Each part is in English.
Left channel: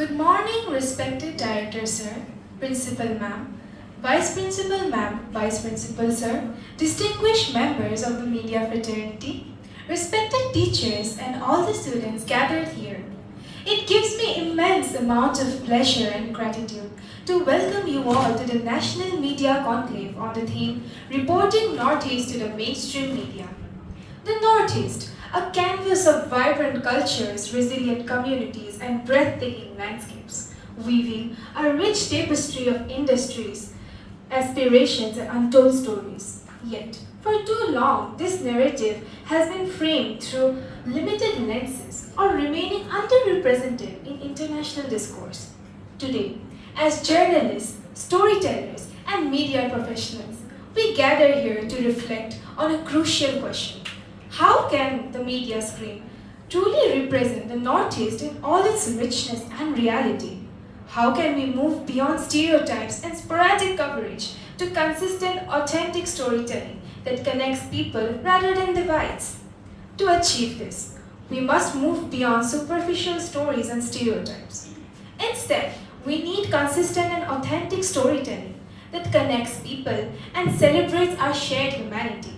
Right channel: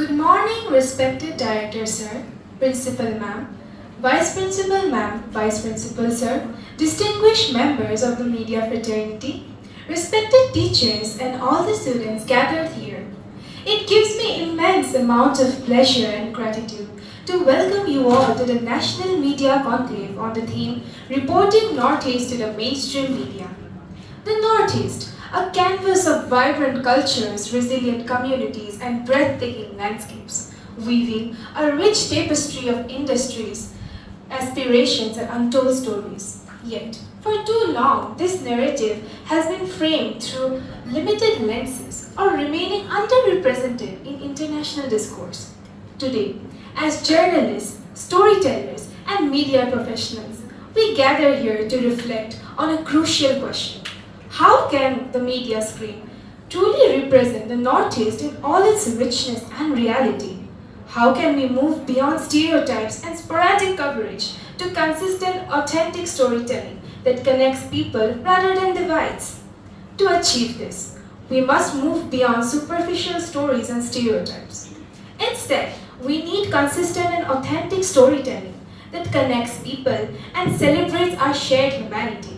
Good morning, respected Director Sir, Principal Ma'am, Vice Principal Ma'am, Vice Principal Sir, distinguished members of the media fraternity, respected teachers and all the students gathered here. It gives me immense amount of pleasure and gratitude to welcome you all to the National Media Conclave on the theme Reporting Northeast to the Mainstream Media. The Northeast, a canvas of vibrant cultures, resilient communities, and breathtaking landscapes, weaving a rich tapestry of industries, aspirations, and untold stories. Yet, for too long, this narrative has been framed through limited lenses or remaining underrepresented in international discourse. Today, as journalists, storytellers, and media professionals, we gather here to reflect on a crucial question. How can the media screen truly represent the Northeast in all its richness and reality? How can we move beyond stereotypes and sporadic coverage to consistent, authentic storytelling that connects people rather than divides? To achieve this, we must move beyond superficial stories and stereotypes. Instead, we need consistent and authentic storytelling that connects people and celebrates our shared humanity.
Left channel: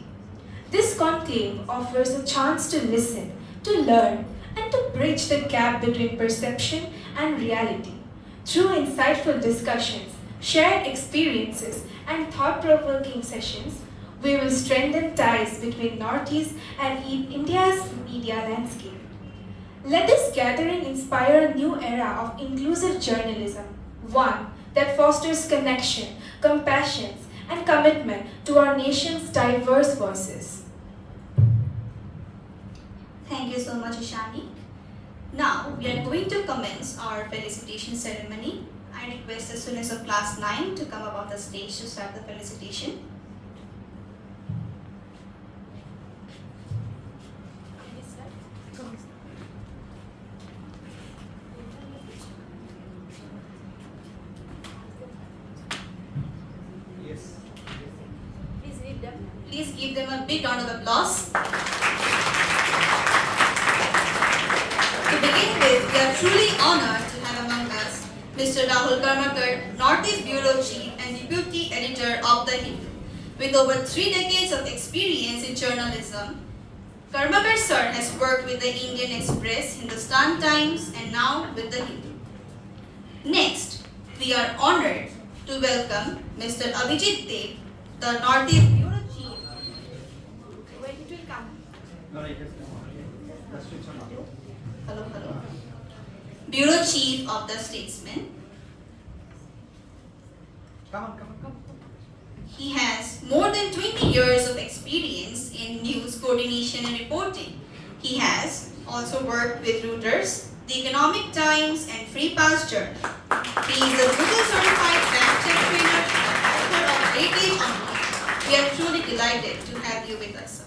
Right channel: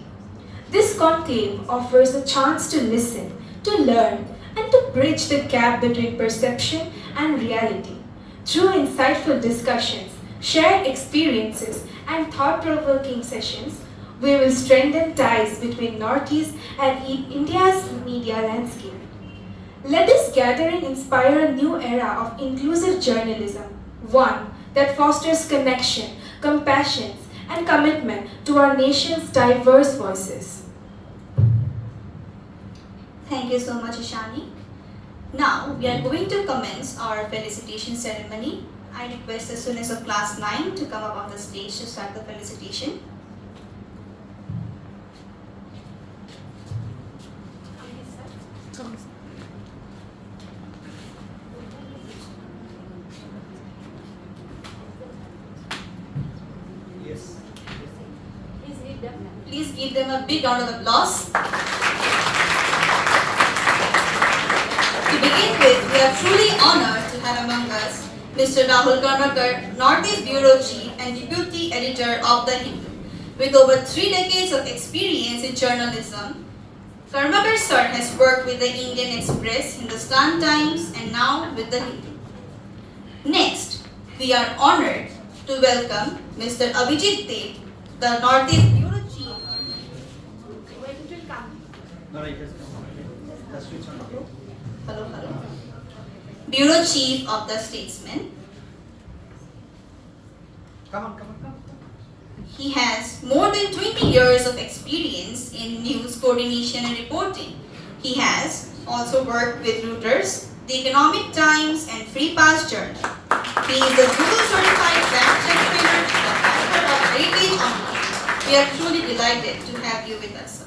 This conclave offers a chance to listen, to learn, and to bridge the gap between perception and reality. Through insightful discussions, shared experiences, and thought-provoking sessions, we will strengthen ties between Northeast and India's media landscape. Let this gathering inspire a new era of inclusive journalism, one that fosters connection, compassion, and commitment to our nation's diverse voices. Thank you so much, Ishani. Now, we are going to commence our felicitation ceremony. I request the students of class 9 to come up on the stage to start the felicitation. Yes. Please give them a big round of applause. To begin with, we are truly honored to have among us Mr. Rahul Karmakar, Northeast Bureau Chief and Deputy Editor of The Hindu. With over 3 decades of experience in journalism, Karmakar sir has worked with the Indian Express, Hindustan Times, and now with The Hindu. Next, we are honored to welcome Mr. Abhijit, the Northeast Bureau Chief. When it will come? No, it has come. Let's switch on. Hello. Bureau Chief of the Statesman. Come on. He has more than 20 years of experience in news coordination and reporting. He has also worked with Reuters, the Economic Times, and Free Pass Journal. He is a Google certified fact-check trainer, a author of Heritage Online. We are truly delighted to have you with us, sir.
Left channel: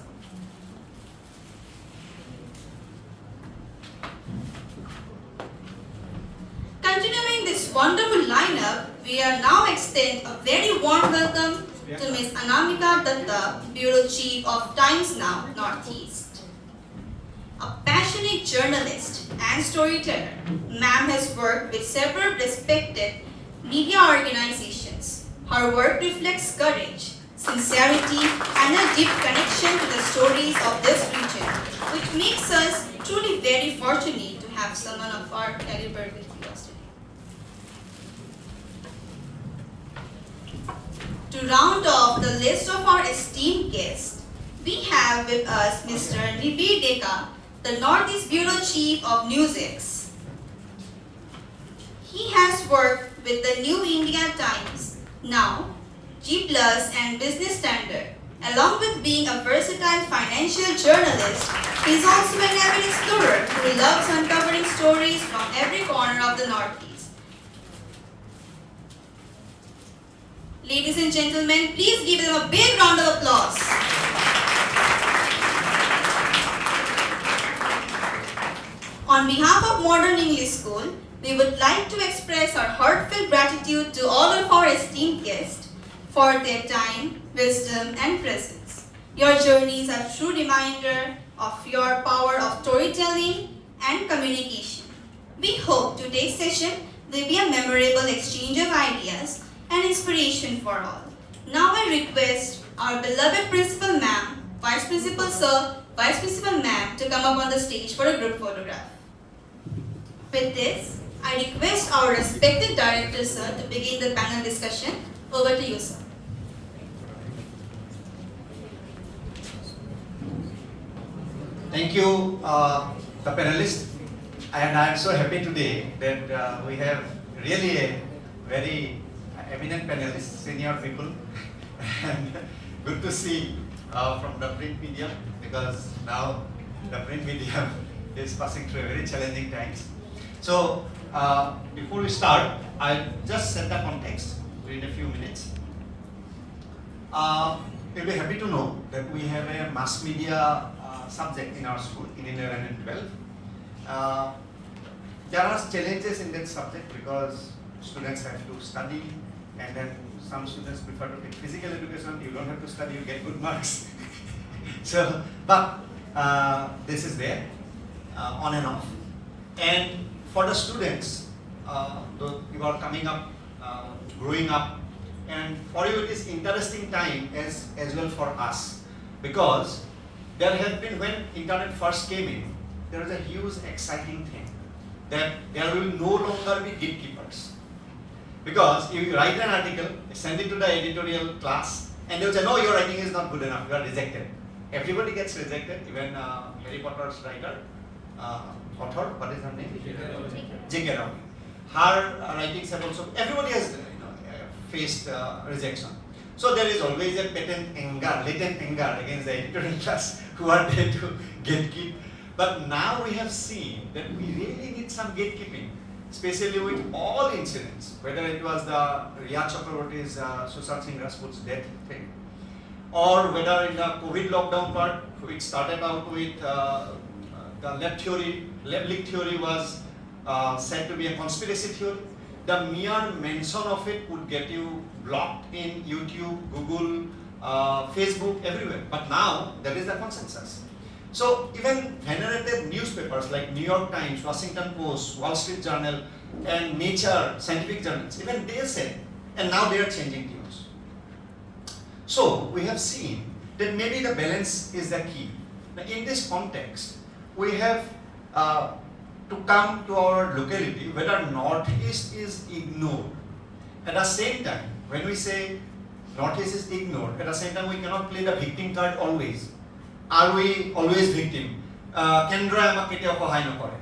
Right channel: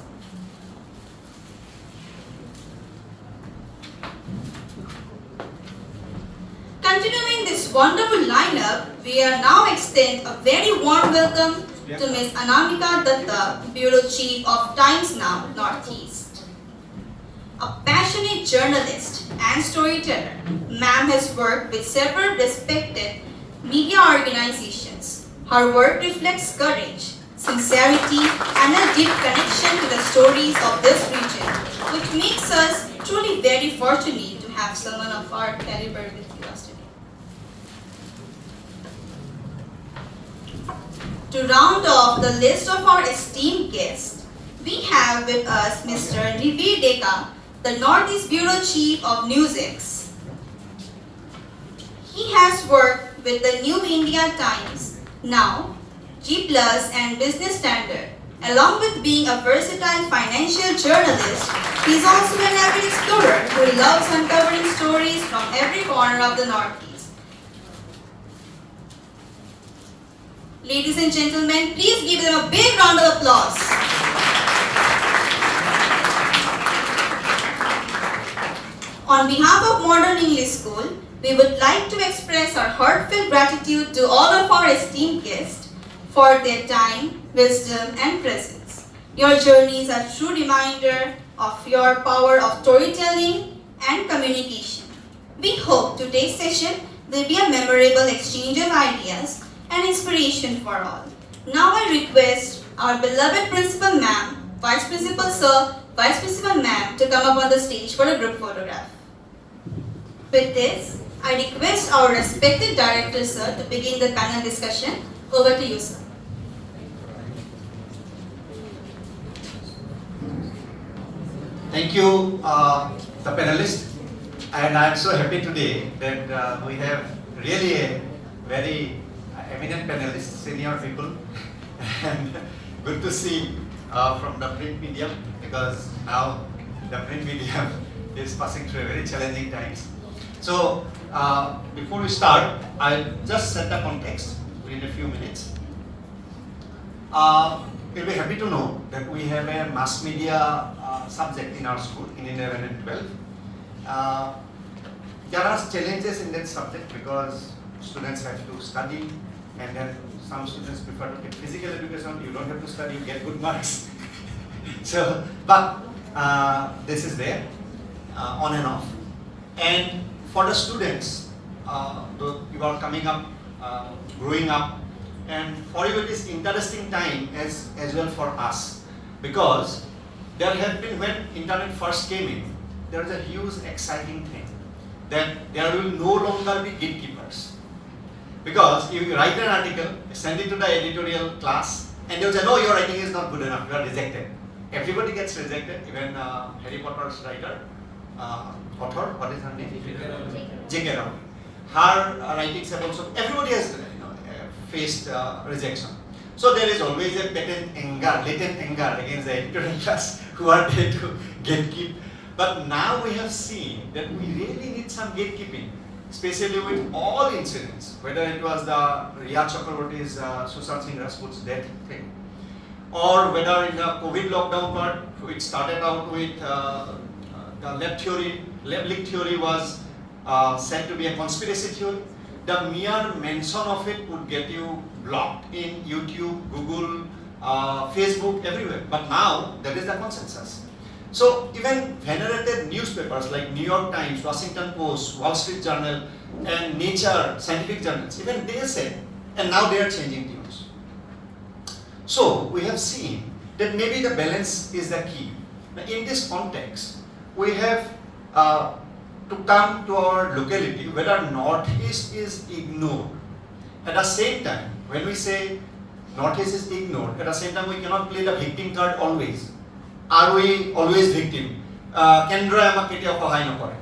Continuing this wonderful lineup, we are now extend a very warm welcome to Ms. Anamika Dutta, Bureau Chief of Times Now, Northeast. A passionate journalist and storyteller, ma'am has worked with several respected media organizations. Her work reflects courage, sincerity, and a deep connection to the stories of this region, which makes us truly very fortunate to have someone of our caliber with us today. To round off the list of our esteemed guests, we have with us Mr. Nibir Deka, the Northeast Bureau Chief of NewsX. He has worked with the New India Times, Now, G Plus, and Business Standard. Along with being a versatile financial journalist, he is also an avid explorer who loves uncovering stories from every corner of the Northeast. Ladies and gentlemen, please give them a big round of applause. On behalf of Modern English School, we would like to express our heartfelt gratitude to all of our esteemed guests for their time, wisdom, and presence. Your journeys are a true reminder of your power of storytelling and communication. We hope today's session will be a memorable exchange of ideas and inspiration for all. Now I request our beloved Principal Ma'am, Vice Principal Sir, Vice Principal Ma'am to come up on the stage for a group photograph. With this, I request our respected Director Sir to begin the panel discussion. Over to you, sir. Thank you, the panelists, and I'm so happy today that we have really a very eminent panelists, senior people, and good to see from the print medium, because now the print medium is passing through a very challenging times. So before we start, I'll just set the context within a few minutes. You'll be happy to know that we have a mass media subject in our school in 11 and 12. There are challenges in that subject because students have to study, and then some students prefer to take physical education. You don't have to study, you get good marks. So, but this is there, on and off. And for the students, you are coming up, growing up, and for you it is interesting time as well for us, because there had been, when internet first came in, there was a huge exciting thing that there will no longer be gatekeepers. Because you write an article, send it to the editorial class, and they will say, no, your writing is not good enough, you are rejected. Everybody gets rejected, even Harry Potter's writer, author, what is her name? J.K. Rowling. Her writings have also, everybody has faced rejection. So there is always a latent anger against the editorial class who are there to gatekeep. But now we have seen that we really need some gatekeeping, especially with all incidents, whether it was the Riya Chakraborty's Sushant Singh Rajput's death thing, or whether in the COVID lockdown part, it started out with the lab leak theory was said to be a conspiracy theory. The mere mention of it would get you blocked in YouTube, Google, Facebook, everywhere. But now there is the consensus. So even venerated newspapers like New York Times, Washington Post, Wall Street Journal, and Nature, scientific journals, even they said, and now they are changing tunes. So we have seen that maybe the balance is the key. Now in this context, we have to come to our locality whether Northeast is ignored. At the same time, when we say Northeast is ignored, at the same time we cannot play the victim card always. Are we always victim? Kendra amak ketiyao sahay nokore.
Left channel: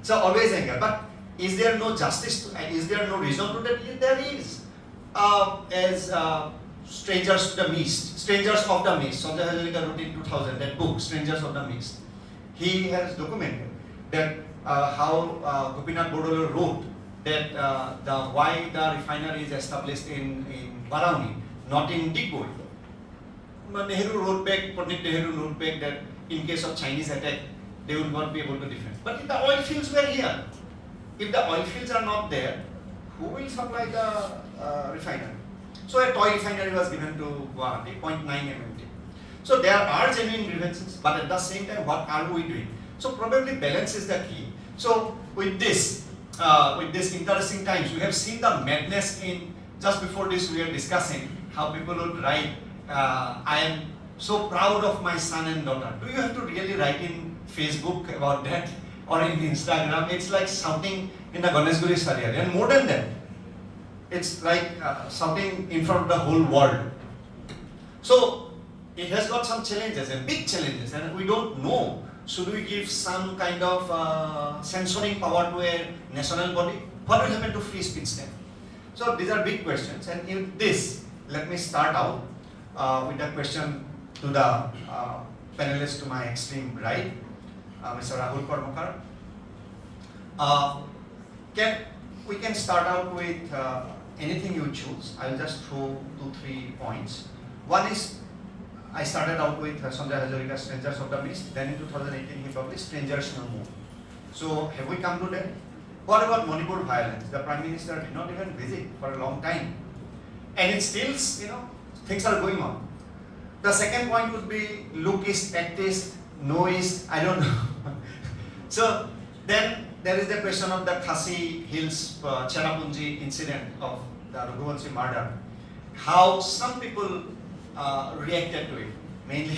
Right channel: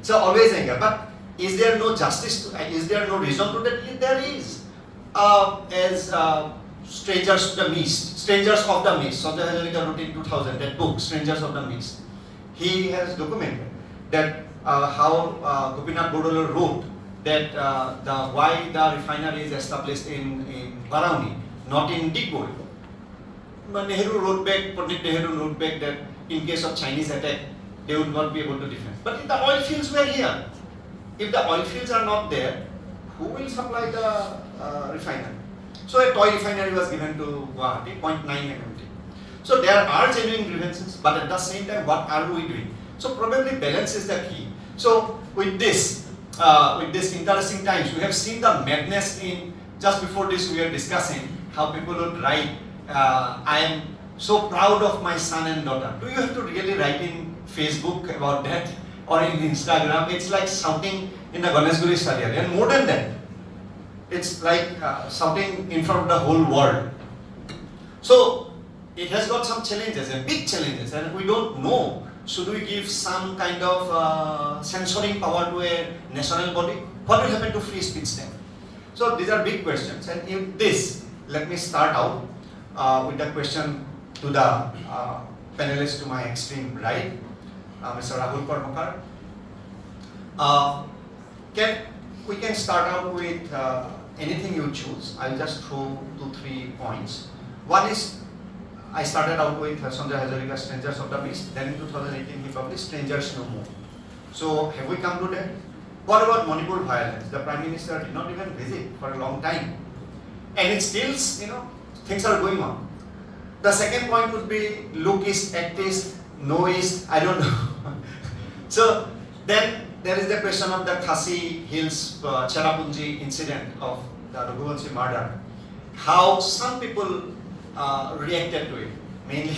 So always anger. But is there no justice? Is there no reason to that? There is. As Strangers of the MES, Sanjay Hazarika wrote in 2000 that book, Strangers of the MES. He has documented that how Gopinath Bodole wrote that why the refinery is established in Barauni, not in Digboi. Nehru wrote back, Pandit Nehru wrote back that in case of Chinese attack, they would not be able to defend. But if the oil fields were here, if the oil fields are not there, who will supply the refinery? So a toy refinery was given to Guwahati, 0.9 MMT. So there are genuine grievances, but at the same time, what are we doing? So probably balance is the key. So with this interesting times, we have seen the madness in, just before this we are discussing how people would write, I am so proud of my son and daughter. Do you have to really write in Facebook about that or in Instagram? It's like shouting in the Ganeshguri Stadium, and more than that, it's like shouting in front of the whole world. So it has got some challenges, and big challenges, and we don't know. Should we give some kind of censoring power to a national body? What will happen to free speech then? So these are big questions, and in this, let me start out with a question to the panelists to my extreme right, Mr. Rahul Karmakar. We can start out with anything you choose. I'll just throw 2-3 points. One is, I started out with Sanjay Hazarika's Strangers of the MES. Then in 2018 he published Strangers No More. So have we come to that? What about Manipur violence? The Prime Minister did not even visit for a long time. And it still, things are going on. The second point would be look east, act east, know east, I don't know. So then there is the question of the Khasi Hills Cherrapunji incident of the Raghuvanshi murder. How some people reacted to it, mainly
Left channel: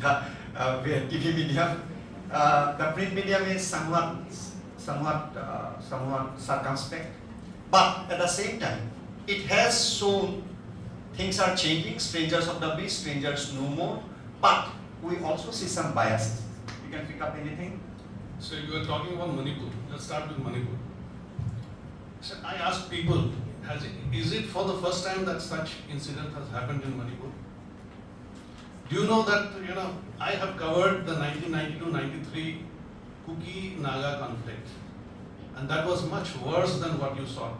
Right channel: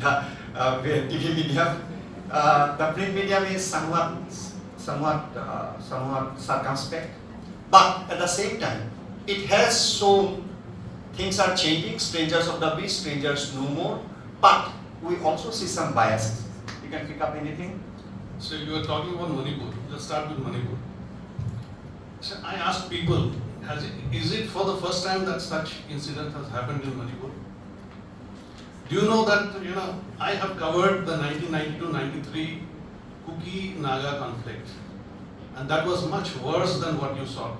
the TV medium. The print medium is somewhat circumspect, but at the same time, it has shown things are changing. Strangers of the beast, strangers no more. But we also see some biases. You can pick up anything. So you are talking about Manipur. Let's start with Manipur. So I asked people, is it for the first time that such incident has happened in Manipur? Do you know that, I have covered the 1992-93 Kuki-Naga conflict, and that was much worse than what you saw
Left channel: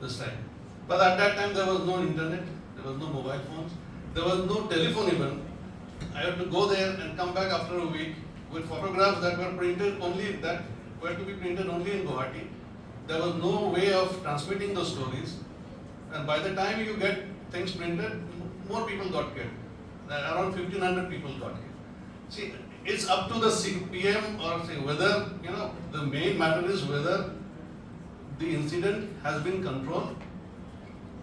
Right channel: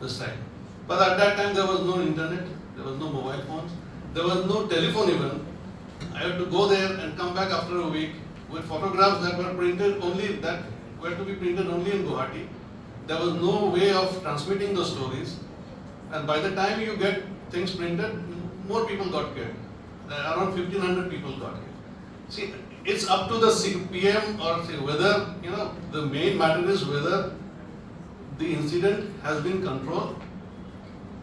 this time. But at that time there was no internet, there was no mobile phones, there was no telephone even. I had to go there and come back after a week with photographs that were printed only, that were to be printed only in Guwahati. There was no way of transmitting the stories, and by the time you get things printed, more people got killed. Around 1,500 people got killed. See, it's up to the PM or whether, the main matter is whether the incident has been controlled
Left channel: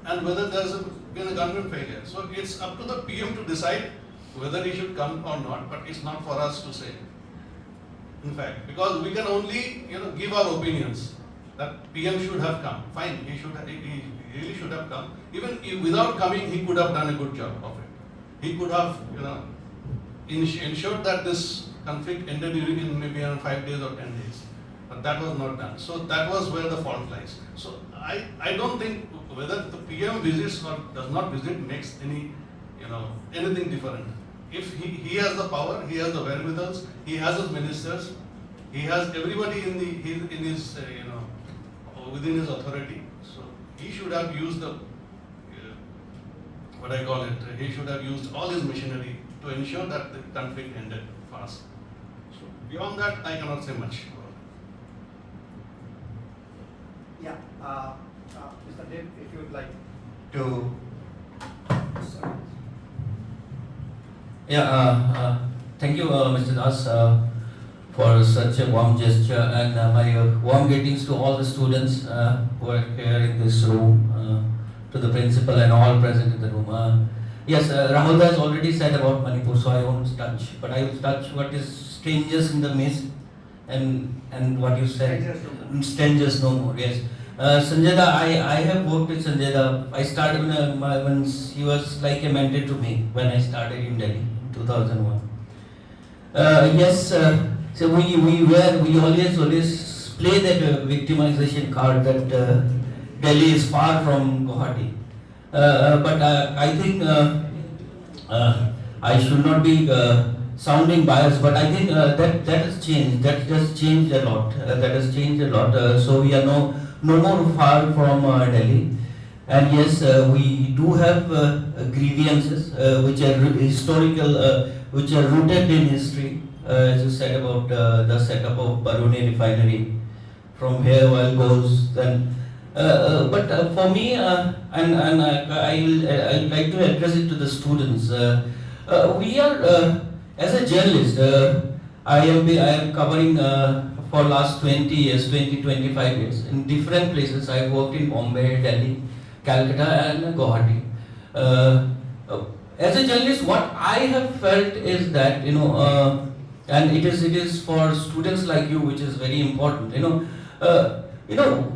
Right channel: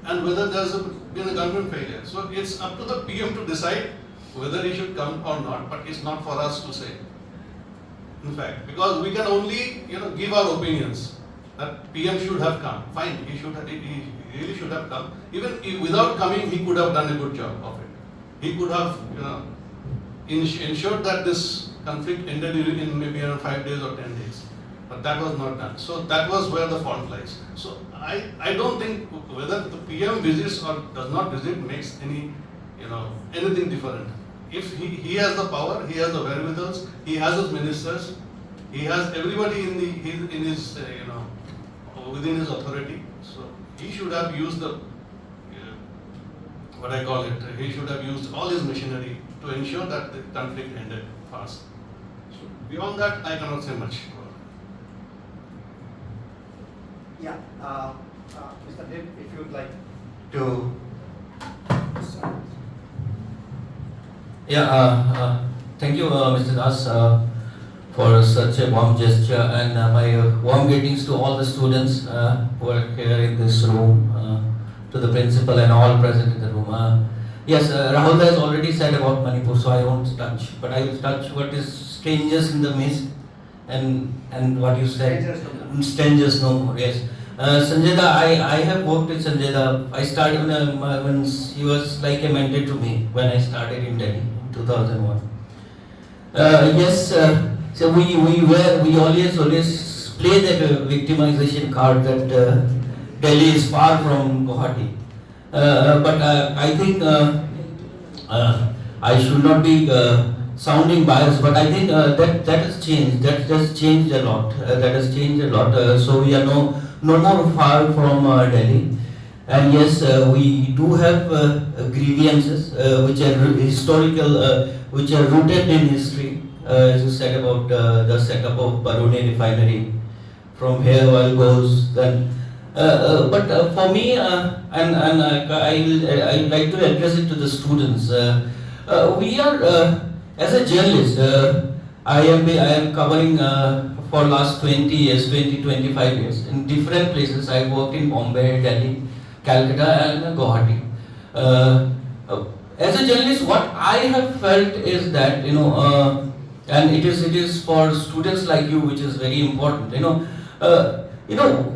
and whether there's been a government failure. So it's up to the PM to decide whether he should come or not, but it's not for us to say. In fact, because we can only, give our opinions. That PM should have come. Fine, he really should have come. Even without coming, he could have done a good job of it. He could have, ensured that this conflict ended in maybe around 5 days or 10 days. But that was not done. So that was where the fault lies. So I don't think whether the PM visits or does not visit makes any, anything different. If he has the power, he has the wherewithals, he has his ministers, he has everybody in his, within his authority. So he should have used he should have used all his machinery to ensure that the conflict ended fast. So beyond that, I cannot say much. Yeah, Mr. Dev, if you would like to. Yeah, thank you, Mr. Das, for such a warm gesture, and my warm greetings to all the students who are here in this room, to the principal and all present in the room. Yes, Rahul has already said about Manipur, so I won't touch, but I will touch what is strangers in the midst and what you said. Strangers no more. Yes. Sanjay Da, I have worked with Sanjay Da. I started when he was like a mentor to me when I started in Delhi in 2001. Yes, so we always play that victimization card that Delhi is far from Guwahati. But I think I should not be sounding biased, but I think that has changed. That has changed a lot. So we are no more far from Delhi. And yes, we do have grievances which are historical, which are rooted in history. As you said about the setup of Baruni refinery, from here oil goes. Then, but for me, and I would like to address it to the students. We are as a journalist, I am covering for last 20 years, 25 years in different places. I worked in Bombay, Delhi, Calcutta, and Guwahati. As a journalist, what I have felt is that and it is for students like you, which is very important.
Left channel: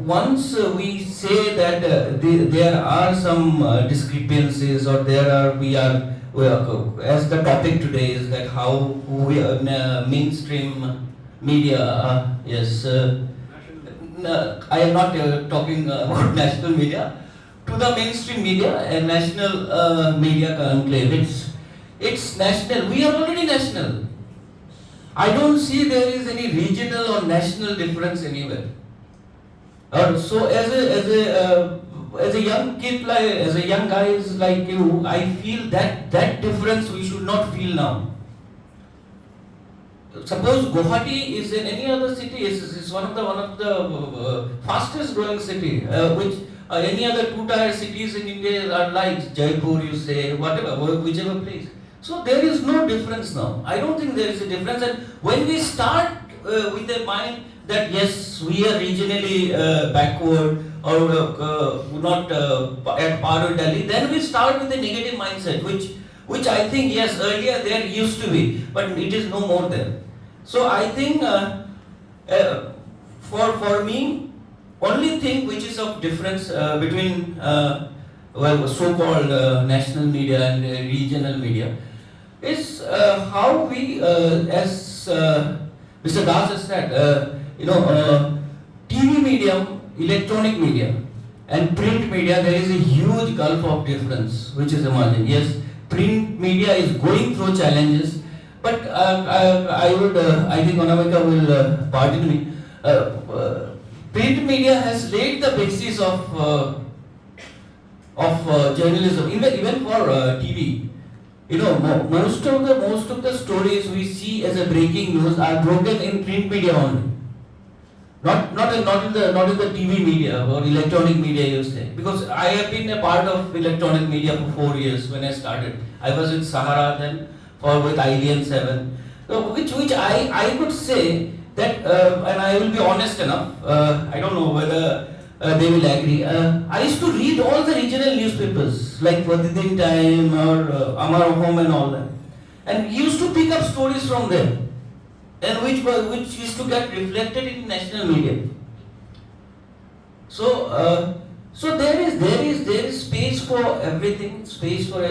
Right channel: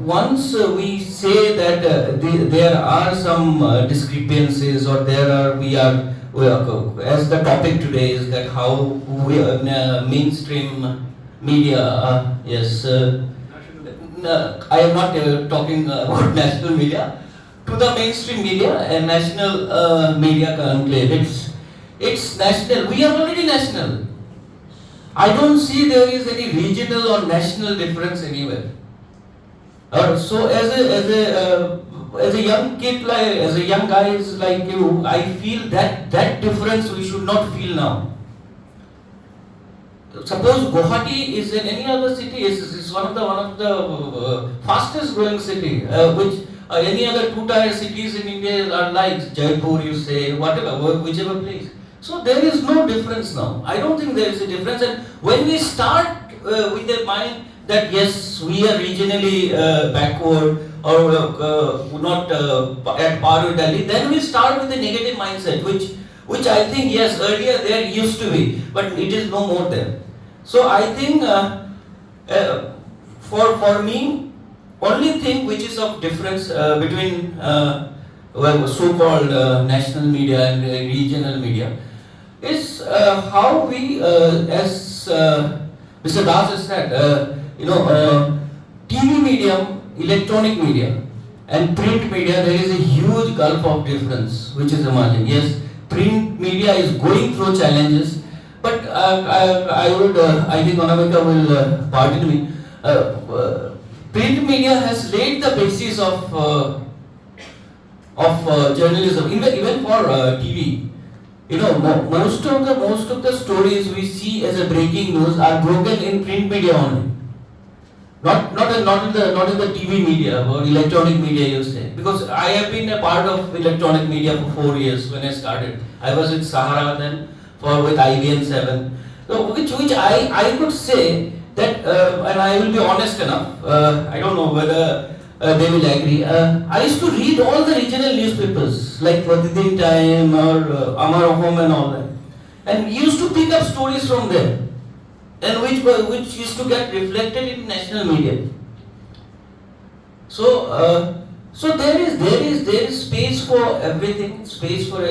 Once we say that there are some discrepancies, or we are as the topic today is that how we mainstream media. Yes, I am not talking about national media. To the mainstream media and national media conclave, it's national. We are already national. I don't see there is any regional or national difference anywhere. So as a young kid, as a young guy like you, I feel that difference we should not feel now. Suppose Guwahati is in any other city, is one of the fastest growing city, which any other two-tier cities in India are like Jaipur, you say, whatever, whichever place. So there is no difference now. I don't think there is a difference. And when we start with a mind that yes, we are regionally backward or not at par with Delhi, then we start with a negative mindset, which I think yes, earlier there used to be, but it is no more there. So I think for me, only thing which is of difference between so-called national media and regional media is how we, as Mr. Das has said, TV medium, electronic media, and print media, there is a huge gulf of difference which is emerging. Yes, print media is going through challenges, but I think Anamika will pardon me. Print media has laid the basis of journalism, even for TV. Most of the stories we see as a breaking news are broken in print media only. Not in the TV media or electronic media, you say. Because I have been a part of electronic media for 4 years when I started. I was with Sahara then, with IBM 7. So which I could say that, and I will be honest enough, I don't know whether they will agree. I used to read all the regional newspapers like Pratidin Time or Amar Ahom and all that. And we used to pick up stories from there, and which used to get reflected in national media. So there is space for everything, space for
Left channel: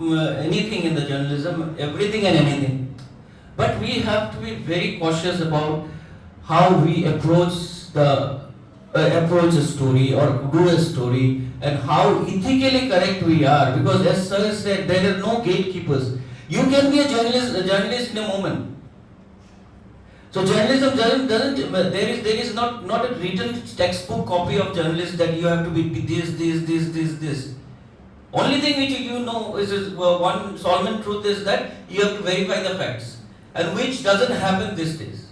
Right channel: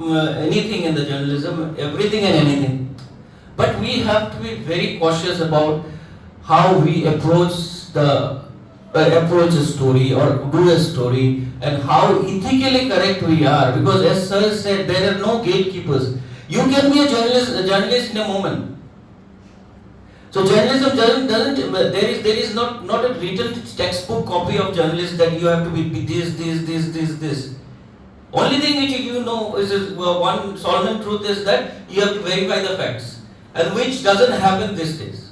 anything in the journalism, everything and anything. But we have to be very cautious about how we approach a story or do a story, and how ethically correct we are. Because as Sir said, there are no gatekeepers. You can be a journalist in a moment. So journalism doesn't there is not a written textbook copy of journalism that you have to be this. Only thing which you know is one solemn truth is that you have to verify the facts, and which doesn't happen these days.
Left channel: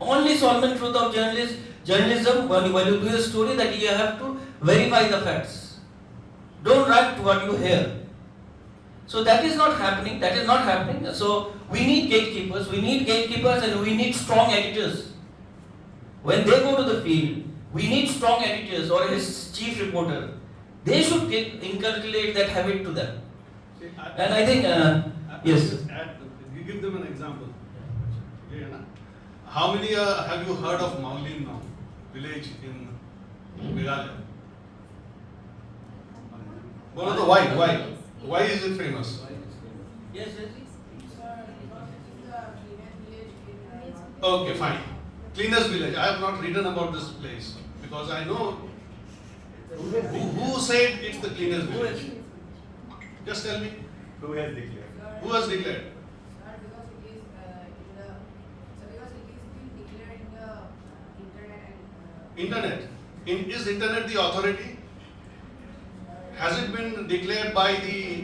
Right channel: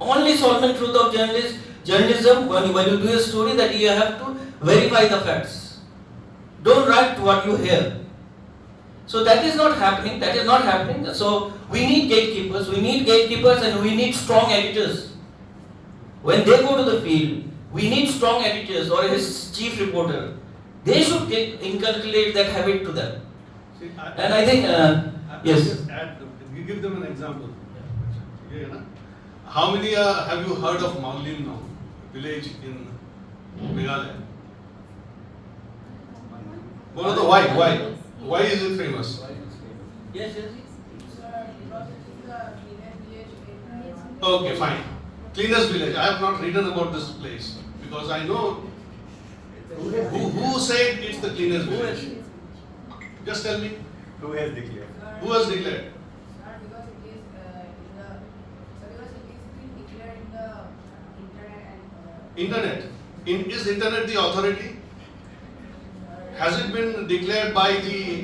Only solemn truth of journalism when you do a story, that you have to verify the facts. Don't write what you hear. So that is not happening. So we need gatekeepers, and we need strong editors. When they go to the field, we need strong editors or his chief reporter. They should inculcate that habit to them. See, And I think, yes. You give them an example. How many have you heard of Maulin now? Village in Meghalaya? One of the why? Why is it famous? Yes. Okay, fine. Cleanest village. I have not written about this place because I know who said it's the cleanest village. Just tell me. Who has declared? Who has declared? Internet. Is internet the authority? Has it been declared by the,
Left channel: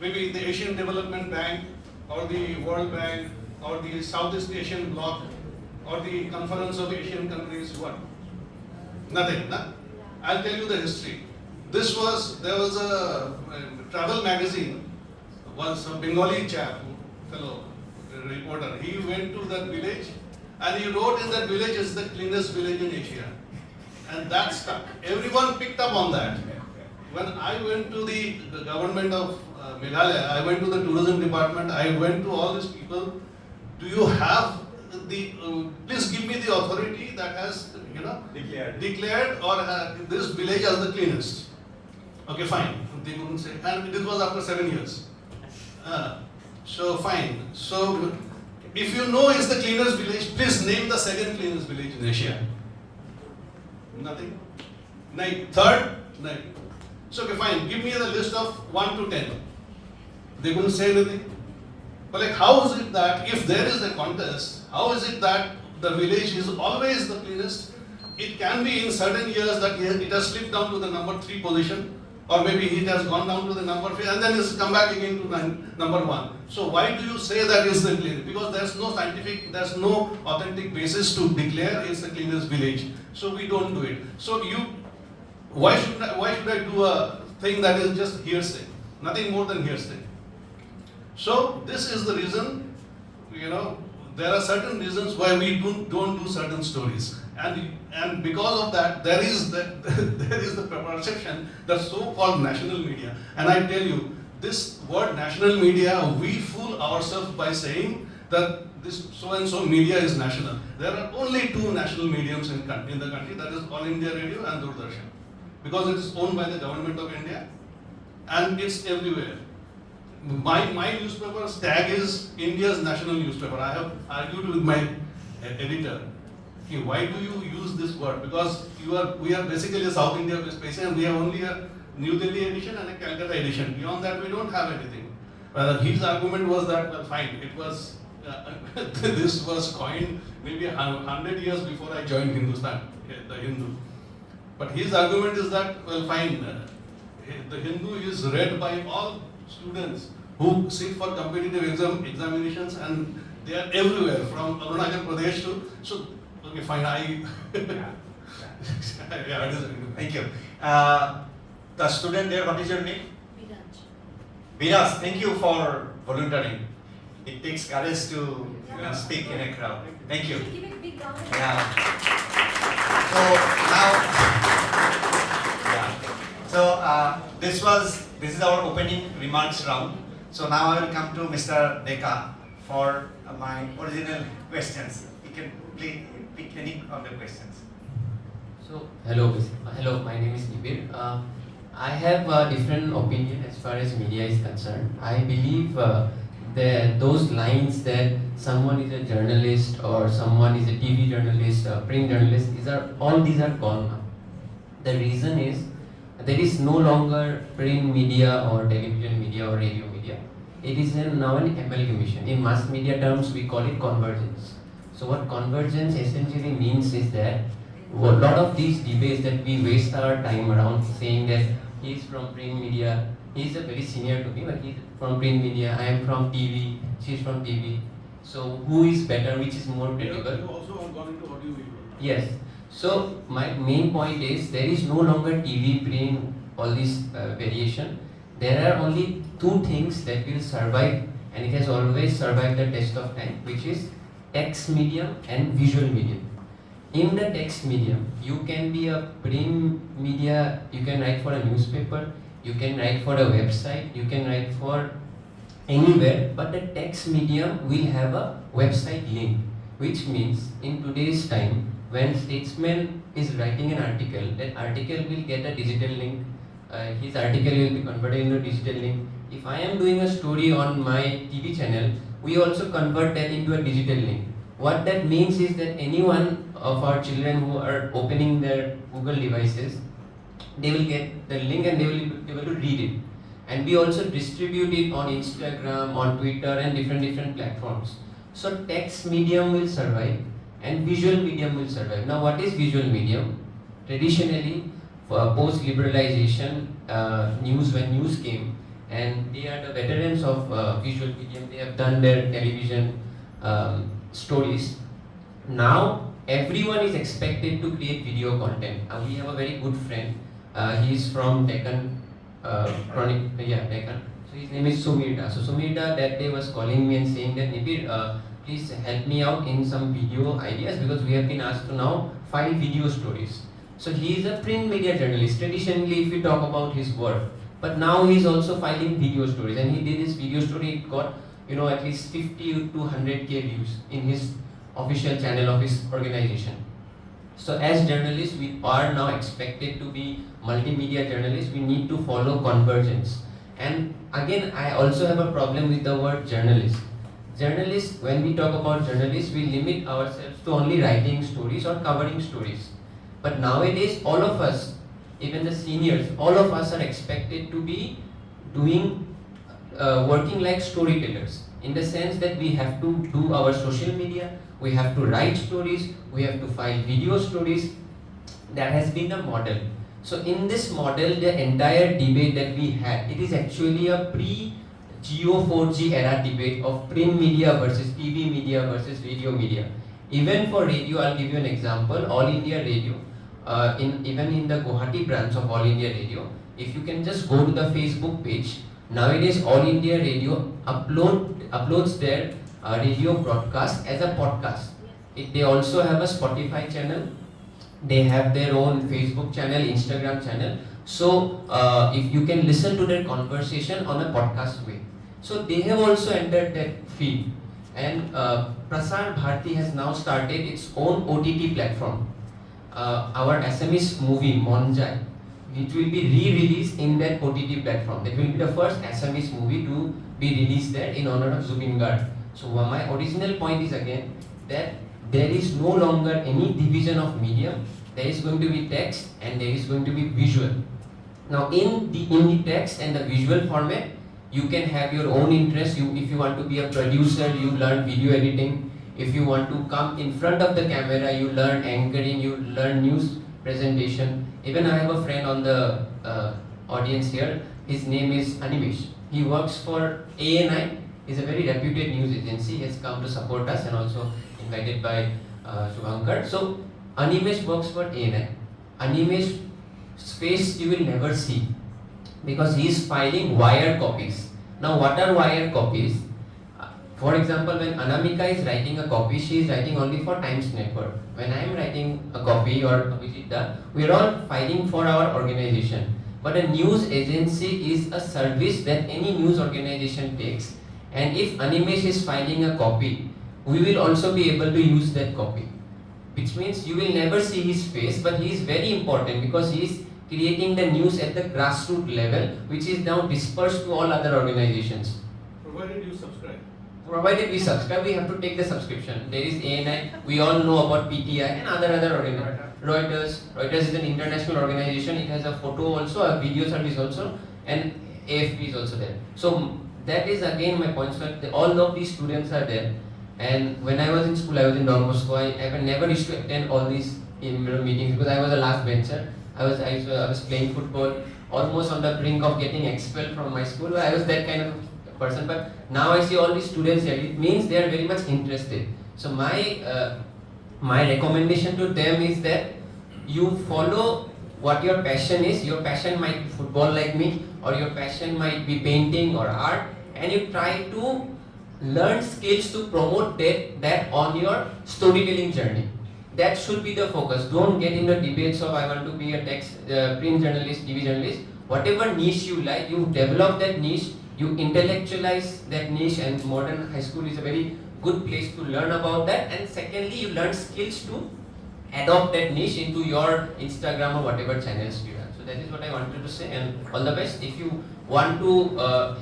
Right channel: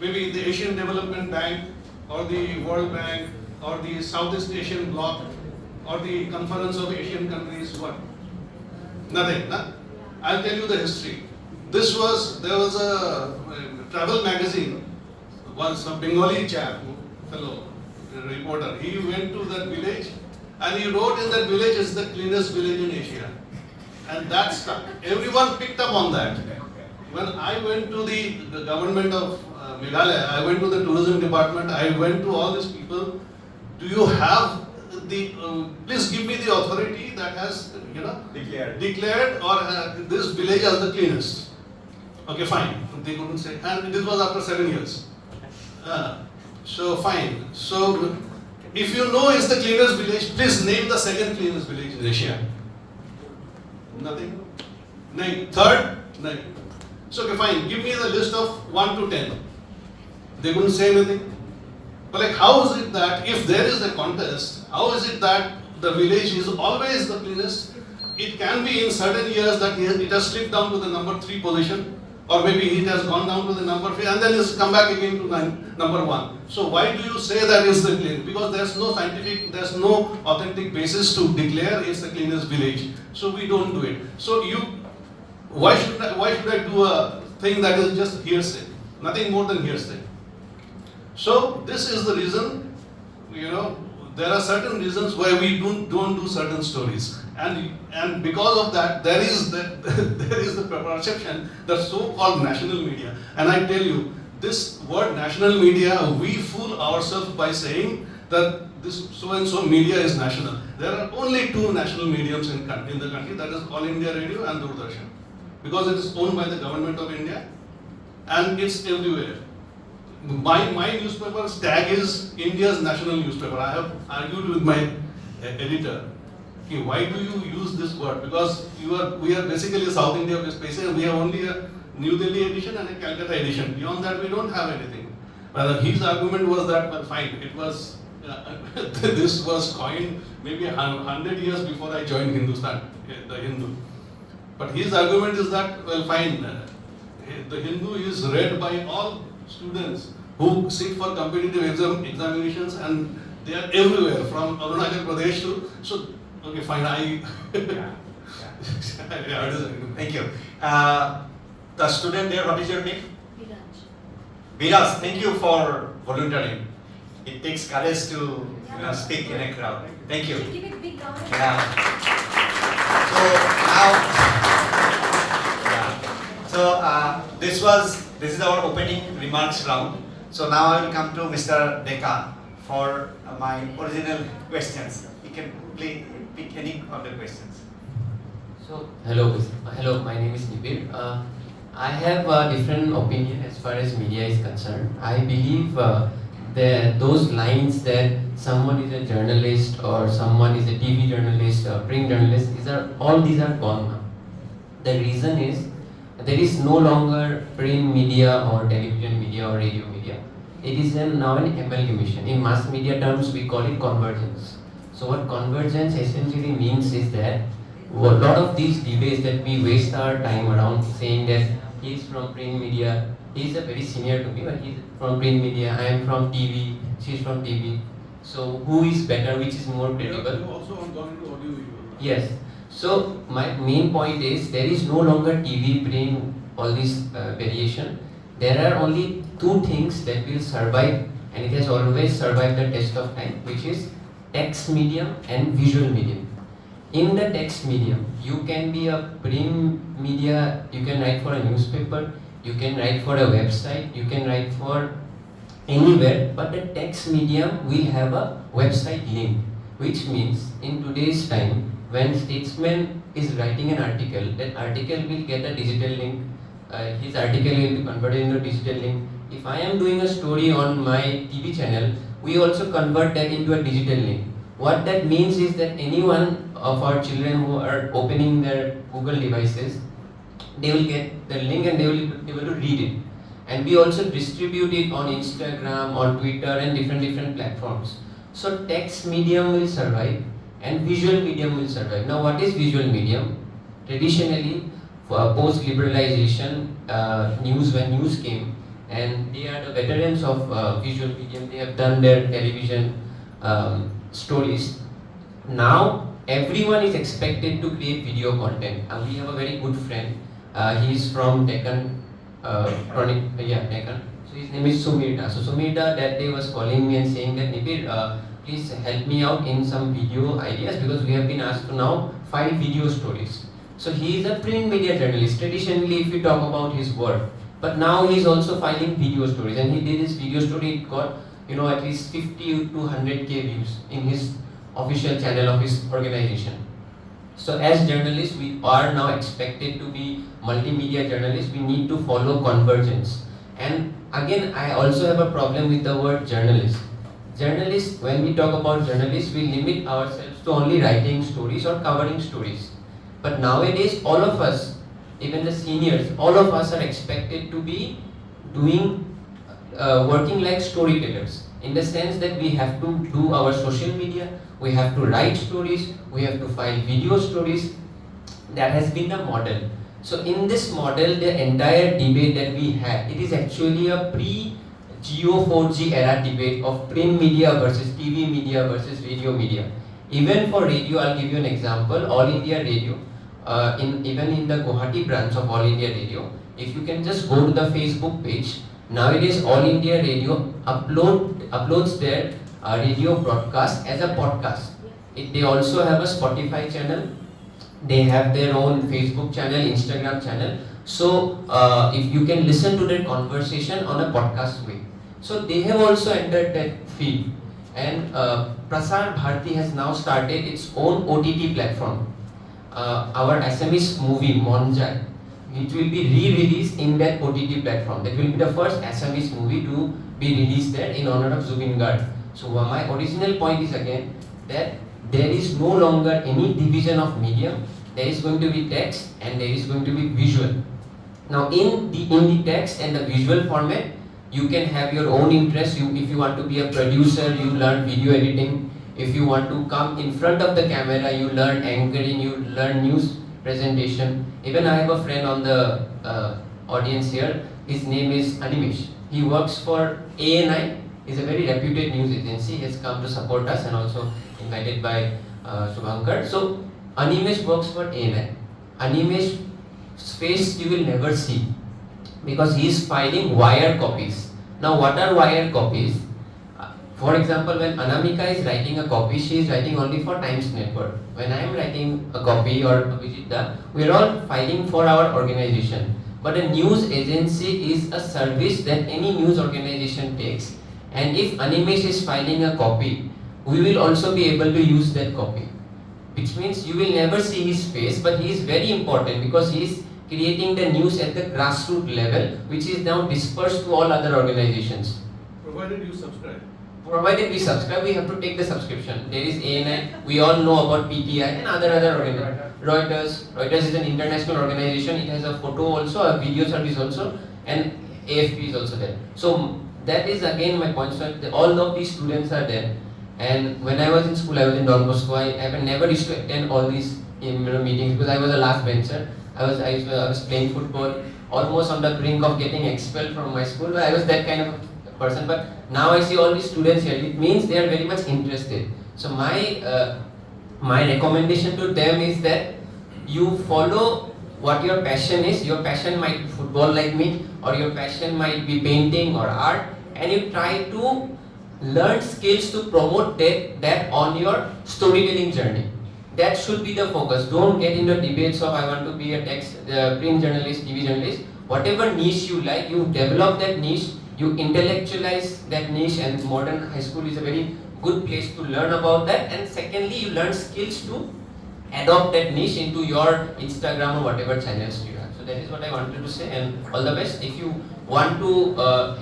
maybe the Asian Development Bank or the World Bank or the Southeast Asian Bloc or the Conference of Asian Countries? What? Nothing. Nah? I'll tell you the history. There was a travel magazine, once a Bengali chap, fellow reporter, he went to that village and he wrote in that village is the cleanest village in Asia. And that stuck. Everyone picked up on that. When I went to the government of Meghalaya, I went to the tourism department, I went to all these people. Do you have please give me the authority that has, declared or this village as the cleanest. Okay, fine. They couldn't say, and this was after 7 years. So fine. So if you know it's the cleanest village, please name the second cleanest village in Asia. Nothing. Name. Third? Name. So okay, fine. Give me the list of 1 to 10. They couldn't say anything. But like, how is it that if there is a contest, how is it that the village is always the cleanest? It can be in certain years that it has slipped down to the number 3 position, or maybe it has gone down to the number 5 and then it's come back again to number 1. So why do you say that is the cleanest? Because there's no authentic basis to declare it's the cleanest village. So we don't do it. So why should I do a thing that is just hearsay? Nothing more than hearsay. So this is the reason, there are certain reasons why we don't do certain stories, and because of that, there is the perception that so-called national media. And I tell you, this word national media, we fool ourselves by saying that this so and so media is national. There are only two national mediums in the country, that is All India Radio and Doordarshan, because it is owned by the government of India and it's everywhere. My newspaper's tag is India's national newspaper. I have argued with my editor, okay, why do you use this word? Because we are basically a South India space and we have only a New Delhi edition and a Calcutta edition. Beyond that, we don't have anything. His argument was that, well, fine, it was this was coined maybe 100 years before I joined Hindustan, the Hindu. But his argument is that, well, fine, the Hindu is read by all students who sit for competitive examinations, and they are everywhere from Arunachal Pradesh to, so, okay, fine, Thank you. The student there, what is your name? Viraj, thank you for volunteering. It takes courage to speak in a crowd. Thank you. Give it a big round. Yeah. This is our opening remarks round. So now I will come to Mr. Deka for my original questions. You can pick any of the questions. So, hello, my name is Nibir. I have a different opinion as far as media is concerned. I believe those lines that someone is a journalist or someone is a TV journalist or print journalist, these are gone now. The reason is there is no longer print media or television media or radio media. It is now an amalgamation. In mass media terms, we call it convergence. So what convergence essentially means is that a lot of these debates that we waste our time around saying that he is from print media, he is a very senior to me, but he is from print media, I am from TV, she is from TV. So who is better, which is more credible? You have also gone into audio-visual. Yes. So my main point is there is no longer TV, print, all this variation. There are only two things that will survive, and it has always survived the test of time, which is text medium and visual medium. In the text medium, you can be a print media, you can write for a newspaper, you can write for a website, you can write for anywhere, but the text medium will have a website link, which means in today's time, when Statesman is writing an article, that article will get a digital link, his article will be converted into a digital link. If I am doing a story on my TV channel, we also convert that into a digital link. What that means is that anyone of our children who are opening their Google devices, they will get the link and they will be able to read it. And we also distribute it on Instagram, on Twitter and different platforms. So text medium will survive and visual medium will survive. Now what is visual medium? Traditionally, for post-liberalization, when news came, and they are the veterans of visual medium, they have done their television stories. Now everyone is expected to create video content. We have a very good friend. He is from Deccan, Deccan. So his name is Sumirda. So Sumirda that day was calling me and saying that Nibir, please help me out in some video ideas because we have been asked to now file video stories. So he is a print media journalist. Traditionally, if we talk about his work, but now he is also filing video stories, and he did his video story. It got at least 50 to 100k views in his official channel of his organization. So as journalists, we are now expected to be multimedia journalists. We need to follow convergence. And again, I also have a problem with the word journalist. Journalists, when we talk about journalists, we limit ourselves to only writing stories or covering stories. But nowadays, all of us, even the seniors, all of us are expected to be working like storytellers, in the sense that we have to do our social media, we have to write stories, we have to file video stories. That has been the model. So in this model, the entire debate that we had, it is actually a pre-Geo 4G era debate of print media versus TV media versus radio media. Even for radio, I'll give you an example. All India Radio, even in the Guwahati branch of All India Radio, if you can just go to the Facebook page, nowadays All India Radio uploads their radio broadcast as a podcast. They also have a Spotify channel. They have their own Facebook channel, Instagram channel. So if you can listen to their conversation on a podcast way. So they have also entered that field. And Prasar Bharati has now started its own OTT platform. Our Assamese movie Monjai, it will be re-released in that OTT platform. That will be the first Assamese movie to be released there in honor of Zubin Garg. So my original point is again that there is no longer any division of media. There is going to be text and there is going to be visual. Now in the text and the visual format, you can have your own interest. If you want to be a producer, you learn video editing. If you want to come in front of the camera, you learn anchoring, you learn news presentation. Even I have a friend on the audience here. His name is Animesh. He works for ANI. He's a very reputed news agency. He has come to support us and also invited by Shubhankar. So Animesh works for ANI. Animesh's face you will never see because he is filing wire copies. Now what are wire copies? For example, when Anamika is writing a copy, she is writing only for Times Network. When I am writing a copy or Abhijit, we are all filing for our organization. But a news agency is a service that any news organization takes. And if Animesh is filing a copy, we will also be able to use that copy. Which means you will never see his face, but he is very important because he is creating the news at the grassroots level, which is now dispersed to all other organizations. Provided you subscribe. Provided we subscribe, we have to take the subscription. There is ANI, we all know about PTI and other organizations. Reuters is an international organization, it has a photo also, a video service also, and AFP is also there. So that is again my point, that all of these students are there. And when I was in school, I was in Don Bosco, I never used to attend all these meetings because I was a last bencher. I was playing football, almost on the brink of getting expelled from my school. I was that kind of person, but now I see all these students here. It means they are very much interested. So my recommendation to them is that you follow what your passion is. Your passion might be football like me, or your passion might be painting or art, and you try to learn skills to promote that on your storytelling journey. That should be the focus. Don't get into debates of I want to be a print journalist, TV journalist. Whatever niche you like, you develop that niche, you intellectualize that niche, and modern high school is a very good place to learn about that. And secondly, you learn skills to adopt that niche into your Instagram or whatever channels you have. So that is what I wanted to say, and all the best. If you want to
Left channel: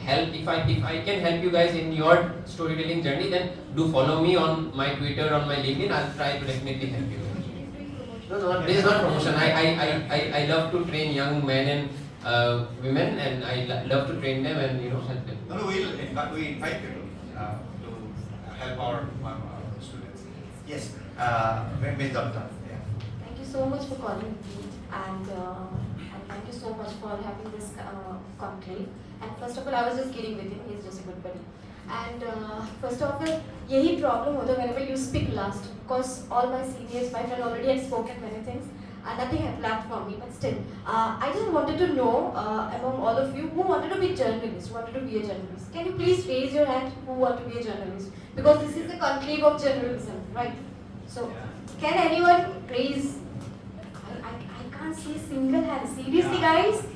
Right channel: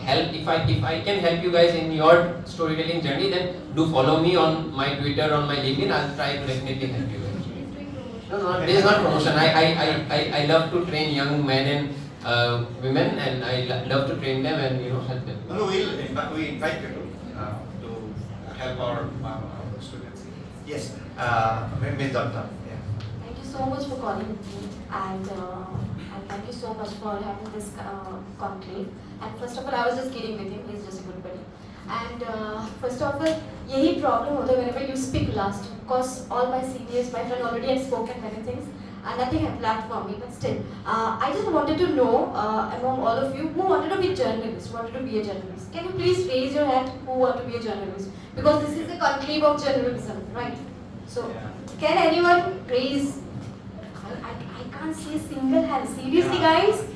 help, if I can help you guys in your storytelling journey, then do follow me on my Twitter, on my LinkedIn. I'll try to definitely help you guys. No, this is not promotion. I love to train young men and women, and I love to train them and help them. No, we invite people to help our students. Yes, Ms. Dutta. Yeah. Thank you so much for calling me, and thank you so much for having this conclave. And first of all, I was just kidding with him. He's just a good buddy. And first of all, यही problem होता है whenever you speak last, because all my seniors, my friend already had spoken many things, and nothing had lacked for me. But still, I just wanted to know among all of you who wanted to be a journalist, wanted to be a journalist. Can you please raise your hand who want to be a journalist? Because this is the conclave of journalism, right? So, can anyone raise? I can't see a single hand. Seriously, guys?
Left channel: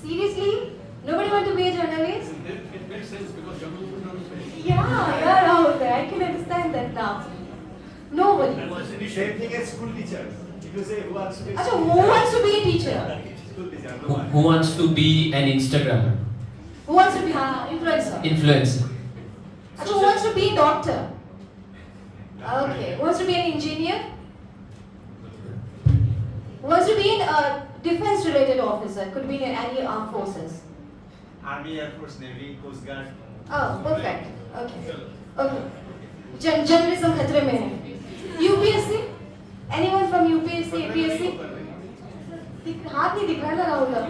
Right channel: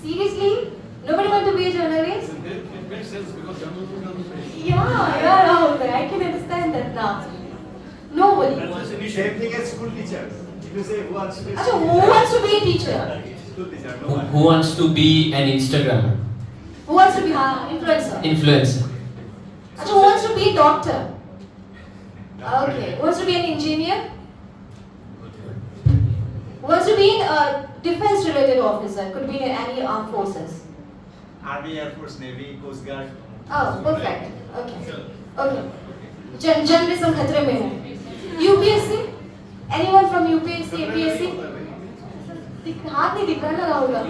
Seriously? Nobody want to be a journalist? It makes sense because journalism is not free. Yeah, Rahul, I can understand that now. Nobody. Same thing as school teachers. If you say who wants to be So, who wants to be a teacher? school teacher, no one. Who wants to be an Instagrammer? Who wants to be an influencer? Influencer. So, who wants to be a doctor? Okay. Who wants to be an engineer? Who wants to be a defense-related officer? Could be in any armed forces. Army, Air Force, Navy, Coast Guard. Oh, perfect. Okay. Okay. Journalism खतरे में है. UPSC? Anyone from UPSC, APSC? हाथ नहीं दिख रहा ना राहुल का.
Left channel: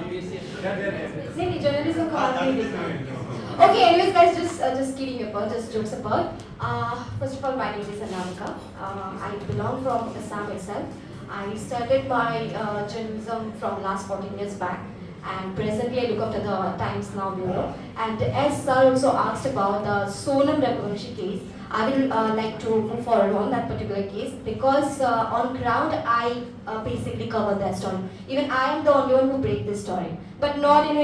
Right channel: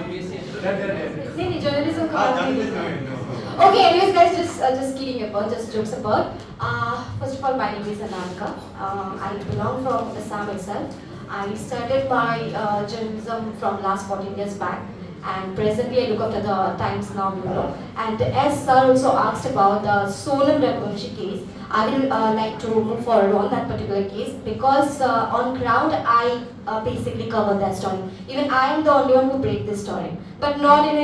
नहीं journalism का हाथ नहीं दिख रहा. Okay, anyways, guys, just kidding about, just jokes about. First of all, my name is Anamika. I belong from Assam itself. I started my journalism from last 14 years back, and presently I look after the Times Now bureau. And as sir also asked about the Sonam Raghuvanshi case, I will like to move forward on that particular case because on ground I basically cover that story. Even I am the only one who break this story, but not in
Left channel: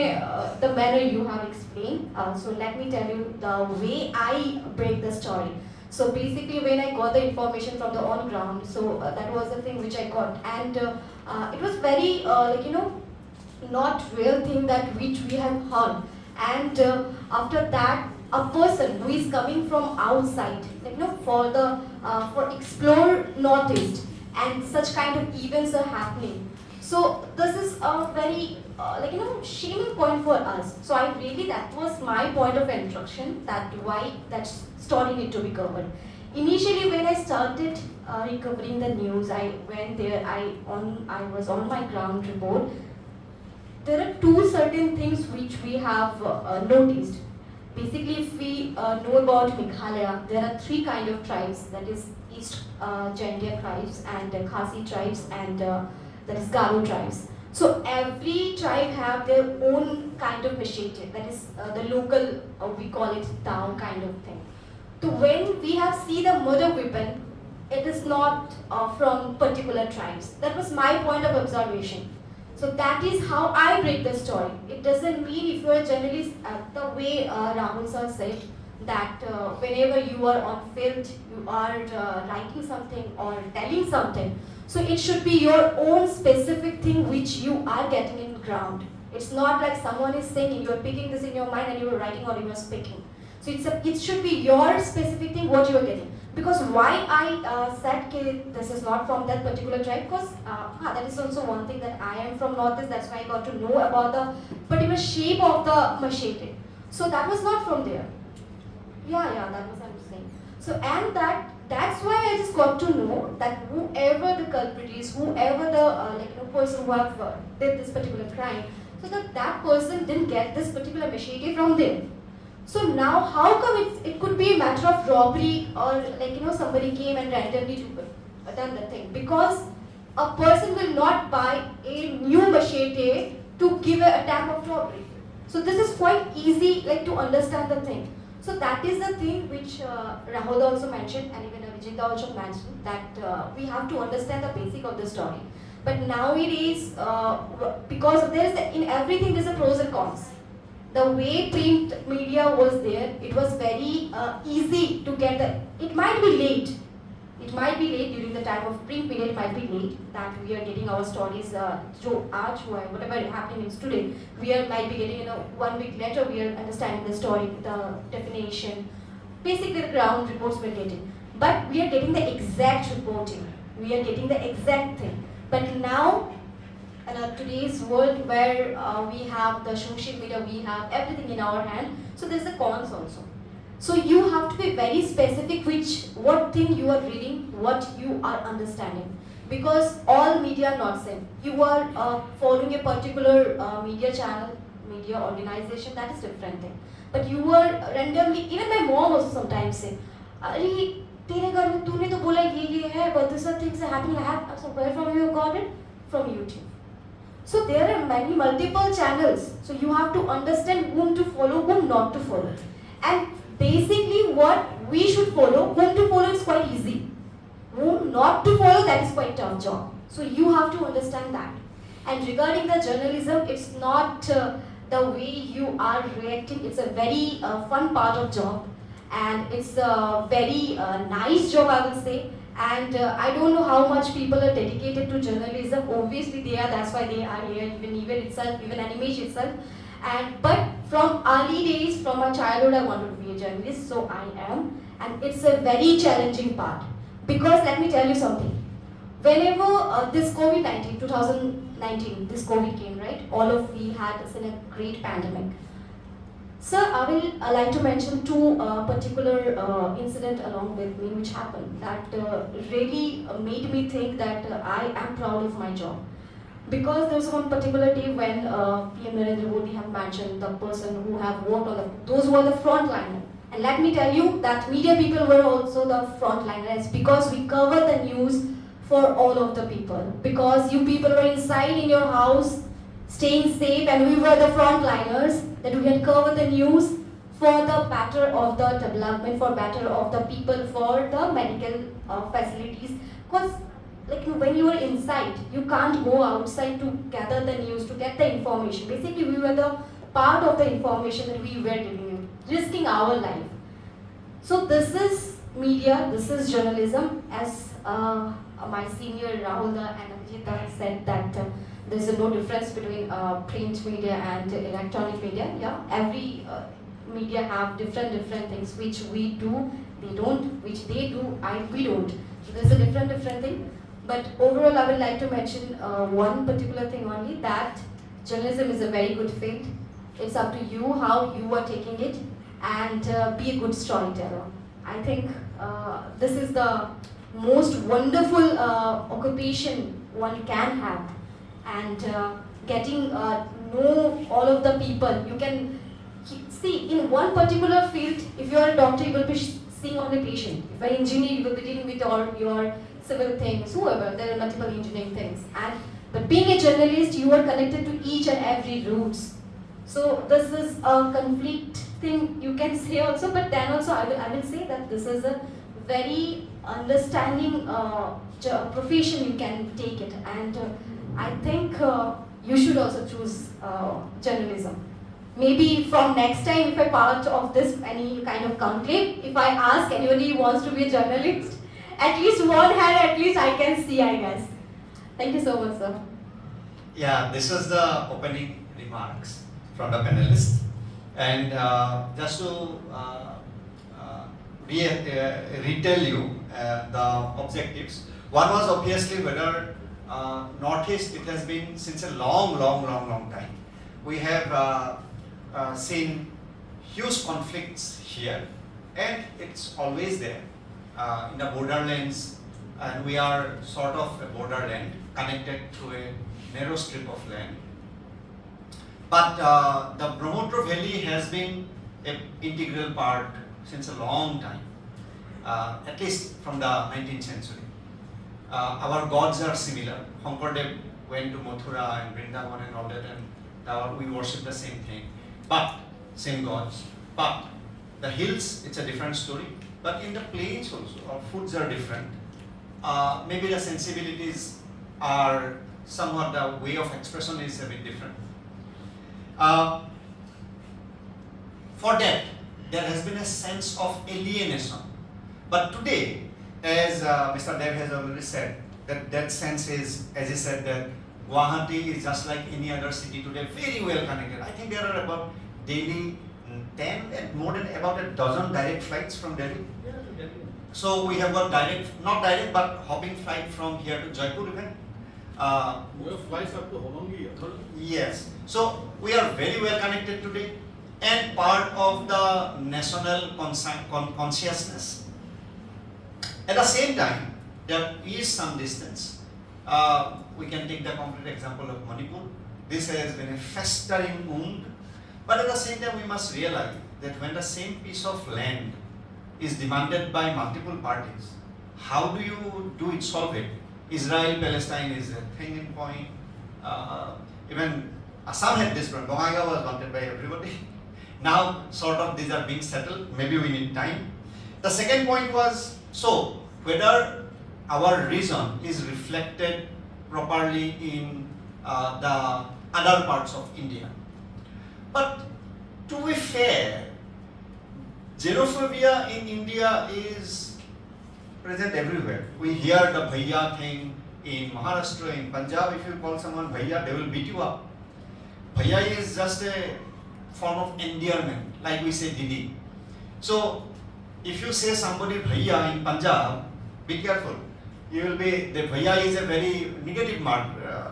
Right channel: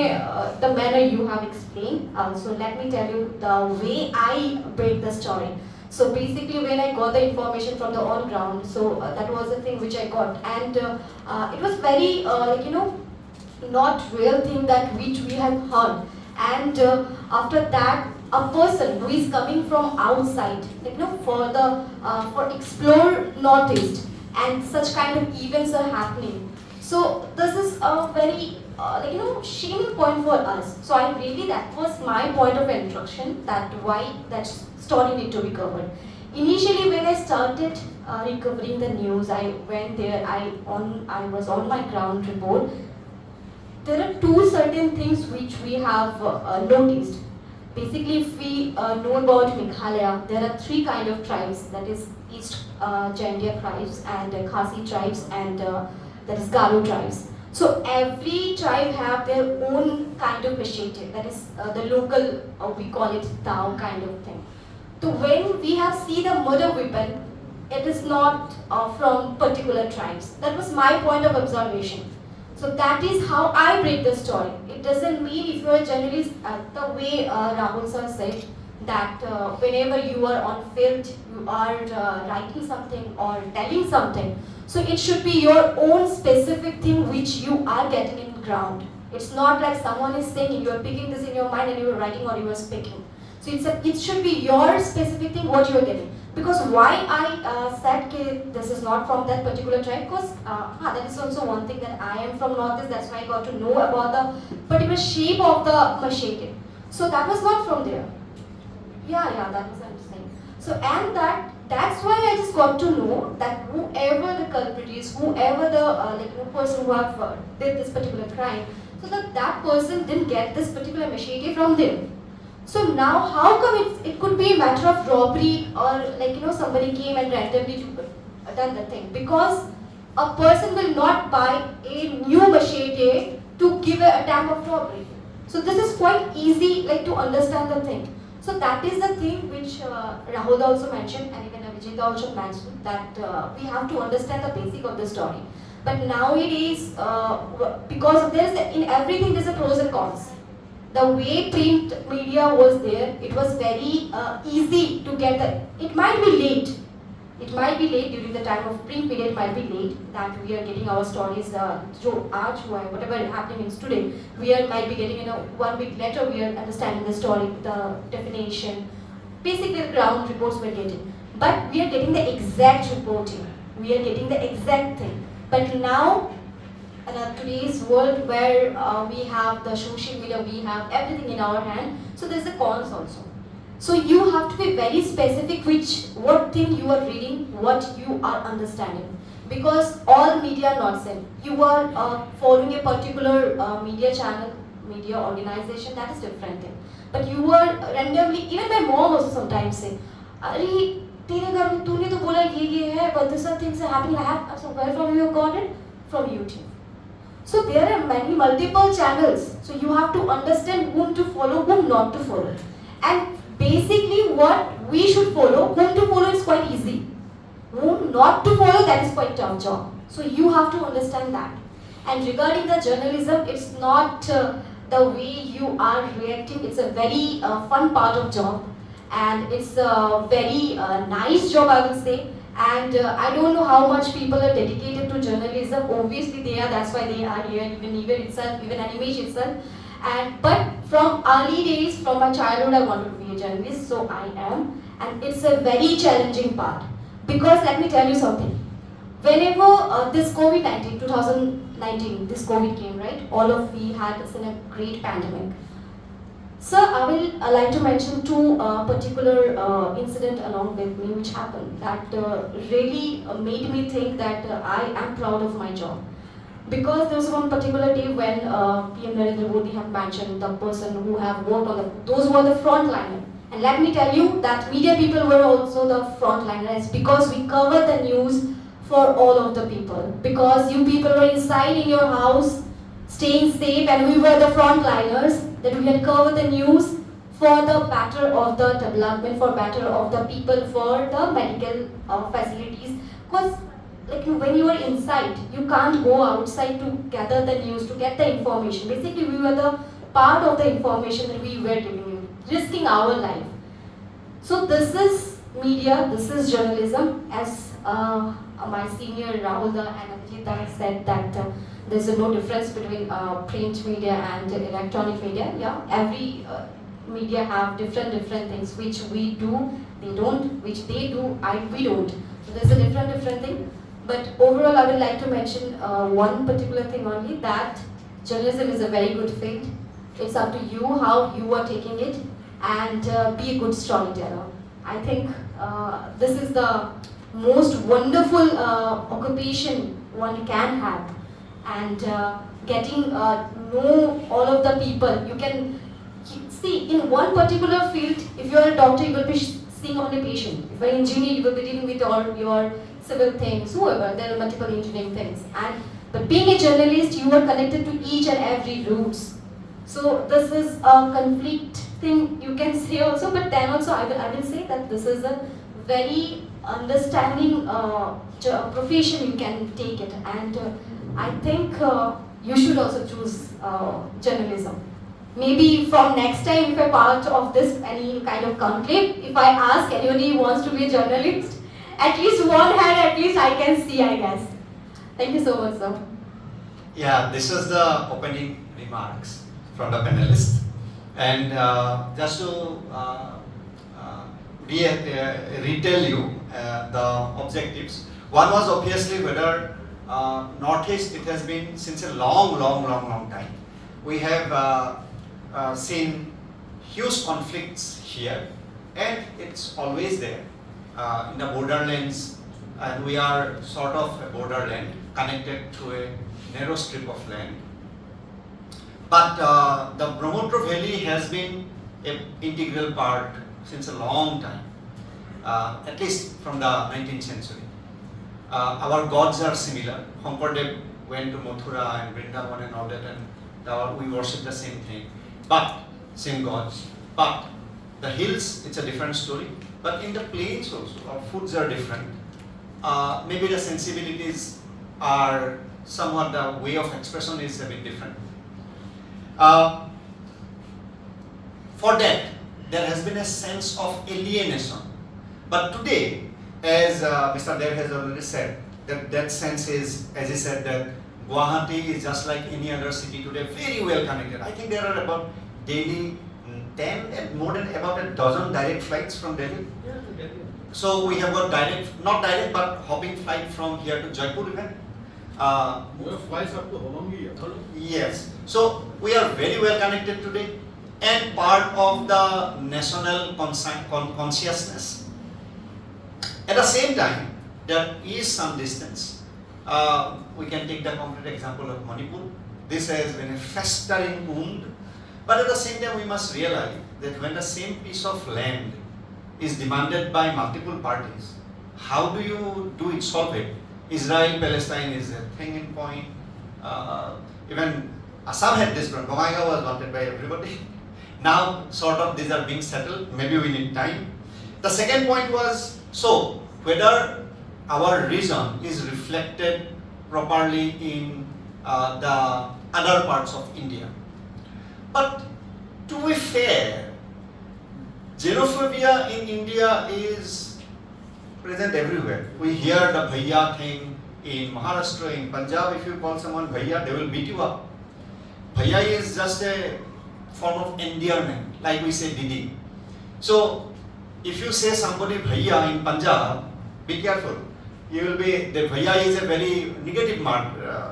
the manner you have explained. So let me tell you the way I break the story. So basically when I got the information from the on ground, so that was the thing which I got, and it was very not real thing that which we have heard. And after that, a person who is coming from outside, for explore Northeast, and such kind of events are happening. So this is a very shaming point for us. So I really, that was my point of introduction, that why that story need to be covered. Initially when I started recovering the news, I went there, I was on my ground report. There are two certain things which we have noticed. Basically, if we know about Meghalaya, there are three kind of tribes, that is East Jaintia tribes and Khasi tribes and that is Garo tribes. So every tribe have their own kind of initiative, that is the local, we call it Tao kind of thing. So when we have seen the murder weapon, it is not from particular tribes. That was my point of observation. So that is how I break the story. It doesn't mean if you are a journalist, the way Rahul sir said, that whenever you are on field, you are writing something or telling something. So it should be your own specific thing which you are getting in ground. It's not like someone is saying you are picking this in your mind and you are writing or you are speaking. So it should be your specific thing what you are getting. Because why I said this is not from that particular tribe, because that is also one thing that I am from Northeast, that's why I got to know about the particular shape of the machete. So that was not from there. Yeah, that was what I'm saying. So and that's why I just got to know that whoever the culprit is, whoever the person who have did this particular crime, so that person didn't get this particular machete from them. So now, how come it could be a matter of robbery or somebody came and randomly done the thing? Because a person will not buy a new machete to give an attempt of robbery. So this is quite easy to understand the thing. So that is the thing which Rahul also mentioned and even Abhijit also mentioned, that we have to understand the basic of the story. But nowadays, because in everything there's a pros and cons. The way print media was there, it was very easy to get it might be late. It might be late during the time of print media, it might be late that we are getting our stories, whatever is happening in today, might be getting 1 week later, we are understanding the story, the definition, basically the ground reports we are getting. But we are getting the exact reporting, we are getting the exact thing. But now, today's world where we have the social media, we have everything in our hand, so there's a cons also. So you have to be very specific what thing you are reading, what you are understanding. Because all media are not same. You are following a particular media channel, media organization, that is different thing. But you are randomly, even my mom also sometimes say, "Arey, tere ghar mein tune to bola ye hai, but these are things are happening." I have, so where from you got it? From YouTube. So there are multiple channels. So you have to understand whom to follow, whom not to follow. And basically what we should follow, whom to follow is quite easy. Whom not to follow, that is quite tough job. So you have to understand that. And regarding the journalism, it's not the way you are reacting. It's a very fun part of job. And it's a very nice job, I will say. And I don't know how much people are dedicated to journalism. Obviously they are, that's why they are here, even Nibir itself, even Animation itself. But from early days, from my childhood, I wanted to be a journalist, so I am. And it's a very challenging part. Because let me tell you something. Whenever this COVID-19, 2019, this COVID came, right? All of we had seen a great pandemic. Sir, I will like to mention two particular incident along with me which happened that really made me think that I am proud of my job. Because there was one particular day when PM Narendra Modi have mentioned the person who have worked on those were the frontliners. And let me tell you that media people were also the frontliners because we covered the news for all of the people. Because you people were inside in your house, staying safe, and we were the frontliners, that we had covered the news for the better of the development, for better of the people, for the medical facilities. Because like when you are inside, you can't go outside to gather the news, to get the information. Basically, we were the part of the information that we were giving you, risking our life. So this is media, this is journalism. As my senior Rahul and Abhijit said that there's no difference between print media and electronic media. Yeah, every media have different things which we do, they don't, which they do, we don't. So there's a different thing. But overall, I would like to mention one particular thing only, that journalism is a very good field. It's up to you how you are taking it, and be a good storyteller. I think this is the most wonderful occupation one can have, and getting know all of the people. You can see in one particular field, if you are a doctor, you will be seeing only patient. If you're an engineer, you will be dealing with all your civil things, whoever, there are multiple engineering things. But being a journalist, you are connected to each and every roots. So this is a conflict thing you can say also, but then also I will say that this is a very understanding profession, you can take it, and I think you should also choose journalism. Maybe from next time, if I'm part of this any kind of conclave, if I ask anybody who wants to be a journalist, at least one hand at least I can see, I guess. Thank you so much, sir. Yeah, this is the opening remarks from the panelists, and just to retell you the objectives. One was obviously whether Northeast, it has been since a long time. We have seen huge conflicts here, and it's always there in the borderlands, and we are sort of a borderland connected to a narrow strip of land. But the Brahmaputra Valley has been an integral part since a long time, at least from the 19th century. Our gods are similar. Hankardev went to Mathura and Vrindavan and all that, and we worship the same thing, but same gods. But the hills, it's a different story. But in the plains also, our foods are different. Maybe the sensibilities are somewhat, the way of expression is a bit different. For that, there has been a sense of alienation. But today, as Mr. Dev has already said, that sense is, as he said, that Guwahati is just like any other city today, very well connected. I think there are about daily 10 and more than about a dozen direct flights from Delhi. Yeah, to Delhi. So we have got direct, not direct, but hopping flight from here to Jaipur even. We have flights up to Holangi. Yes. So we are very well connected today, and part of the national consciousness. At the same time, there is some distance. We can take the concrete example of Manipur. This has been a festering wound, but at the same time, we must realize that when the same piece of land is demanded by multiple parties, how do you solve it? Israel-Palestine is a thing in point. Even Assam had this problem. Bamanga was wanted by everybody. Now, sort of, these are being settled. Maybe we need time. The second point was, so whether our region is reflected properly in the other parts of India. But to be fair, xenophobia in India is present everywhere. We hear the bhaiya thing in Maharashtra, in Punjab. If you call someone bhaiya, they will beat you up. Bhaiya is just a form of endearment, like we say Didi. So if you say somebody bhaiya in Punjab, be careful. You will be, the bhaiya is a very negative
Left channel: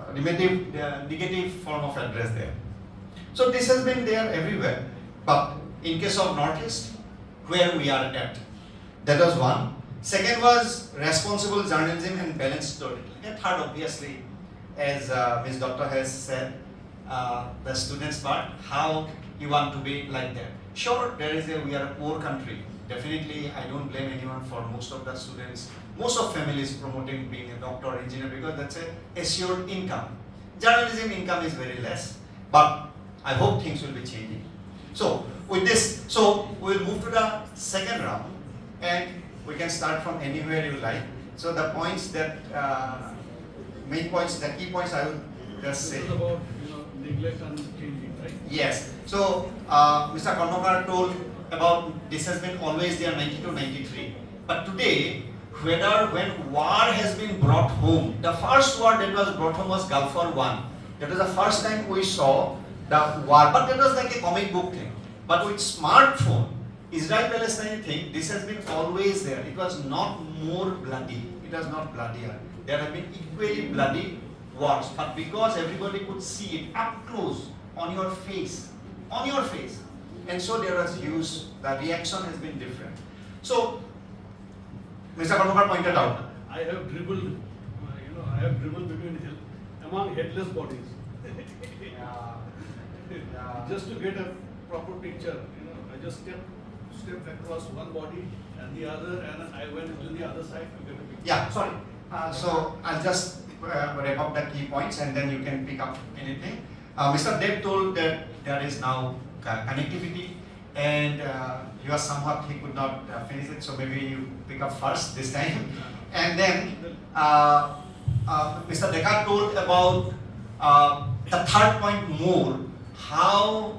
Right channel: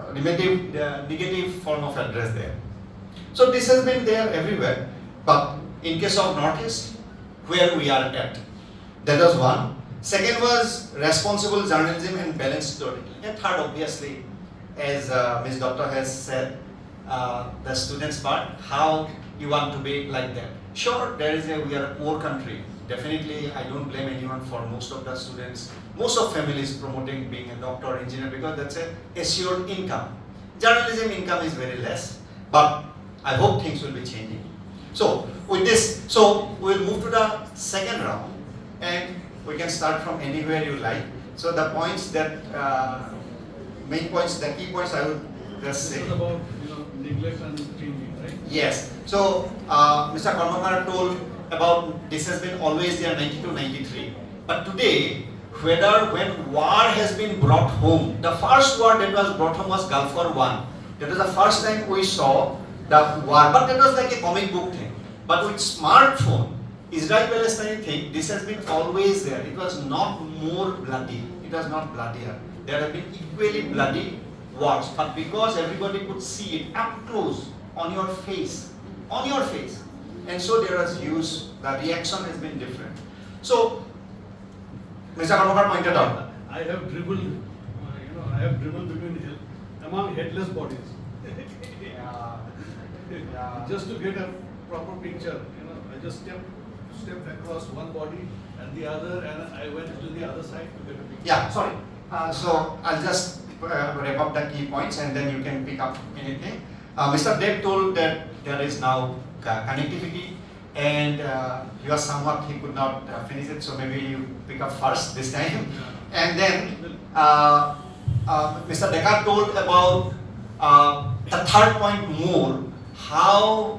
negative form of address there. So this has been there everywhere. But in case of Northeast, where we are at, that was one. Second was responsible journalism and balanced storytelling. And third, obviously, as Ms. Dutta has said, the students' part, how you want to be like that. Sure, we are a poor country. Definitely, I don't blame anyone for most of the students, most of families promoting being a doctor or engineer because that's a assured income. Journalism income is very less. But I hope things will be changing. So with this, so we'll move to the second round, and we can start from anywhere you like. So the points that, main points, the key points I will just say. This is about neglect and changing, right? Yes. So Mr. Karmakar told about this has been always there 92-93. But today, when war has been brought home, the first war that was brought home was Gulf War I. That was the first time we saw the war, but that was like a comic book thing. But with smartphone, Israel-Palestine thing, this has been always there. It was not more bloody. It was not bloodier. There have been equally bloody wars, but because everybody could see it up close on your face, and so there was use. The reaction has been different. So, Mr. Karmakar pointed out. I have dribbled, among headless bodies. Just to get a proper picture, I just stepped across one body and the other, and I went to the other side to get a picture. Yeah, sorry. So I'll just wrap up the key points and then you can pick up anything. Mr. Dek told that there is now connectivity, and he was somewhat, he could not finish it, so maybe you pick up first this time. And then Mr. Deka told about the third point more, how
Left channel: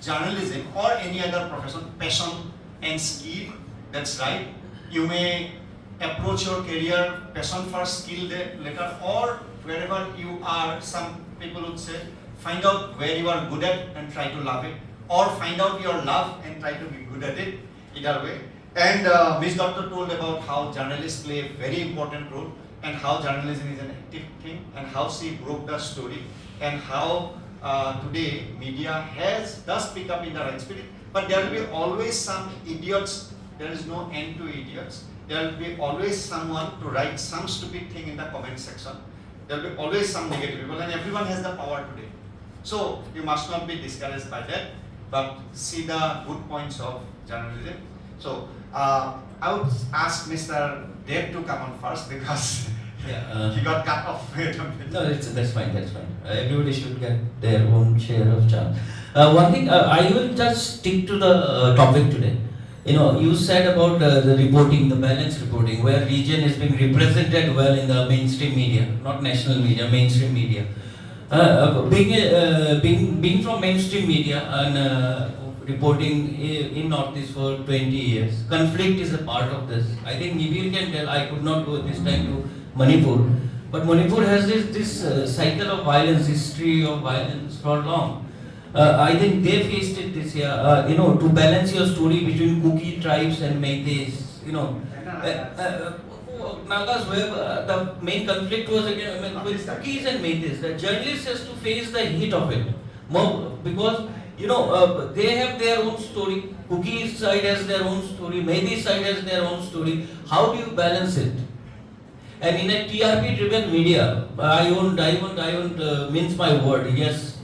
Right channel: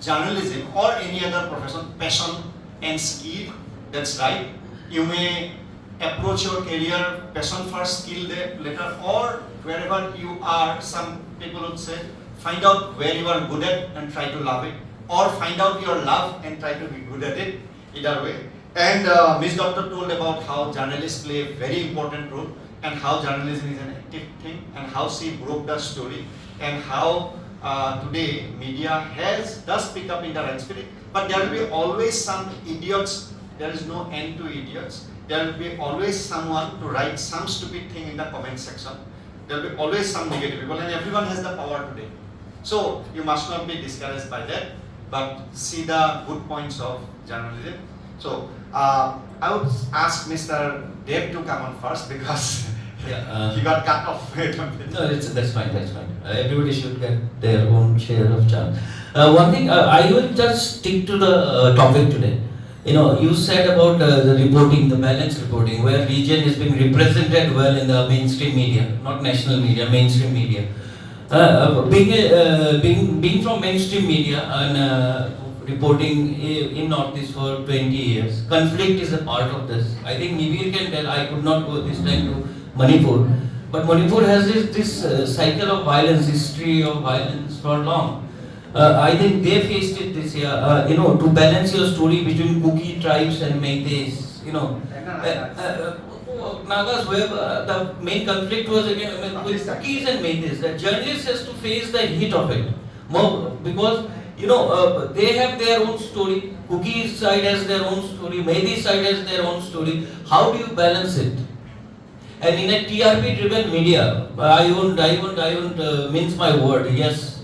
journalism or any other profession, passion and skill, that's right. You may approach your career, passion first, skill later, or wherever you are, some people would say, find out where you are good at and try to love it, or find out your love and try to be good at it, either way. And Ms. Doctor told about how journalists play a very important role, and how journalism is an active thing, and how she broke the story, and how today media does pick up in the right spirit, but there will be always some idiots. There is no end to idiots. There will be always someone to write some stupid thing in the comment section. There will be always some negative people, and everyone has the power today. So you must not be discouraged by that, but see the good points of journalism. So I would ask Mr. Dev to come on first, because he got cut off. No, that's fine. Everybody should get their own share of chance. One thing, I will just stick to the topic today. You said about the reporting, the balanced reporting, where region is being represented well in the mainstream media, not national media, mainstream media. Being from mainstream media and reporting in Northeast for 20 years, conflict is a part of this. I think Nibir can tell. I could not go this time to Manipur, but Manipur has this cycle of violence, history of violence for long. I think they faced it this year. To balance your story between Kuki tribes and Meiteis. Nagas, where the main conflict was again with Kukis and Meiteis. The journalist has to face the heat of it, because they have their own story. Kuki side has their own story. Meiteis side has their own story. How do you balance it? And in a TRP-driven media, I won't mince my word. Yes,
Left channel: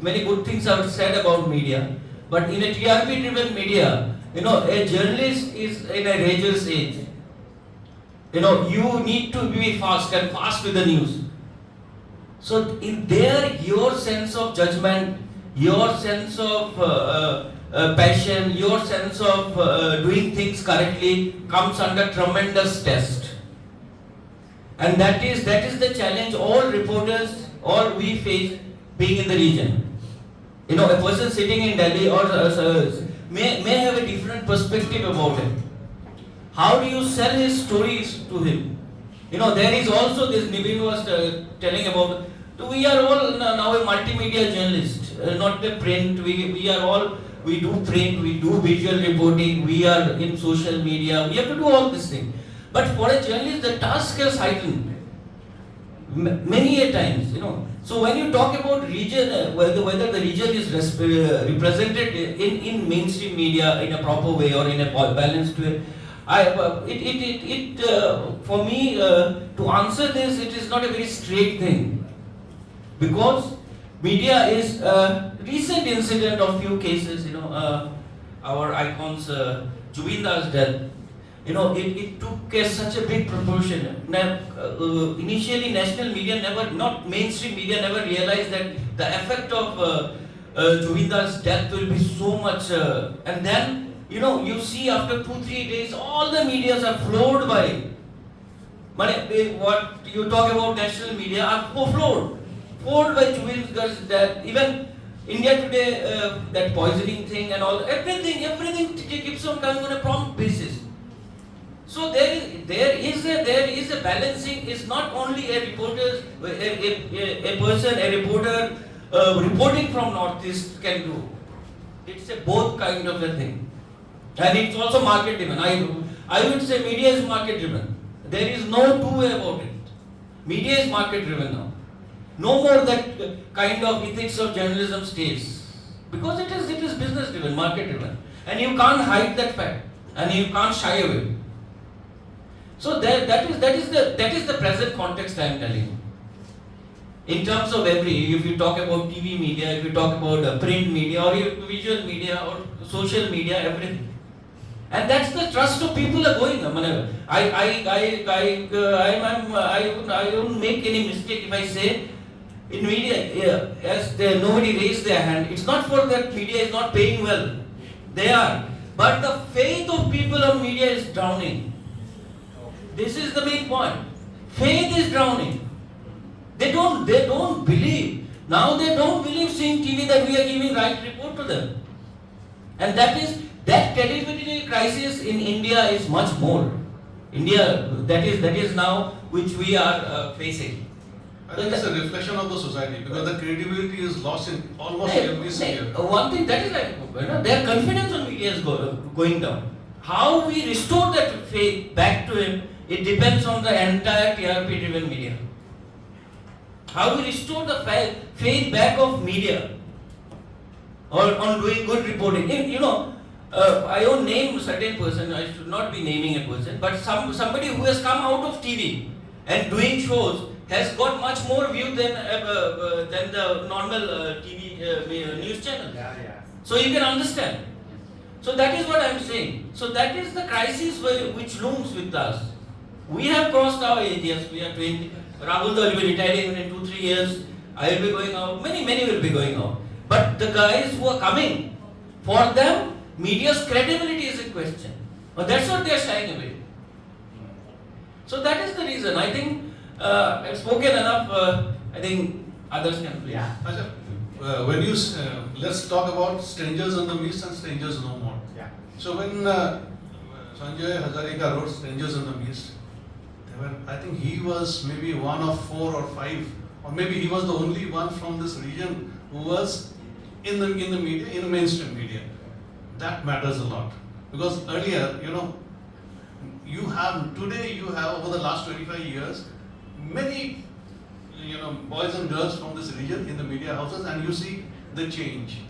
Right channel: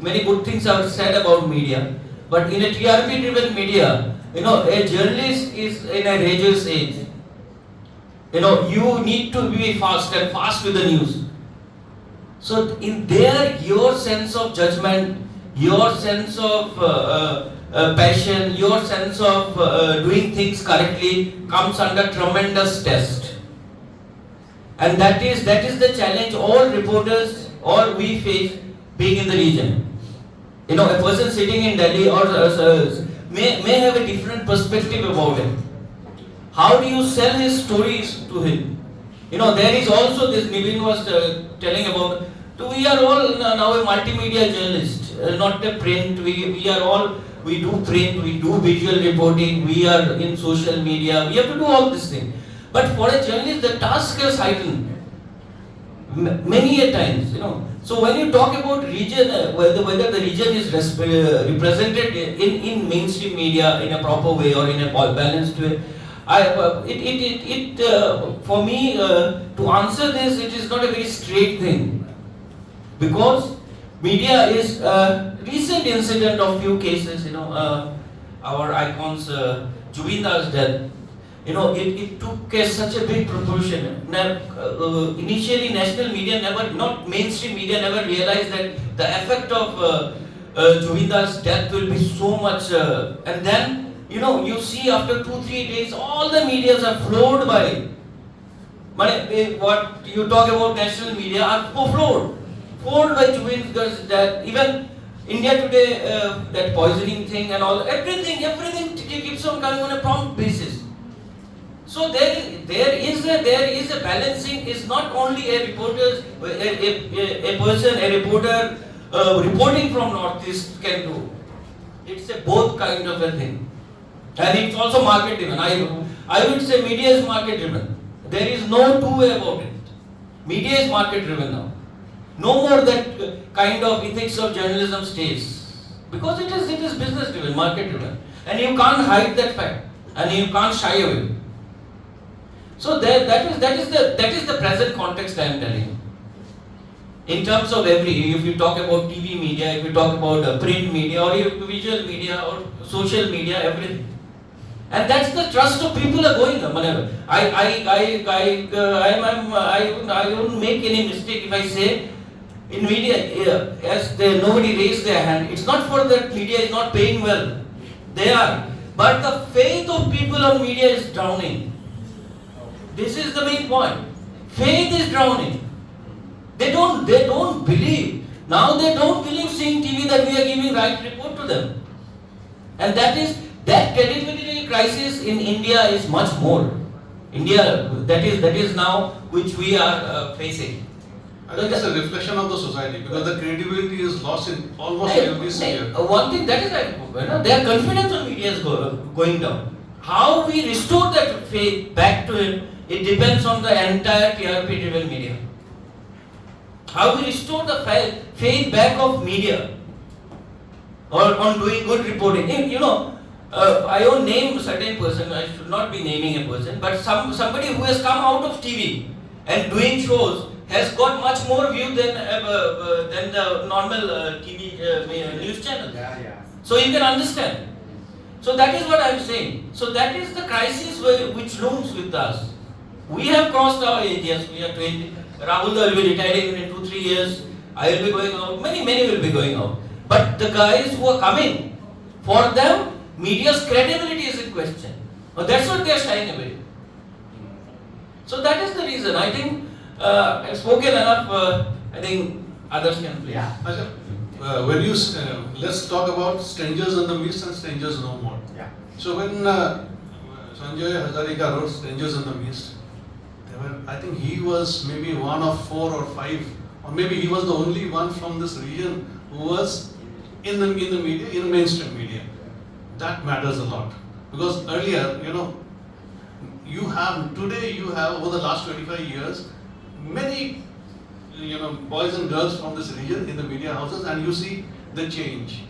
many good things are said about media, but in a TRP-driven media, a journalist is in a rageous age. You need to be fast with the news. So in there, your sense of judgment, your sense of passion, your sense of doing things correctly comes under tremendous test. And that is the challenge all reporters, all we face being in the region. A person sitting in Delhi or may have a different perspective about it. How do you sell his stories to him? There is also this, Nibir was telling about, we are all now a multimedia journalist, not a print. We do print, we do visual reporting, we are in social media, we have to do all these things. But for a journalist, the task is heightened many a times, So when you talk about region, whether the region is represented in mainstream media in a proper way or in a balanced way, for me to answer this, it is not a very straight thing, because media is a recent incident of few cases. Our icons, Jubindar's death. it took such a big proportion. Initially, national media not mainstream media never realized that the effect of Juvindal's death will be so much. And then, you see after 2-3 days, all the medias are floored by. What you talk about national media are floored by Juvindal's death. Even India Today, that poisoning thing and all, everything keeps on coming on a prompt basis. So there is a balancing. It's not only a reporter, a reporter reporting from Northeast can do. It's a both kind of a thing, and it's also market driven. I would say media is market driven. There is no two way about it. Media is market driven now. No more that kind of ethics of journalism stays, because it is business driven, market driven, and you can't hide that fact, and you can't shy away. So that is the present context I am telling you. In terms of if you talk about TV media, if you talk about print media or visual media or social media, everything. And that's the trust of people are going on. I wouldn't make any mistake if I say in media, yes, nobody raised their hand. It's not for that media is not paying well. They are. But the faith of people on media is drowning. This is the main point. Faith is drowning. They don't believe. Now they don't believe seeing TV that we are giving right report to them. And that credibility crisis in India is much more. India, that is now which we are facing. I think it's a reflection of the society, because the credibility is lost in almost every sphere. One thing that is their confidence on media is going down. How we restore that faith back to him, it depends on the entire TRP driven media. How we restore the faith back of media or on doing good reporting. I won't name a certain person, I should not be naming a person, but somebody who has come out of TV and doing shows has got much more view than the normal TV news channel. Yeah. So you can understand. So that is what I am saying. So that is the crisis which looms with us. We have crossed our age, yes, we are 20. Rahul will be retiring in 2-3 years. I will be going out. Many will be going out. But the guys who are coming, for them, media's credibility is in question. That's what they are shying away. So that is the reason. I think I've spoken enough. I think others can please. Yeah. When you let's talk about strangers on the Mist and strangers no more. Yeah. So when Sanjay Hazarika wrote Strangers in the Mist, I think he was maybe one of 4 or 5, or maybe he was the only one from this region who was in the media, in mainstream media. That matters a lot, because earlier, today you have over the last 25 years many boys and girls from this region in the media houses, and you see the change.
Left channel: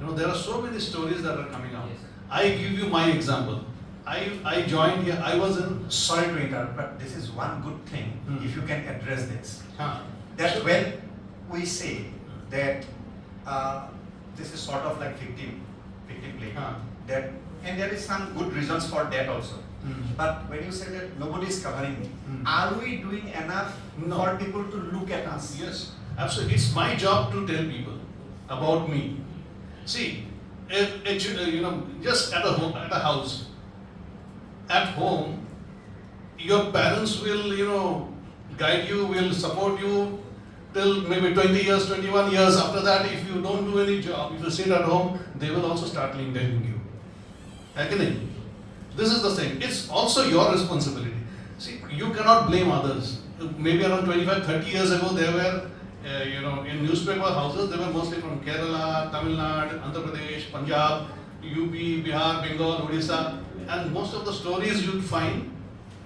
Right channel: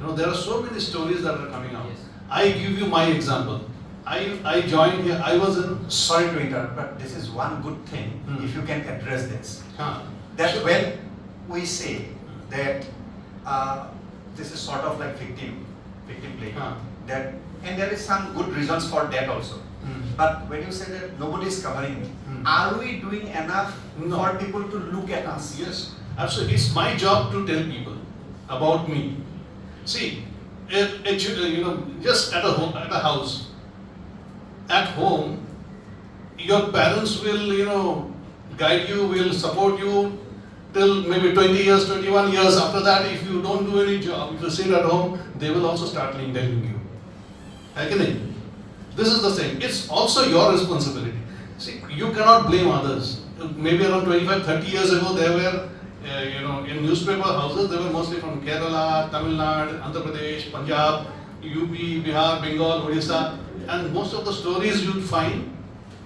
There are so many stories that are coming out. Yes. I give you my example. I joined here. I was in. Sorry to interrupt, but this is one good thing if you can address this. Huh. That when we say that this is sort of like victim play, that, and there is some good reasons for that also. But when you say that nobody is covering, are we doing enough for people to look at us? Yes, absolutely. It's my job to tell people about me. See, just at a house. At home, your parents will, guide you, will support you till maybe 20 years, 21 years. After that, if you don't do any job, if you sit at home, they will also start indulging you. Agree? This is the same. It's also your responsibility. See, you cannot blame others. Maybe around 25, 30 years ago, there were, in newspaper houses, they were mostly from Kerala, Tamil Nadu, Andhra Pradesh, Punjab, UP, Bihar, Bengal, Odisha. And most of the stories you'd find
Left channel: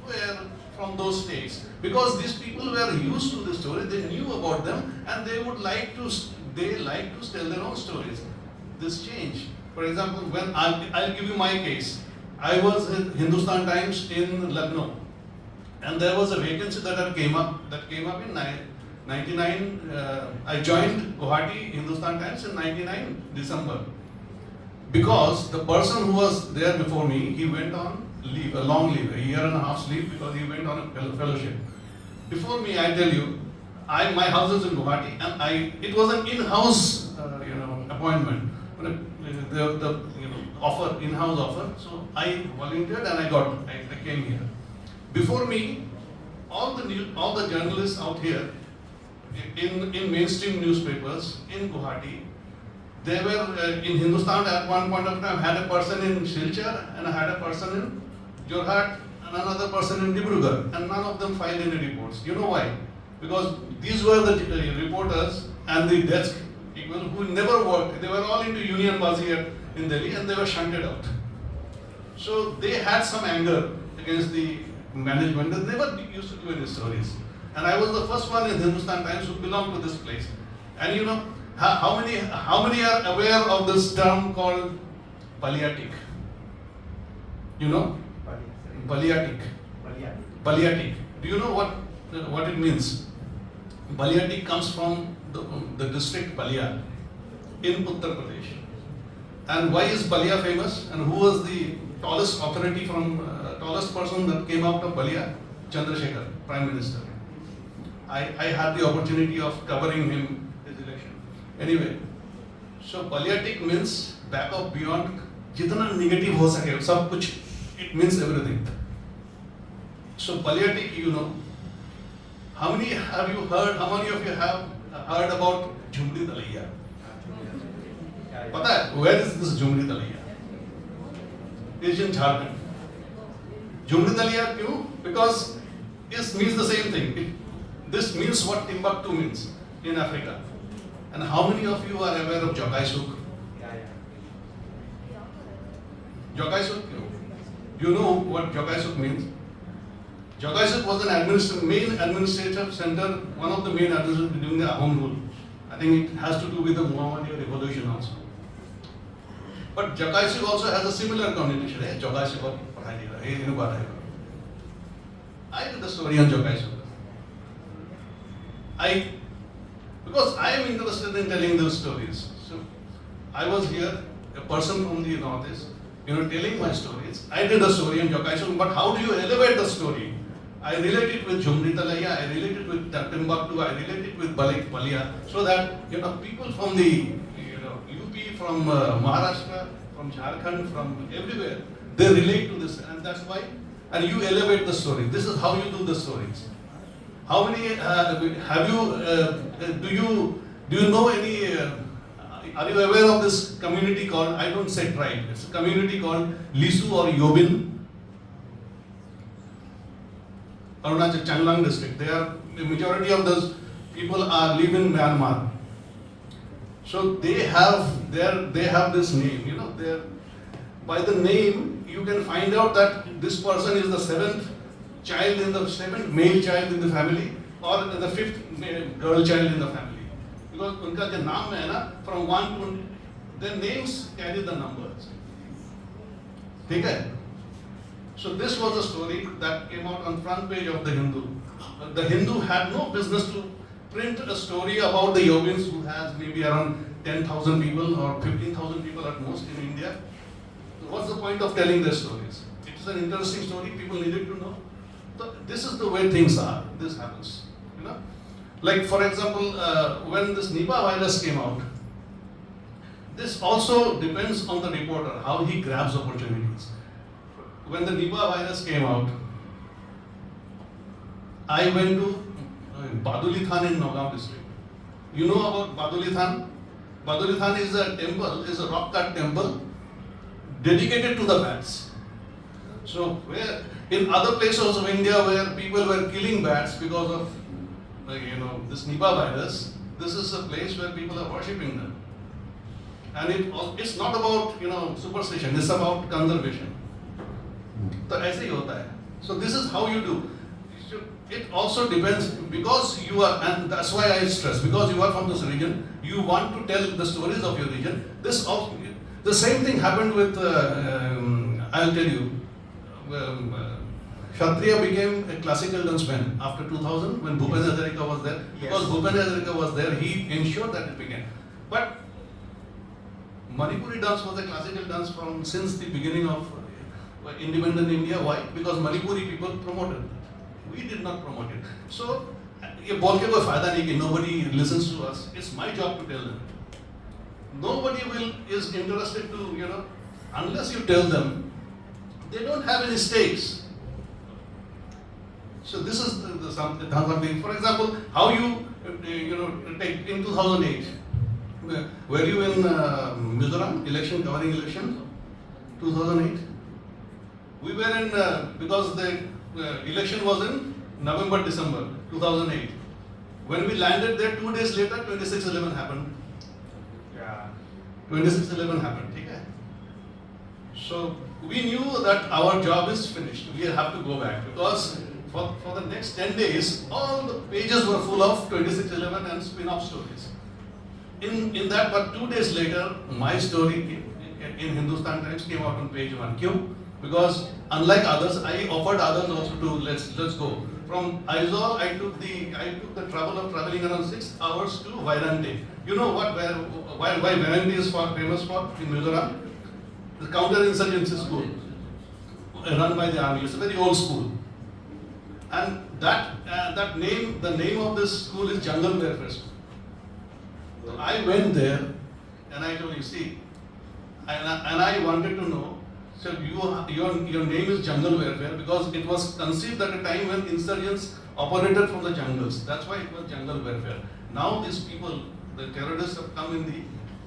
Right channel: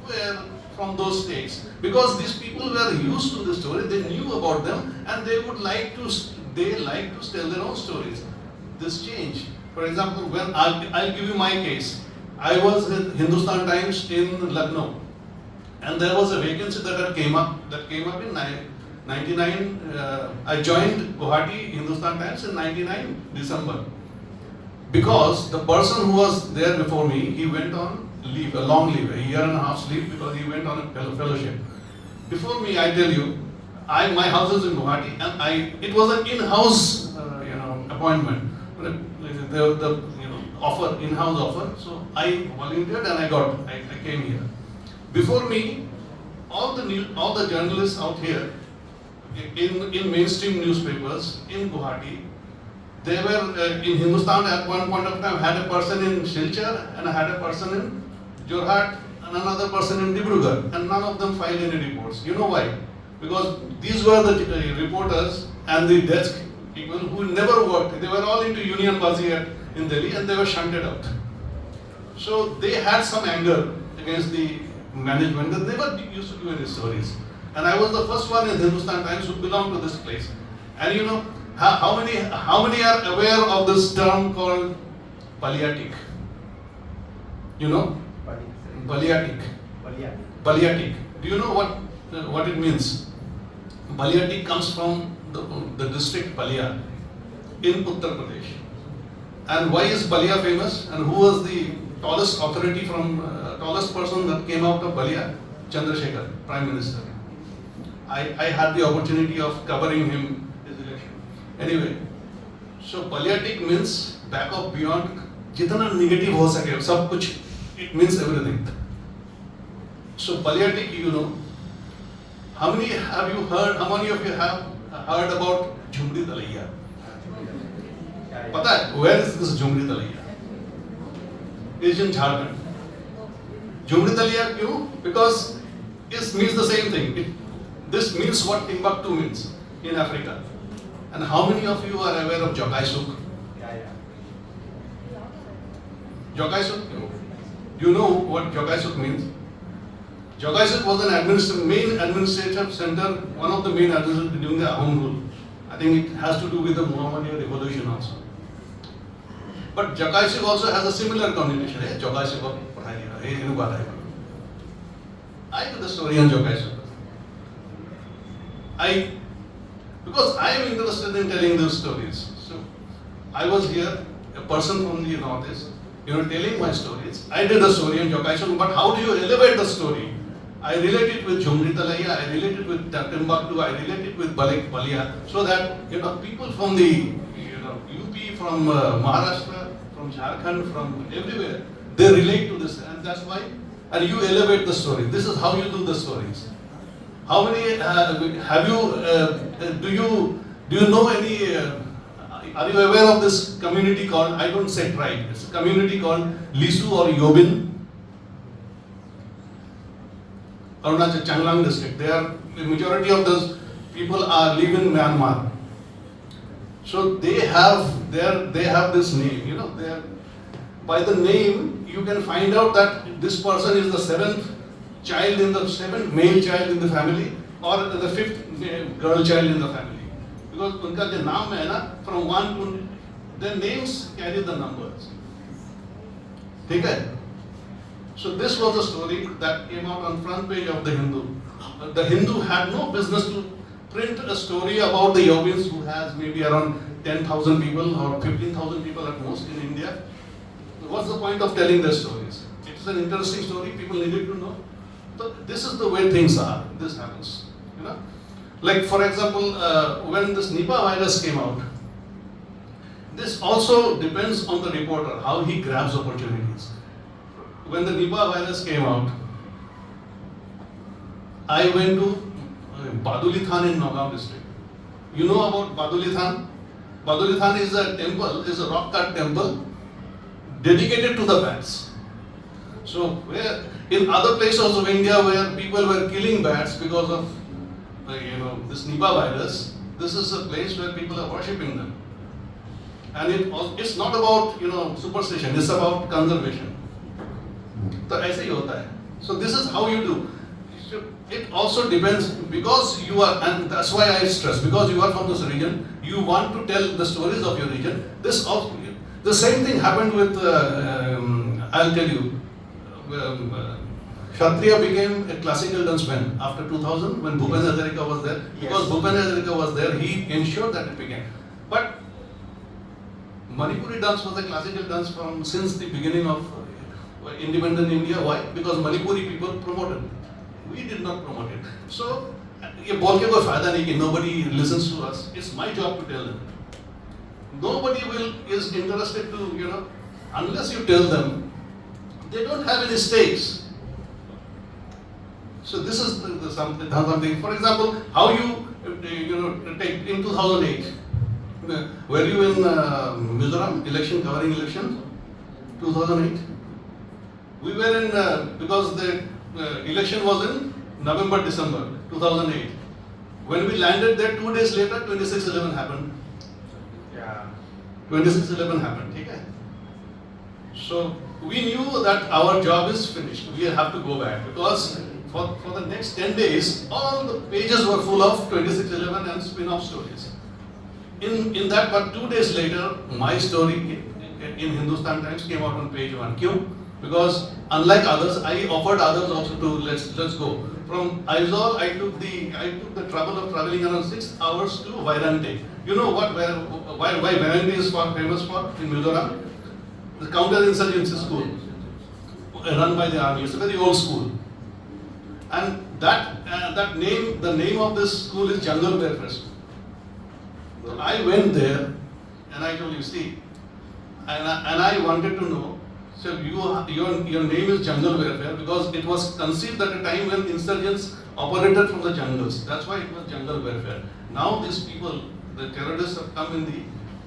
were from those states, because these people were used to the story, they knew about them, and they like to tell their own stories. This changed. For example, when I'll give you my case. I was in Hindustan Times in Lucknow, and there was a vacancy that came up in 99. I joined Guwahati Hindustan Times in 99 December. Because the person who was there before me, he went on leave, a long leave, a year and a half's leave because he went on a fellowship. Before me, I tell you, my house is in Guwahati, and it was an in-house, appointment. The offer, in-house offer. So I volunteered and I came here. Before me, all the journalists out here in mainstream newspapers in Guwahati, they were in Hindustan at one point of time had a person in Silchar and had a person in Jorhat and another person in Dibrugarh, and none of them filed any reports. You know why? Because these were the reporters and the desk people who never worked. They were all into Union Bazi in Delhi and they were shunted out. So they had some anger against the management that they never used to do any stories. And I was the first one in Hindustan Times who belonged to this place. And you know, how many are aware of this term called palliatic? You know? Palliatic. Palliatic. Do you know what it means? Palliatic comes from the district Palia in Uttar Pradesh. And why is Palia famous? And who was the tallest authority tallest person that came out of Palia? Chandrasekhar, Prime Minister. I had the opportunity of covering him his election. Anyway, so palliatic means back of beyond, jitna negative ho sake, sab kuch, it means everything. So palliatic, you know, how many of you have heard about Jhumri Talaiya? Pata hai, where is this Jhumri Talaiya? It's in Jharkhand. Jhumri Talaiya, kyun? Because it means the same thing. This means what Timbuktu means in Africa. And how many of you are aware of Jogai Suk? Jogai Suk? Do you know what Jogai Suk means? Jogai Suk was an main administrative center, one of the main administrators during the Ahom rule. I think it has to do with the Muhammadan revolution also. But Jogai Suk also has a similar connotation. Jogai Suk I did the story on Jogai Suk. Because I am interested in telling those stories. So I was here, a person from the Northeast, telling my stories. I did a story on Jogai Suk, but how do you elevate the story? I relate it with Jhumri Talaiya, I relate it with Timbuktu, I relate it with Palia, so that people from the UP, from Maharashtra, from Jharkhand, from everywhere, they relate to this, and that's why. And you elevate the story. This is how you do the stories. How many have you? Do you know any? Are you aware of this community called? I don't say tribe. It's a community called Lisu or Yobin. Arunachal Changlang district. The majority of those people live in Myanmar. So they have this name. By the name you can find out that this person is the seventh male child in the family, or the fifth girl child in the family. Because unka jo naam hai na, from 1 to, their names carry the numbers. Okay? So this was a story that came out on front page of the Hindu. But the Hindu had no business to print a story about the Yogins, who has maybe around 10,000 people or 15,000 people at most in India. What's the point of telling their stories? It's an interesting story, people needed to know. So this is the way things are. This happens. Like for example, when this Nipah virus came out, this also depends on the reporter, how he grabs opportunities. When the Nipah virus came out, I went to Baduli Than in Nagaon district. You know about Baduli Than? Baduli Than is a temple, is a rock cut temple dedicated to the bats. So where in other places of India where people were killing bats because of this Nipah virus, this is a place where people are worshipping them. And it's not about superstition, it's about conservation. So ऐसे ही होता है. So this is how you do. It also depends, because you are, and that's why I stress, because you are from this region, you want to tell the stories of your region. The same thing happened with, I'll tell you, Kshatriya became a classical dance band after 2000 when Bhupen Hazarika was there. Because Bhupen Hazarika was there, he ensured that it began. But Manipuri dance was a classical dance since the beginning of independent India. Why? Because Manipuri people promoted it. We did not promote it. So, ये बोल के कोई फायदा नहीं कि nobody listens to us. It's my job to tell them. Nobody is interested to, unless you tell them, they don't have any stakes. So this is something. For example, how you take in 2008. Were you in Mizoram covering election? 2008. We were in because the election was in November, December 2008. When we landed there, 2 days later, 26/11 happened. Yeah. 26/11 happened. Okay? So we knew that our job is finished. We have to go back because for the next 10 days, all the pages were full of 26/11 and spin-off stories. In that, but 2 days later, my story in Hindustan Times came out on page 1. Kyun? Because unlike others, I offered others also to let's go. From Aizawl, I took the trouble of traveling around 6 hours to Vairante. You know why Vairante is famous for in Mizoram? The counter-insurgency school run by the army. It's a very old school. And the name of this school is Jungle Welfare School. So I went there and I told you, see, and I wanted to know, so your name is Jungle Welfare because it was conceived at a time when insurgents operated from the jungles. That's why it was Jungle Welfare. Now these people, the terrorists, have come in the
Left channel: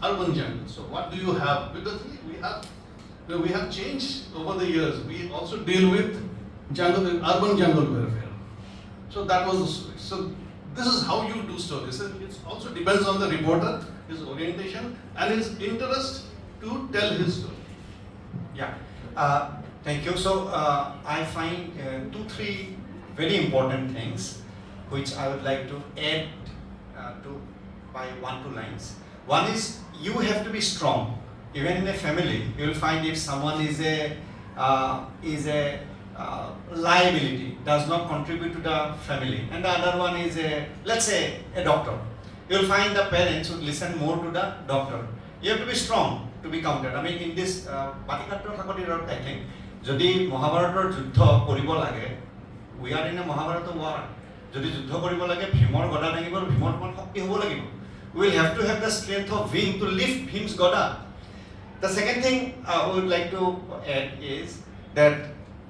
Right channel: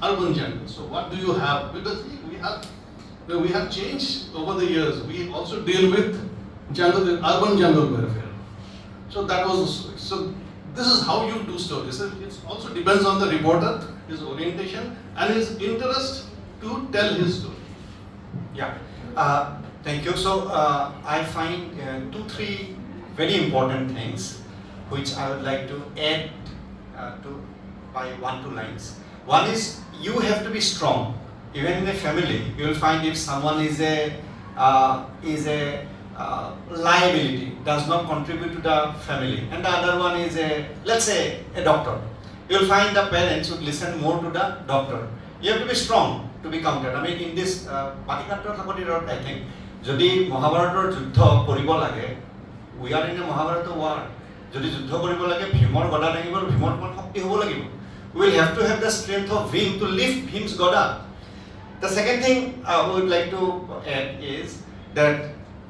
urban jungle. So what do you have? Because we have changed over the years. We also deal with urban jungle welfare. So that was the story. So this is how you do stories. It also depends on the reporter, his orientation, and his interest to tell his story. Yeah, thank you. So I find 2-3 very important things which I would like to add to by 1-2 lines. One is you have to be strong. Even in a family, you will find if someone is a liability, does not contribute to the family, and the other one is let's say a doctor. You will find the parents would listen more to the doctor. You have to be strong to be counted. I mean, in this I think, যদি মহাভাৰতৰ যুদ্ধ কৰিব লাগে, we are in a Mahabharata war. যদি যুদ্ধ কৰিব লাগে, ভীমৰ গদা লাগিব, ভীমৰ শক্তি হ'ব লাগিব. We will have to have the strength of Bhim to lift Bhim's gada. The second thing I would like to add is that,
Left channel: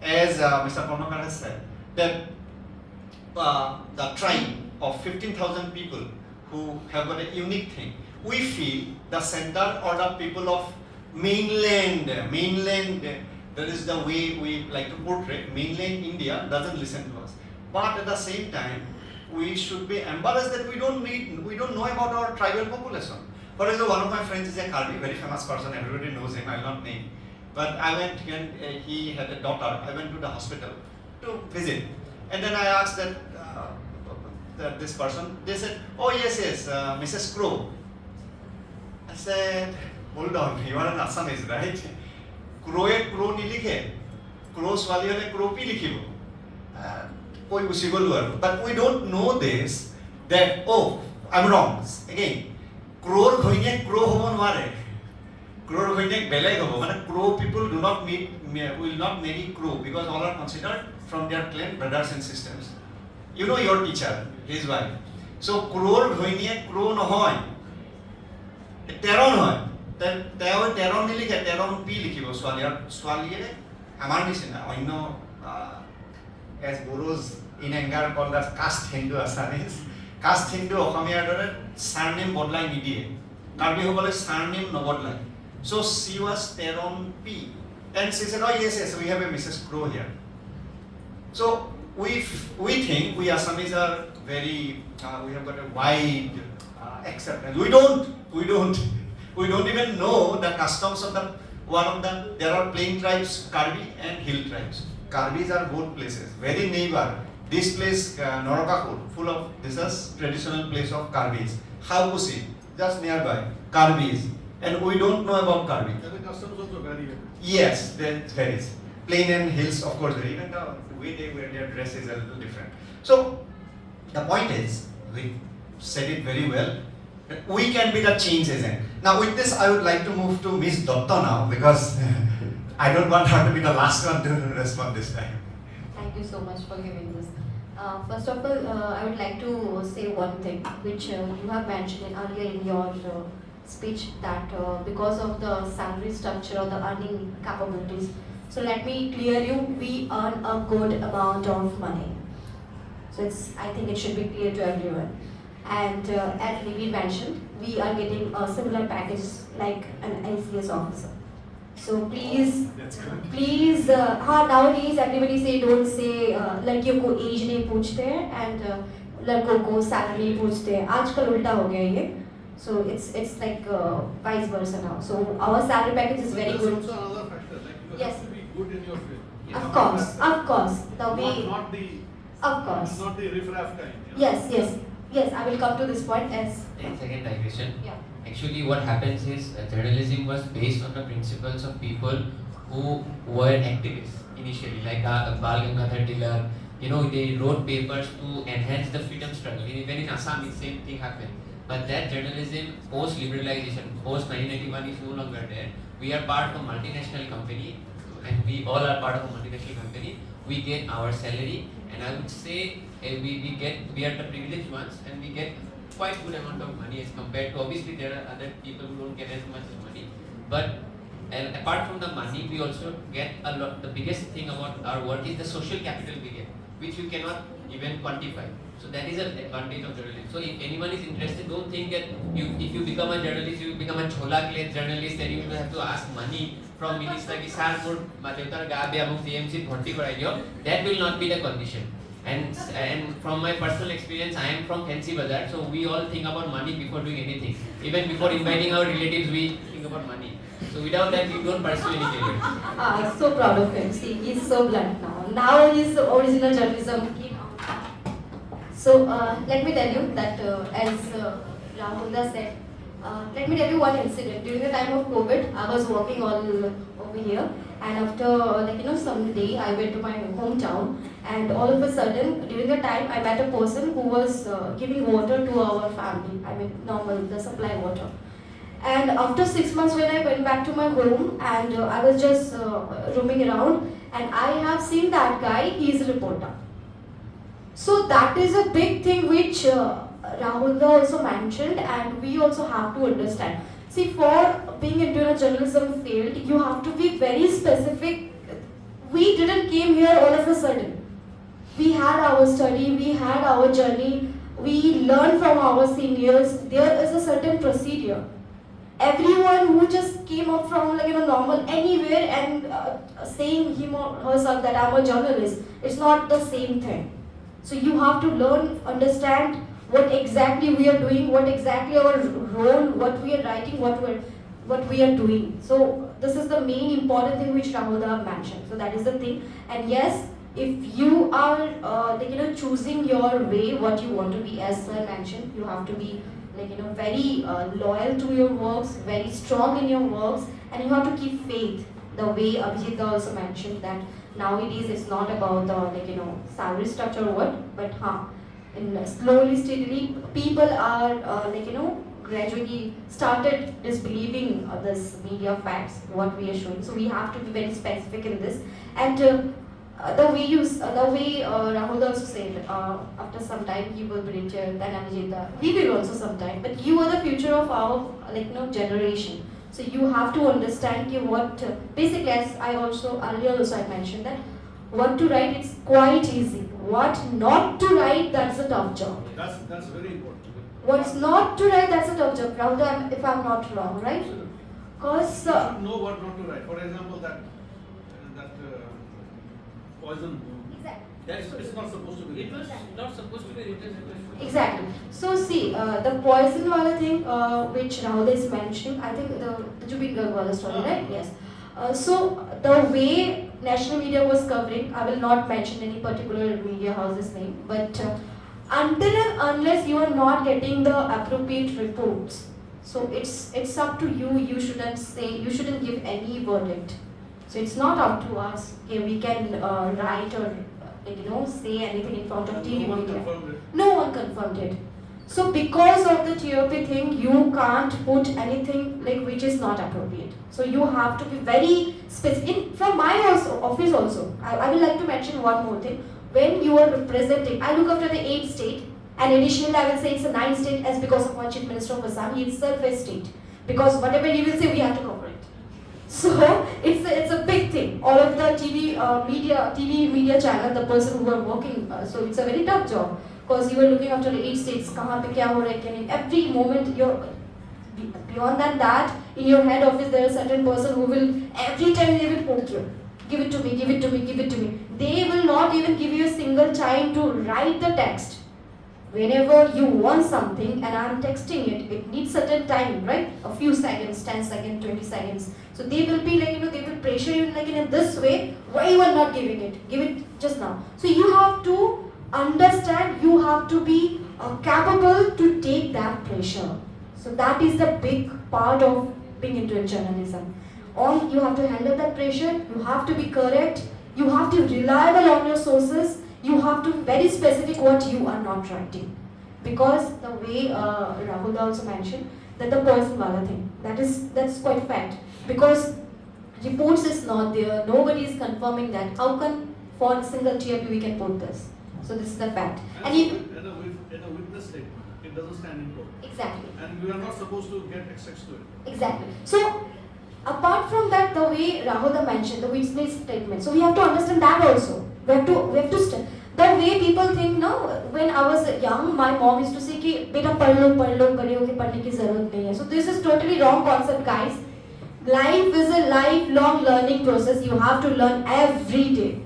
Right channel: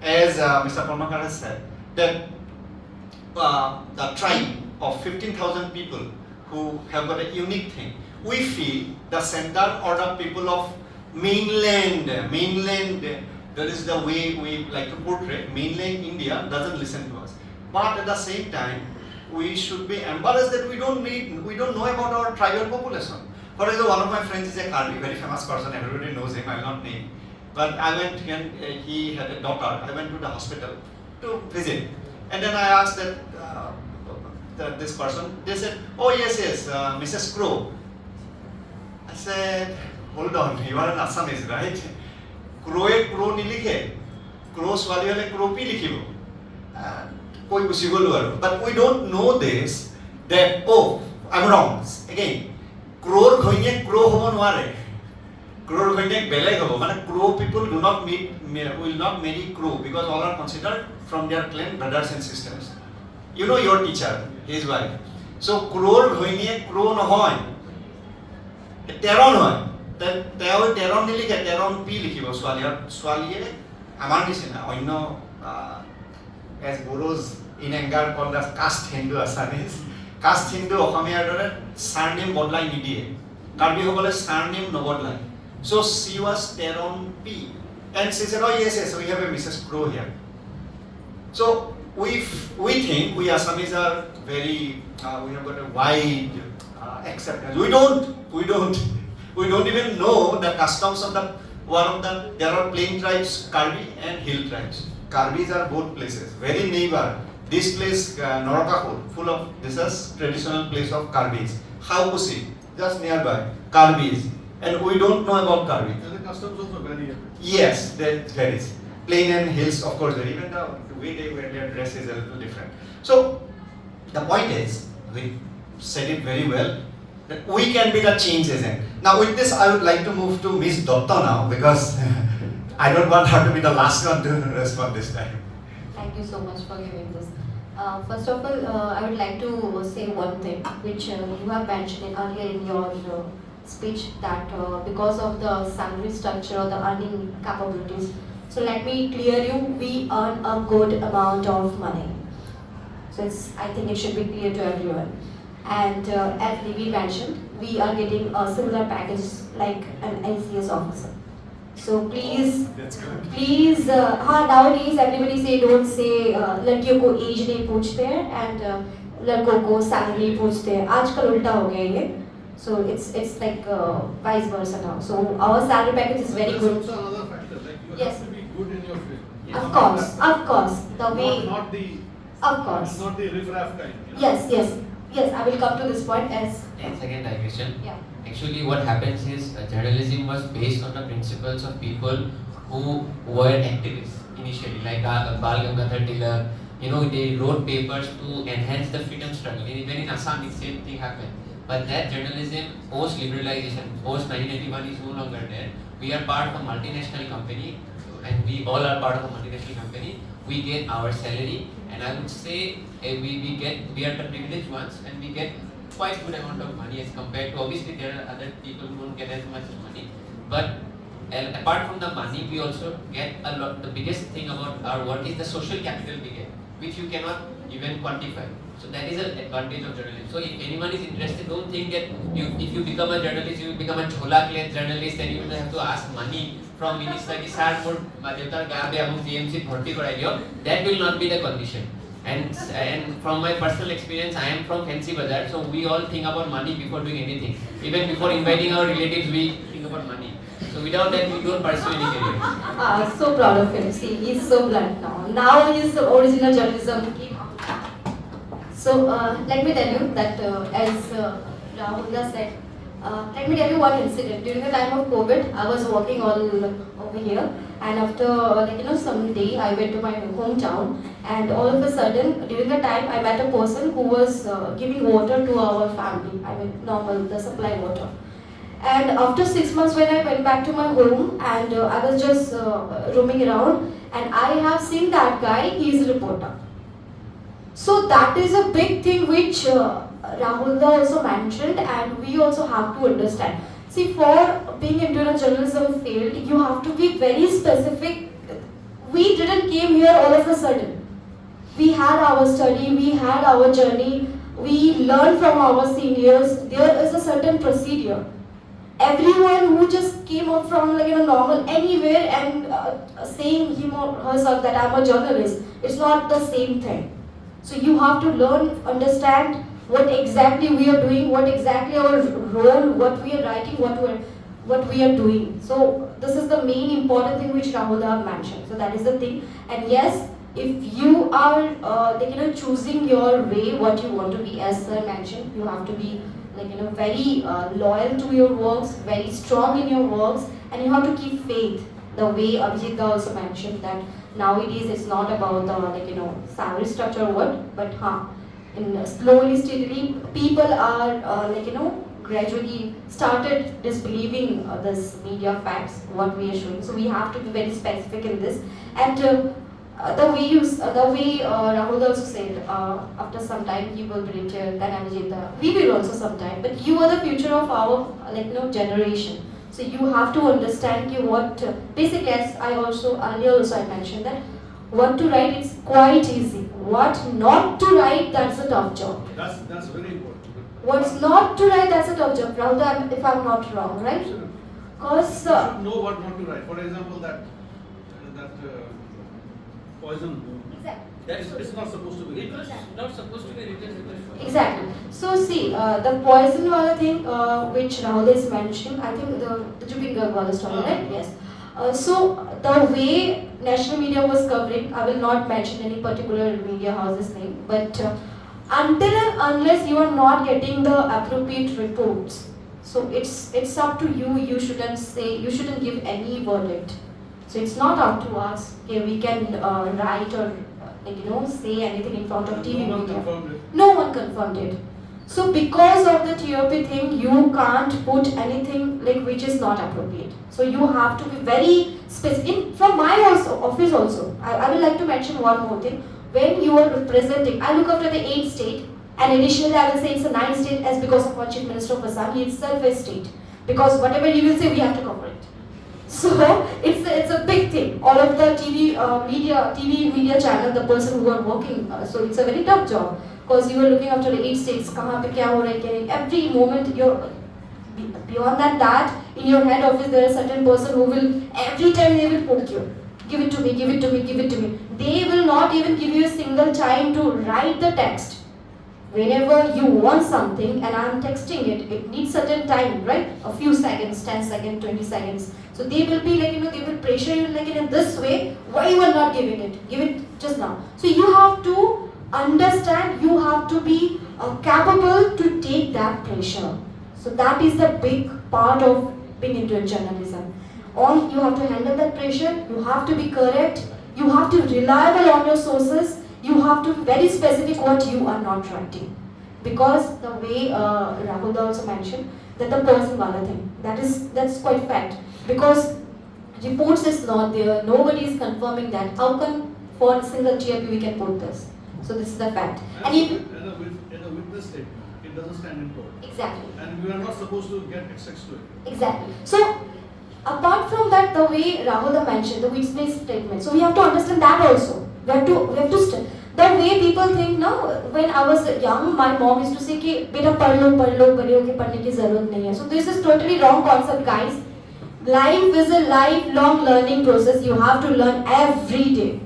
as Mr. Karmakar has said, that the tribe of 15,000 people who have got a unique thing, we feel the center or the people of mainland, that is the way we like to portray, mainland India doesn't listen to us. But at the same time, we should be embarrassed that we don't know about our tribal population. For example, one of my friends is a Karbi, very famous person, everybody knows him, I will not name. But I went and he had a daughter, I went to the hospital to visit. And then I asked that this person, they said, oh yes, Mrs. Crow. I said, hold on, you are an Assamese, right? Crow nilikhe, Crow swali hole Crow pi likhibo. But we don't know this, that, oh, I'm wrong. Again, Crow ঘৈণীয়েক Crow হ'ব নোৱাৰে. Crow ঘৈণীয়েক বেলেগ হ'ব. মানে Crow people will not marry Crow because all are considered from their clan brothers and sisters. You know your teacher, his wife. So Crow ঘৈণীয়েক Crow নহয়. তেৰণ হয়. তেওঁ তেৰণ নিলিখে, তেৰণ পি লিখিব ছোৱালীয়ে আমাৰ নিচিনা অন্য as Boros in anger called as caste Hindu Assamese. Caste Hindu অসমীয়াৰ দৰে surname বদলাই নিদিয়ে. কাৰ্বি সকলে surname নবদলাই. So she was Teron P. And she said, oh yes, we have a Mrs. Crow here. So we think we Assamese are very, we have got a wide acceptance. We don't even know the customs of there are plain tribes, Karbi and hill tribes. Karbis are both places, very neighbor. This place, Norakapur, full of, this is traditional place of Karbis. Haupusi, just nearby, Karbis. And we don't know about Karbi. And the customs also vary. Yes, that varies. Plain and hills, of course, vary. Even the way they wear their dress is a little different. So, the point is, we said it very well, that we can be the change agent. Now, with this, I would like to move to Miss Dutta now, because I don't want her to be the last one to respond this time. Thank you so much for giving this. First of all, I would like to say one thing, which you have mentioned earlier in your speech, that because of the salary structure, the earning capabilities. So let me clear you, we earn a good amount of money. So I think it should be clear to everyone. And as Nibir mentioned, we are getting a similar package like an NCS officer. So please, please, nowadays everybody say don't say लड़कियों को age नहीं पूछते हैं and लड़कों को salary नहीं पूछते हैं. आजकल उल्टा हो गया ये. So it's like vice versa now. So our salary package is very That's good. also another factor. Like you Yes. have to be good in your field. Of course, the way. Not the. Of course. Not the riff-raff kind. Yes. I will come to this point as. 10-second digression. Yeah. Actually, what happens is journalism was based on the principles of people who were activists initially, like Bal Gangadhar Tilak. You know, they wrote papers to enhance the freedom struggle. Even in Assam, the same thing happened. But that journalism, post-liberalization, post-1991 is no longer there. We are part of a multinational company, and we all are part of a multinational company. We get our salary, and I would say we are the privileged ones, and we get quite good amount of money as compared to, obviously there are other people who don't get as much money, but apart from the money, we also get a lot. The biggest thing about our work is the social capital we get, which you cannot even quantify. So that is an advantage of journalism. So if anyone is interested, don't think that if you become a journalist, you will become a chola clay journalist, and you will have to ask money from minister ki sir for madhyotar gabe amuk CMC bharti karai diyo. That will not be the condition. And from my personal experience, I am from Fancy Bazaar, so we all think about money before doing anything. Even before inviting our relatives, we think about money. So without that, we don't pursue any career. So proud of him. See, he's so blunt now. Now he is the original journalism. So let me tell you that as Rahul said, let me tell you one incident. During the time of COVID, I was working all over here, and after some day, I went to my hometown, and all of a sudden, during the time, I met a person who was giving water to our family. I mean, normal, the supply water. And after 6 months, when I went back to my home, and I was just roaming around, and I have seen that guy. He is a reporter. So that is a big thing which Rahul also mentioned, and we also have to understand. See, for being into a journalism field, you have to be very specific. We didn't came here all of a sudden. We had our study, we had our journey, we learned from our seniors. There is a certain procedure. Everyone who just came up from normal anywhere and saying him or herself that I'm a journalist, it's not the same thing. So you have to learn, understand what exactly we are doing, what exactly our role, what we are writing, what we are doing. So this is the main important thing which Rahul have mentioned. So that is the thing. And yes, if you are choosing your way, what you want to be, as sir mentioned, you have to be very loyal to your works, very strong in your works, and you have to keep faith. The way Abhijit also mentioned that nowadays it's not about the salary structure or what, but slowly, steadily, people are gradually started disbelieving this media facts, what we are showing. So we have to be very specific in this. And the way Rahul also said, after some time he will be richer than Abhijit. We will also sometime, but you are the future of our generation. So you have to understand what basically, as I also earlier I mentioned that what to write is quite easy. What not to write, that's a tough job. That's very important. What's not to write, that's a tough job. Rahul, if I'm not wrong, right? Because You should know what not to write. For example, that poison. exactly. It's not supposed to be. It was not supposed to be written. Exactly. So see, the poison wala thing which Rahul is mentioning, I think the Jubin Garg story, right? Yes. So the way national media was covering, I will not mention any particular media house's name, but until and unless you are not getting the appropriate reports, so it's up to you. You shouldn't give any verdict. So it's not up to us. Okay, we can write or say anything in front of TV No one media. confirmed it. No one confirmed it. So because of the TOP thing, you can't put anything like which is not appropriate. So you have to be very specific. From my office also, I will like to mention one more thing. When you are representing, I look after the 8th state, and additionally I will say it's a 9th state as because of my Chief Minister of Assam, he itself is state. Because whatever he will say, we have to cover it. So it's a big thing. All of the TV media channel, the person who are working, so it's a very tough job. Because you are looking after the 8 states, kahan pe kya ho raha hai, every moment you're beyond that in your head office there is a certain person who will every time they will put you, give it to me, give it to me, give it to me. They will not even give you a single time to write the text. Whenever you want something and I'm texting it needs certain time, right? A few seconds, 10 seconds, 20 seconds. So they will be like, they will pressure you like in this way, why you are not giving it? Give it just now. So you have to understand, you have to be capable to take that pressure. So that is the big part of being into journalism. You have to handle that pressure, you have to be correct, you have to be reliable on your sources, you have to be very specific what you are not writing. Because the way Rahul also mentioned, that the person wala thing, that's quite fact. Because reports is not there, nobody is confirming that. How come for a single TRP we can put this? So this is the fact. And if in a witness statement, it doesn't stand in court. exactly. And we are not supposed to get access to it. Exactly. So apart from that, the way Rahul mentioned, the witness statement. So we have to understand that also. We have to the way people think now. When I was young, my mom used to say कि बेटा पढ़ लो बड़े होके पढ़ने की जरूरत नहीं है. So this is totally wrong concept, guys. Life is a lifelong learning process. You have to learn every day.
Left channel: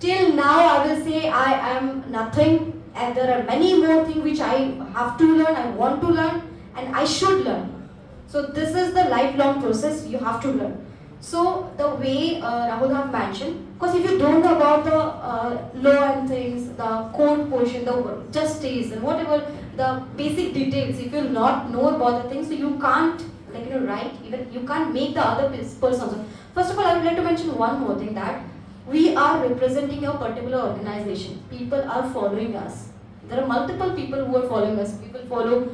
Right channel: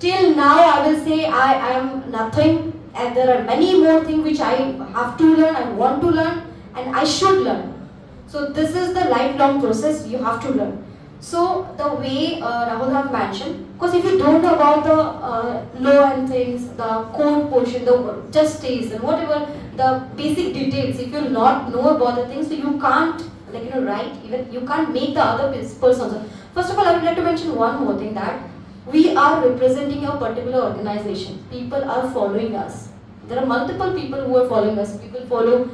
Till now, I will say I am nothing, and there are many more things which I have to learn, I want to learn, and I should learn. So this is the lifelong process you have to learn. So the way Rahul have mentioned, because if you don't know about the law and things, the code portion, the justice and whatever the basic details, if you not know about the things, so you can't write, even you can't make the other person also. First of all, I would like to mention one more thing, that we are representing a particular organization. People are following us. There are multiple people who are following us. People follow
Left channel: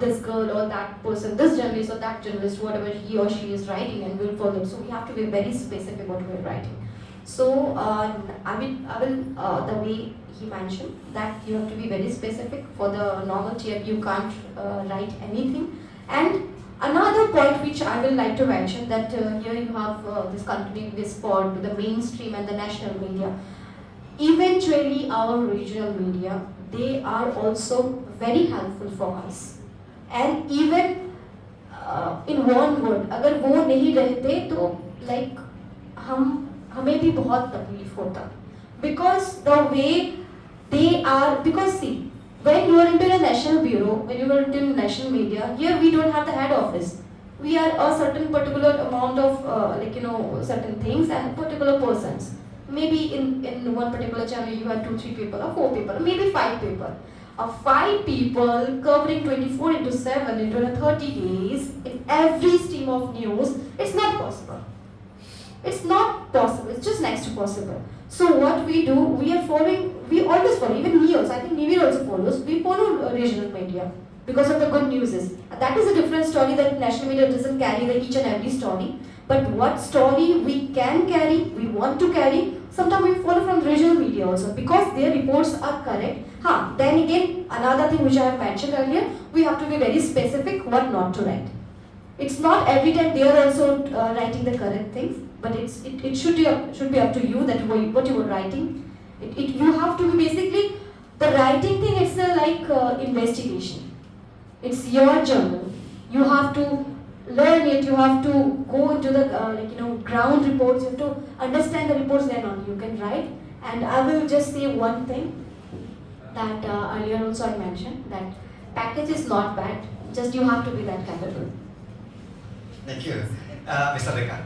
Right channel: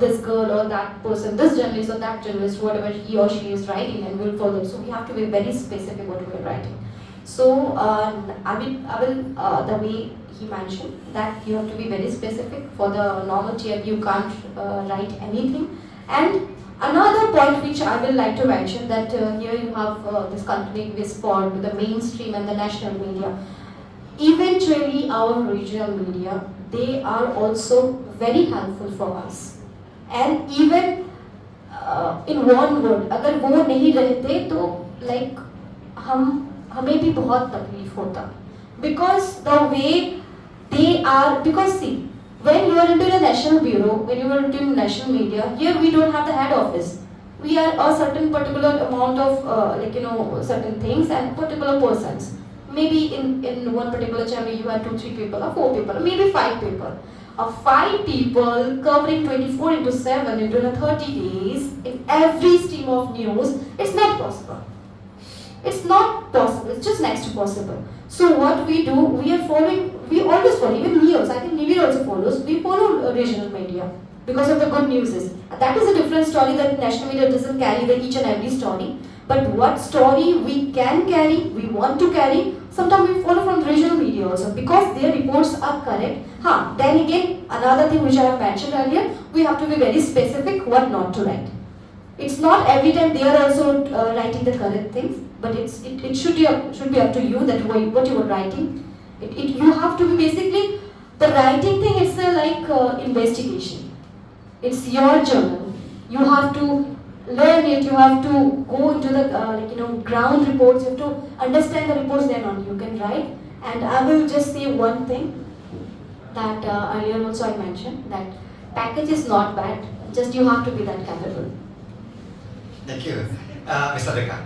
this girl or that person, this journalist or that journalist, whatever he or she is writing, and will follow. So we have to be very specific what we are writing. So I will the way he mentioned that you have to be very specific. For the normal TF, you can't write anything. And another point which I will like to mention, that here you have this continuous spot with the mainstream and the national media. Eventually, our regional media, they are also very helpful for us. And even in one word, अगर वो नहीं रहते तो like हमें भी बहुत तकलीफ होता. Because the way they are, because see, when you are into a national bureau, when you are into national media, here we don't have the head office. We are a certain particular amount of certain things and particular persons. Maybe in one particular channel you have 2-3 people or 4 people, or maybe 5 people. 5 people covering 24/7 into 30 days in every stream of news, it's not possible. It's not possible, it's just next to possible. So what we do, we always follow, even me also, I think Nibir also follows, we follow regional media because of the good news is. That is a different story, that national media doesn't carry each and every story. But what story we can carry, we want to carry, sometimes we follow from regional media also because their reports are correct. Then again, another thing which I have mentioned earlier, we have to be very specific what not to write. It's not every time they are also writing the correct things, but it should be up to you that what you are writing. You have to be basically, the writing thing is like investigation. It's your journal. You have to learn it, you have to go into the ground reports, you have to understand the reports, then on you can write. And I will just say one thing that earlier also I mentioned, that package is not bad, just you have to be that capable. Thank you. Mr. Deka.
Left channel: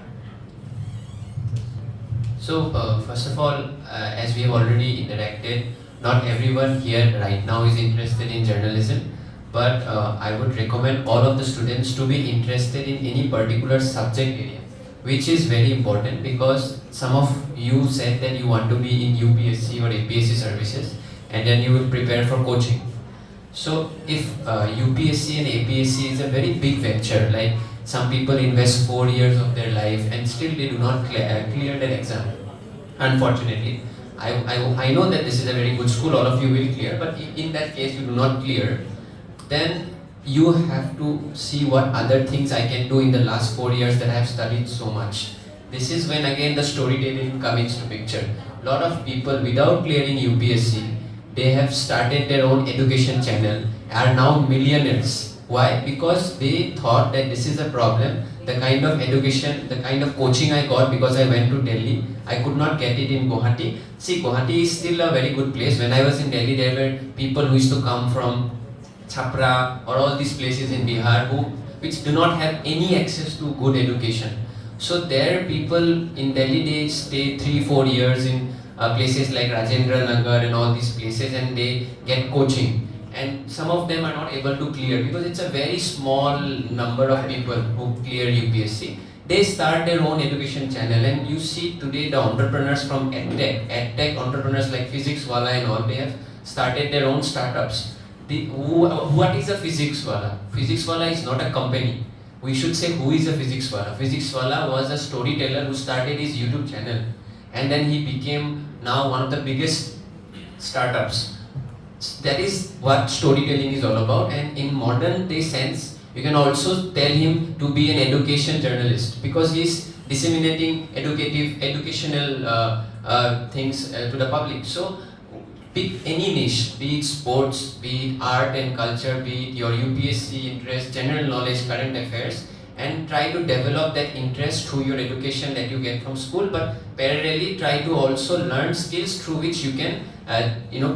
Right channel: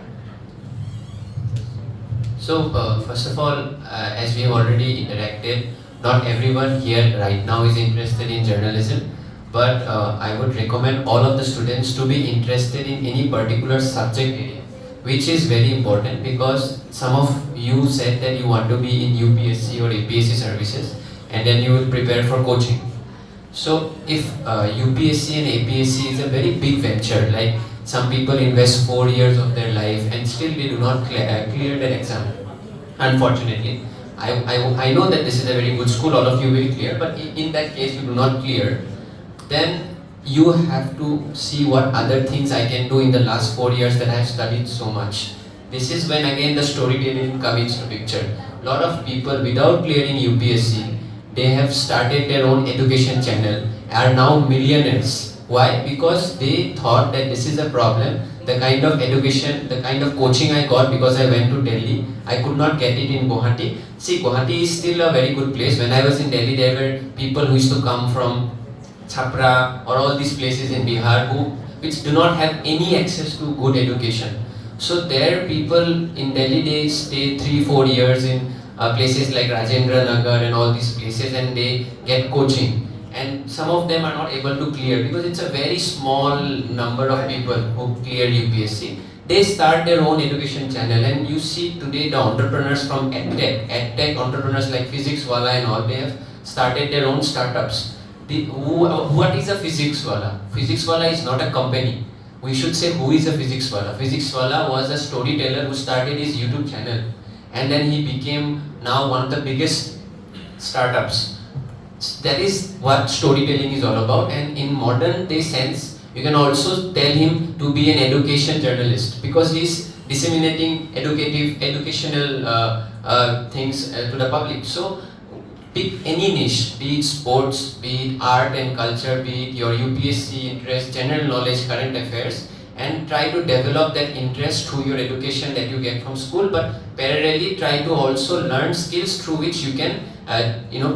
So first of all, as we have already interacted, not everyone here right now is interested in journalism. But I would recommend all of the students to be interested in any particular subject area, which is very important, because some of you said that you want to be in UPSC or APSC services and then you will prepare for coaching. So if UPSC and APSC is a very big venture, like some people invest 4 years of their life and still they do not clear their exam, unfortunately. I know that this is a very good school, all of you will clear, but in that case you do not clear, then you have to see what other things I can do in the last 4 years that I have studied so much. This is when again the storytelling comes into picture. Lot of people without clearing UPSC, they have started their own education channel, are now millionaires. Why? Because they thought that this is a problem. The kind of education, the kind of coaching I got because I went to Delhi, I could not get it in Guwahati. See, Guwahati is still a very good place. When I was in Delhi, there were people who used to come from Chhapra or all these places in Bihar which do not have any access to good education. So there people in Delhi, they stay 3-4 years in places like Rajendra Nagar and all these places, and they get coaching. And some of them are not able to clear because it's a very small number of people who clear UPSC. They start their own education channel, and you see today the entrepreneurs from edtech entrepreneurs like Physics Wala and all, they have started their own startups. What is a Physics Wala? Physics Wala is not a company. We should say who is a Physics Wala. Physics Wala was a storyteller who started his YouTube channel, and then he became now one of the biggest startups. That is what storytelling is all about. And in modern day sense, you can also tell him to be an education journalist because he is disseminating educational things to the public. So pick any niche, be it sports, be it art and culture, be it your UPSC interest, general knowledge, current affairs, and try to develop that interest through your education that you get from school, but parallelly try to also learn skills through which you can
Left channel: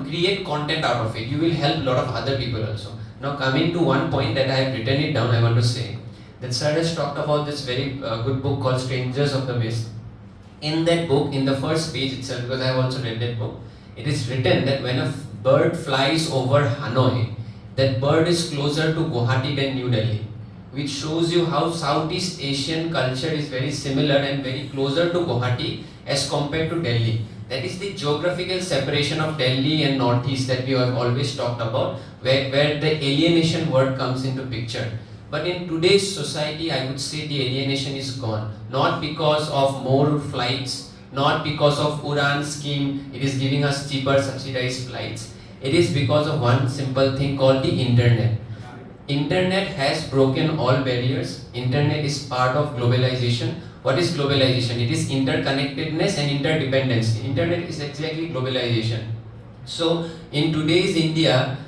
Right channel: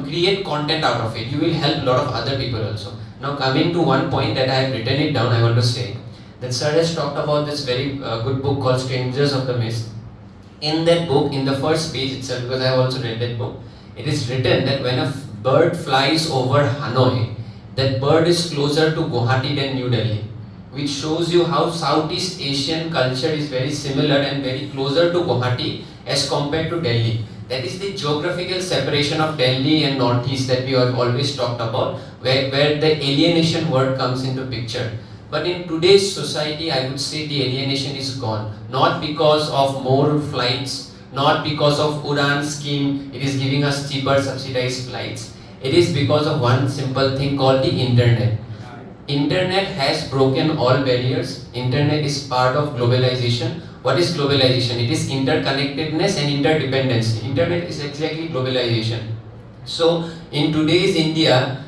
create content out of it. You will help a lot of other people also. Now coming to one point that I have written it down, I want to say that Sir has talked about this very good book called Strangers of the Mist. In that book, in the first page itself, because I have also read that book, it is written that when a bird flies over Hanoi, that bird is closer to Guwahati than New Delhi, which shows you how Southeast Asian culture is very similar and very closer to Guwahati as compared to Delhi. That is the geographical separation of Delhi and Northeast that we have always talked about, where the alienation word comes into picture. But in today's society, I would say the alienation is gone. Not because of more flights, not because of Udan scheme, it is giving us cheaper subsidized flights. It is because of one simple thing called the internet. Internet has broken all barriers. Internet is part of globalization. What is globalization? It is interconnectedness and interdependency. Internet is exactly globalization. So in today's India,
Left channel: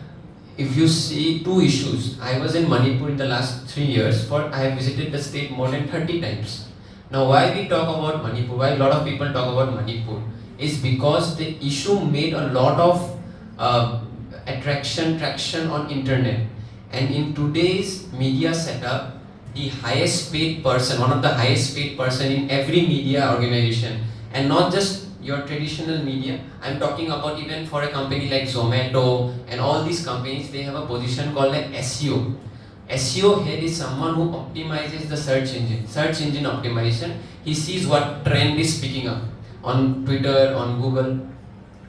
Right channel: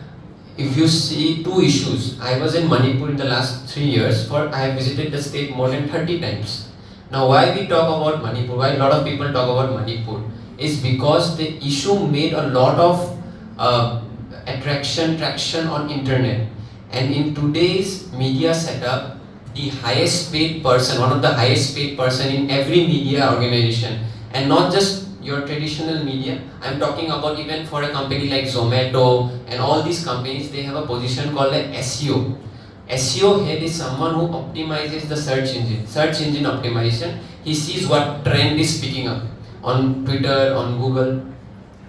if you see two issues, I was in Manipur in the last 3 years, I have visited the state more than 30 times. Now why we talk about Manipur, why a lot of people talk about Manipur, is because the issue made a lot of traction on internet. And in today's media setup, the highest paid person, one of the highest paid person in every media organization, and not just your traditional media, I'm talking about even for a company like Zomato and all these companies, they have a position called like SEO. SEO head is someone who optimizes the search engine optimization. He sees what trend is picking up on Twitter, on Google,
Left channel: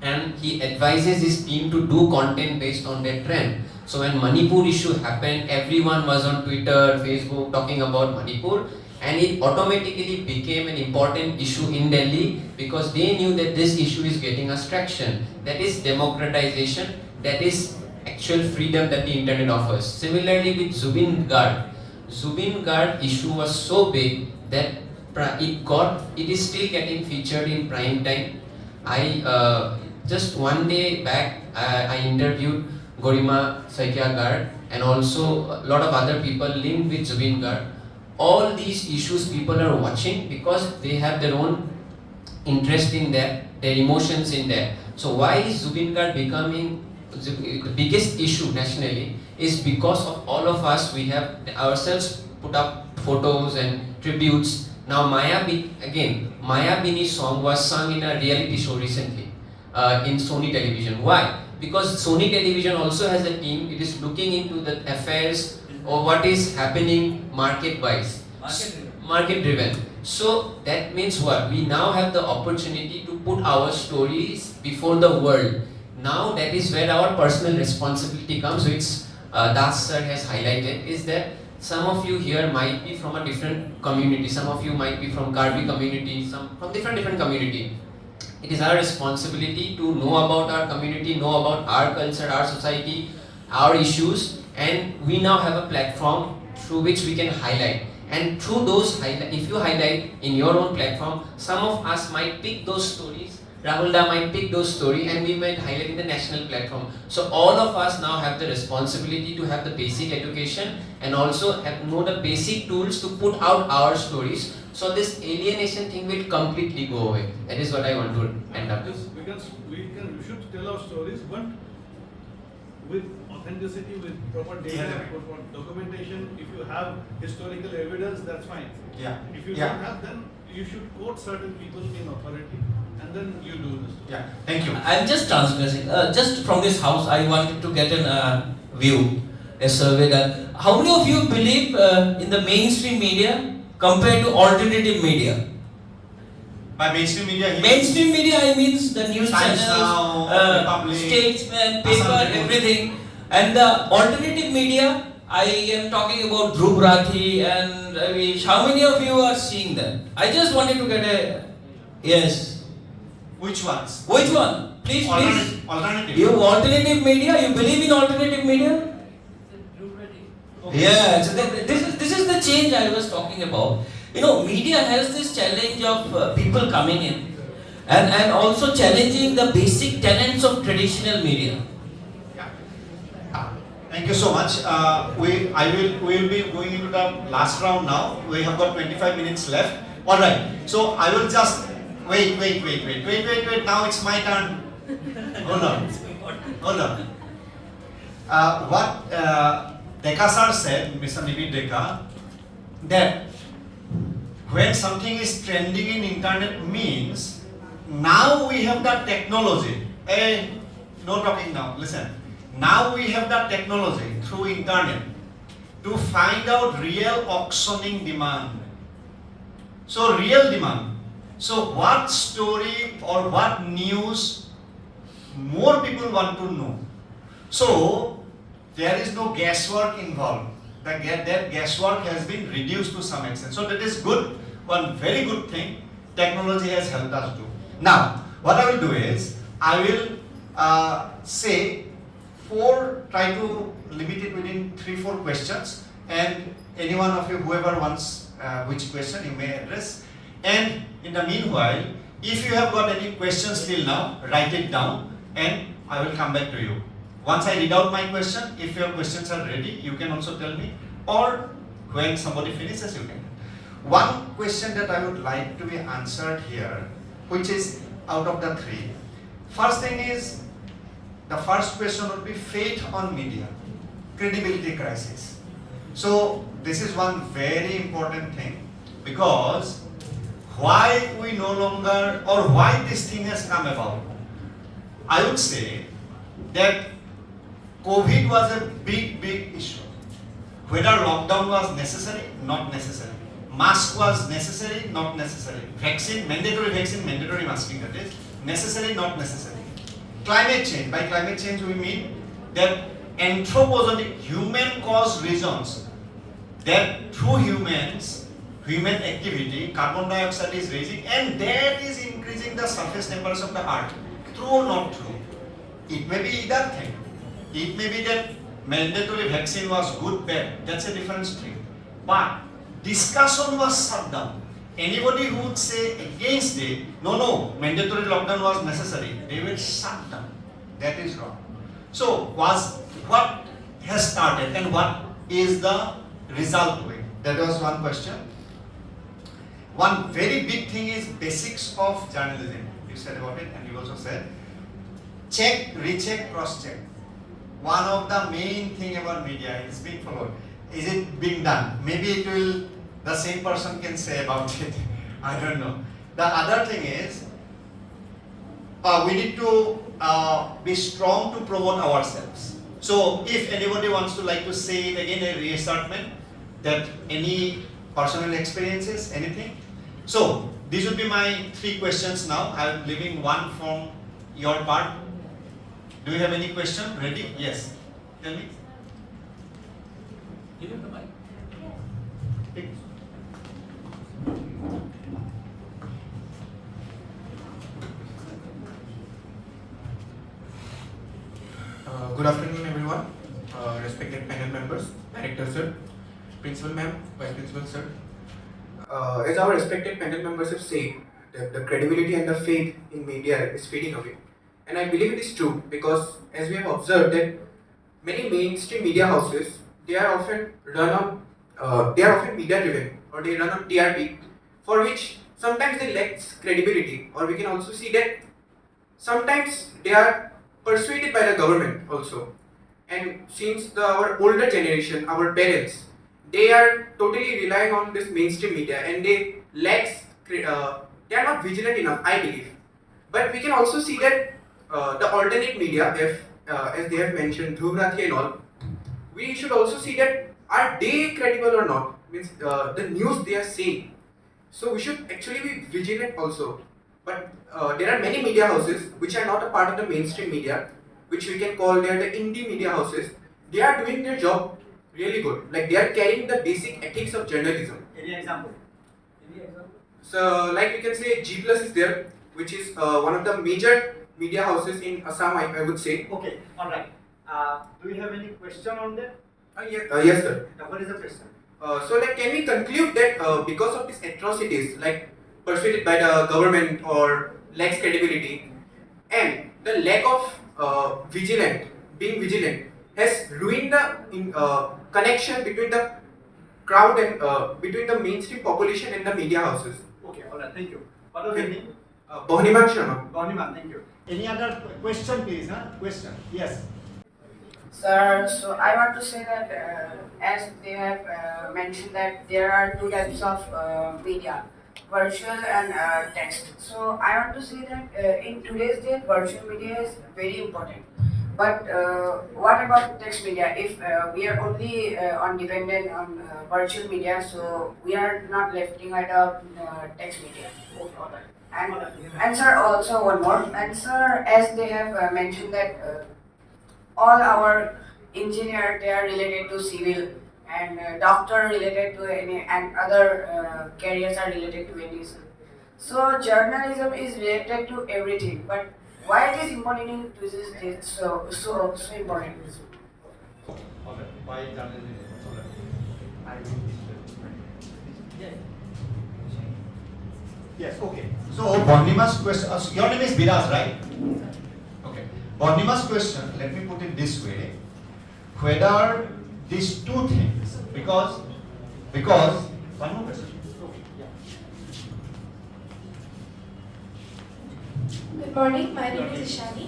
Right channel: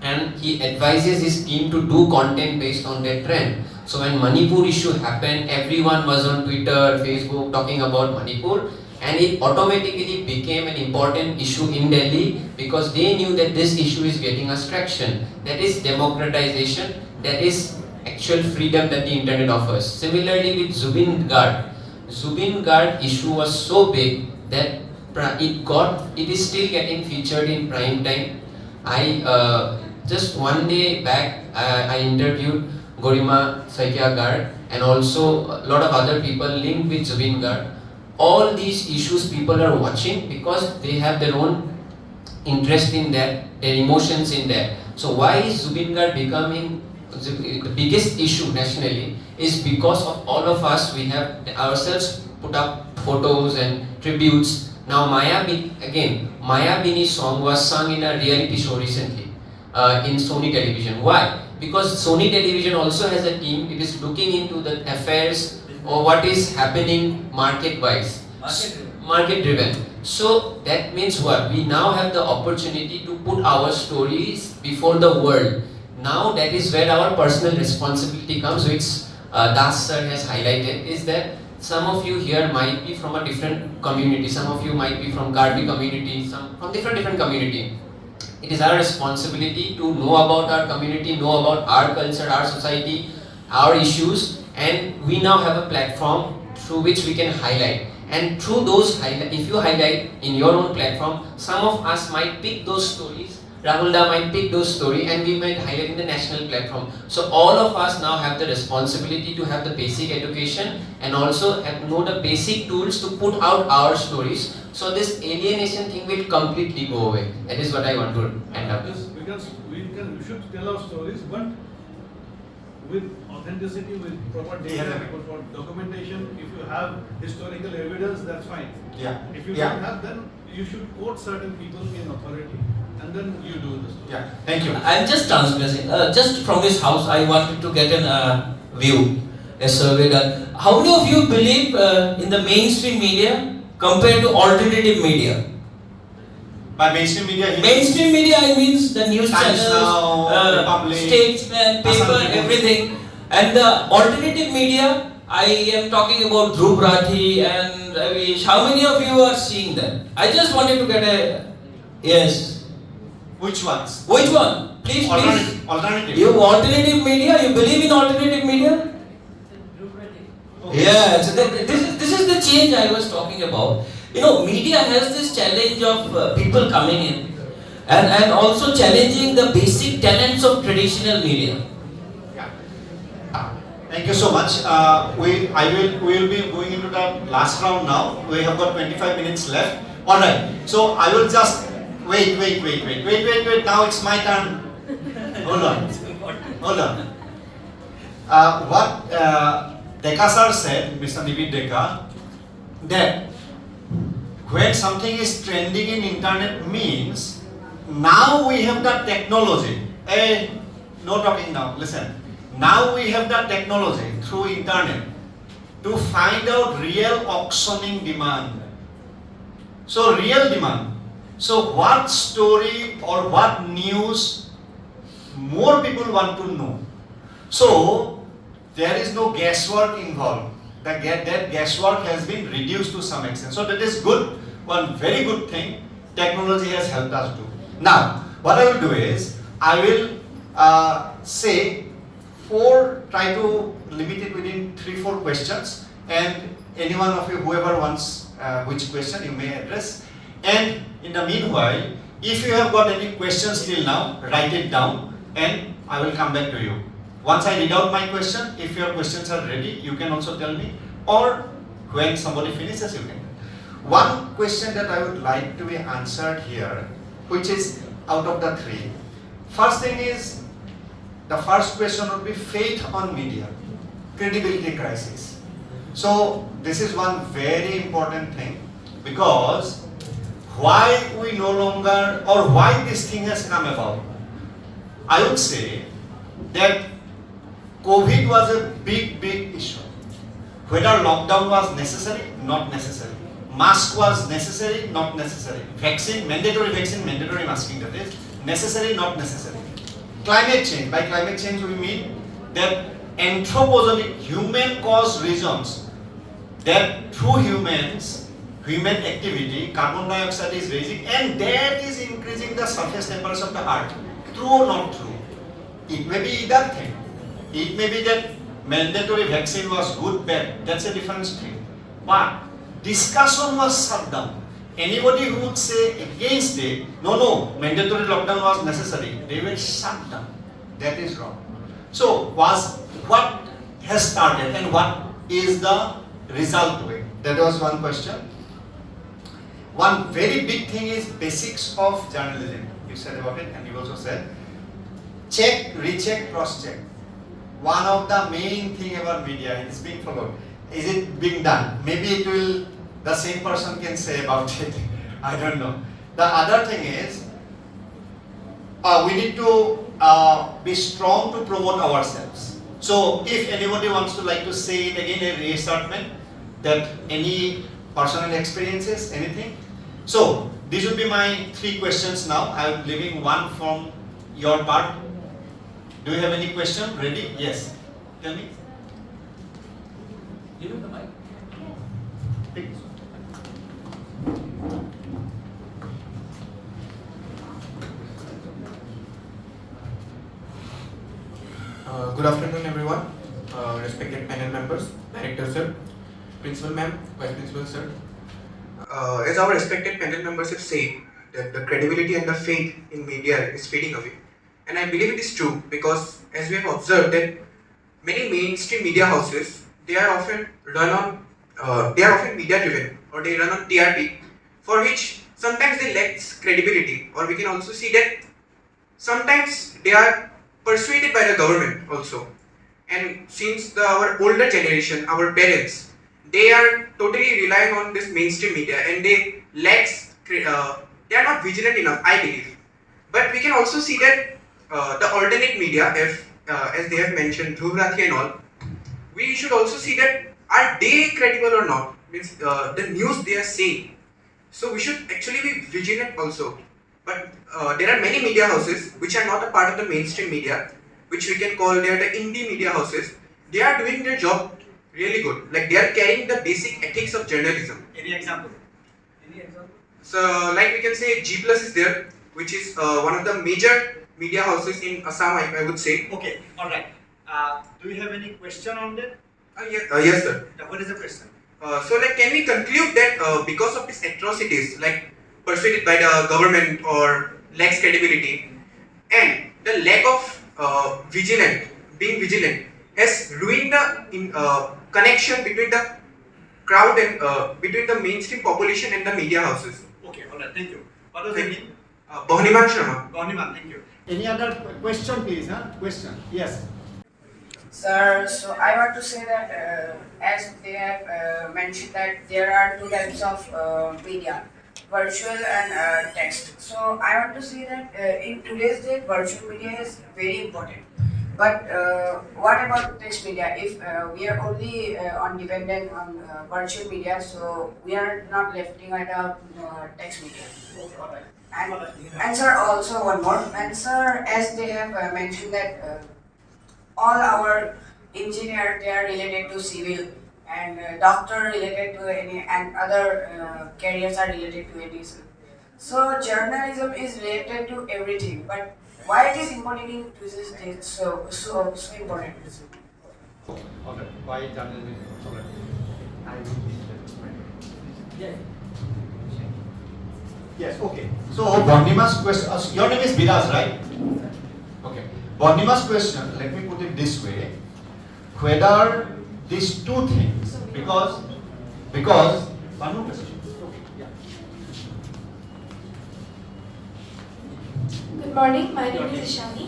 and he advises his team to do content based on that trend. So when Manipur issue happened, everyone was on Twitter, Facebook talking about Manipur, and it automatically became an important issue in Delhi because they knew that this issue is getting us traction. That is democratization, that is actual freedom that the internet offers. Similarly with Zubin Gard issue was so big that it is still getting featured in prime time. I just one day back I interviewed Gorima Saikia Gard and also a lot of other people linked with Zubin Gard. All these issues people are watching because they have their own interest in that, their emotions in that. So why is Zubin Gard becoming the biggest issue nationally is because of all of us, we have ourselves put up photos and tributes. Now Maya Bini's song was sung in a reality show recently in Sony Television. Why? Because Sony Television also has a team, it is looking into the affairs or what is happening market-wise. Market-driven. So that means what? We now have the opportunity to put our stories before the world. Now that is where our personal responsibility comes, which Das sir has highlighted, is that some of you here might be from a different community, some of you might be from Karbi community, some from different community. It is our responsibility to know about our community, know about our culture, our society, our issues, and we now have a platform through which we can highlight. And through those highlight, if you highlight in your own platform, some of us might pick those stories, Rahul da might pick those stories, and we might highlight in the national platform. So all of us now have the responsibility to have the basic education and also know the basic tools to put out our stories. So this alienation thing will completely go away. That is what I want to end up with. We should tell our stories, but with authenticity, with proper data, proper documentation. If you have historical evidence, that's fine. Yeah. If you don't have, then you should quote certain people in authority, and then you do this. Yeah. Thank you. I'm just transgressing. Just from this house, I wanted to get a view, a survey done. How many of you believe in the mainstream media compared to alternative media? By mainstream media, Mainstream media, I means the news Times channels, Now, Republic, Statesman, paper, Assembly. everything. And the alternative media, I am talking about Dhruv Rathi and Ravish. How many of you are seeing them? I just wanted to get a yes. Which ones? Which one? Please, Alternative. You alternative media? You believe in alternative media? Okay. Yeah. So this is the change I was talking about. You know, media has this challenge of people coming in and also challenging the basic tenets of traditional media. Yeah. Thank you so much. We will be going into the last round now. We have got 25 minutes left. All right. So I will just wait. Now it's my turn. Hold on. What Deka sir said, Mr. Nibir Deka, that when something is trending in internet means now we have the technology. Hey, no talking now. Listen. Now we have the technology through internet to find out real auctioning demand. So real demand. So what story or what news more people want to know. So there is no guesswork involved. That guesswork has been reduced to some extent. So that is good, one very good thing technology has helped us do. Now, what I will do is, I will say try to limit it within 3-4 questions, and any one of you, whoever wants which question, you may address. And in the meanwhile, if you have got any questions till now, write it down and I will come back to you. Once I read out my question, if your questions are ready, you can also tell me, or when somebody finishes, you can. One question that I would like to be answered here, which is out of the 3. First thing is, the first question would be faith on media, credibility crisis. So this is one very important thing, because why we no longer, or why this thing has come about. I would say that COVID was a big issue. Whether lockdown was necessary, not necessary. Mask was necessary, not necessary. Vaccine, mandatory masking, that is, necessary, not necessary. Climate change, by climate change we mean that anthropogenic, human-caused reasons, that through human activity, carbon dioxide is raising, and that is increasing the surface temperatures of the earth. True or not true? It may be either thing. It may be that mandatory vaccine was good, bad, that's a different thing. But discussion was shut down. Anybody who would say against it, no, mandatory lockdown was necessary, they were shut down. That is wrong. So, what has started and what is the result of it? That was one question. One very big thing is basics of journalism. You said about it, and you also said check, recheck, cross-check. One of the main thing about media is being followed. Is it being done? Maybe it will, the same person can say about it. I don't know. The other thing is, we need to be strong to promote ourselves. So if anybody wants to like to say it again, a reassertment, that any personal experiences, anything. So these would be my 3 questions now. I am leaving one from your part. Do you have any question? Ready? Yes. Tell me. Give him the mic. Take. Good afternoon, everyone. Respected panel members, director sir, principal ma'am, vice principal sir. As our respected panel members have said, that the credibility and the faith in media is fading away, and I believe it is true because as we have observed that many mainstream media houses they are often media driven or they run on TRP, for which sometimes they lack credibility, or we can also see that sometimes they are persuaded by the government also. And since our older generation, our parents, they are totally relying on this mainstream media and they they are not vigilant enough, I believe. But we can also see that the alternate media, if, as they have mentioned, Dhruv Rathi and all, we should also see that are they credible or not? Means the news they are saying. So we should actually be vigilant also. But there are many media houses which are not a part of the mainstream media, which we can call they are the indie media houses. They are doing their job really good. Like they are carrying the basic ethics of journalism. Any example? So like we can say G Plus is there, which is one of the major media houses in Assam, I would say. Okay, alright. Do you have any question on that? Yes sir. What is the question? So like can we conclude that because of these atrocities, like persuaded by the government or lacks credibility, and the lack of being vigilant has ruined the connection between the crowd and between the mainstream population and the media houses. Okay, alright, thank you. What was your name? Bahniman Sharma. Bahniman, thank you. Any other question, please? Question? Yes. Sir, so I want to say that as they have mentioned that there are two types of media, virtual and text. So I want to say that in today's day, virtual media is very important. But what about text media? If we are only on dependent on virtual media, so we are not left behind of text media. And sir, also one more. And sir, as they have mentioned that all our engineer they are related to civil and doctor related to any and other careers are related to any. So journalism is related to everything, but why it is important in today's day so important? Okay, why journalism is important? I will teach. Yes, okay. So Bahnima's question, your name is Biraj, right? Okay. Bahnima's question, let me put it this way. Whether these two things, because one more question. Okay, yeah. Good morning, my name is Ishani.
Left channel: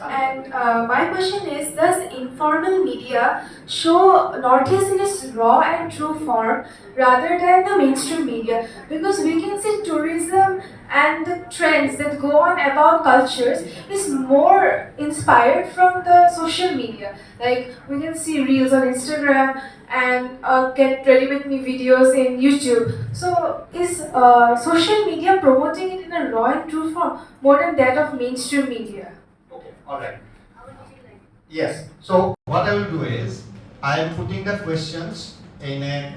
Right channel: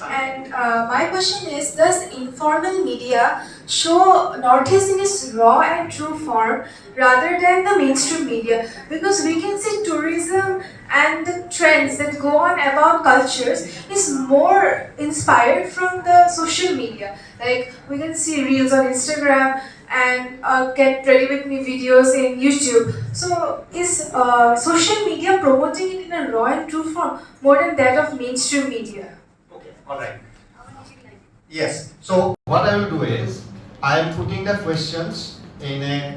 And my question is, does informal media show Northeast in its raw and true form rather than the mainstream media? Because we can see tourism and the trends that go on about cultures is more inspired from the social media. Like we can see reels on Instagram and get ready with me videos in YouTube. So is social media promoting it in a raw and true form more than that of mainstream media? Okay, alright. Yes, so what I will do is, I am putting the questions in a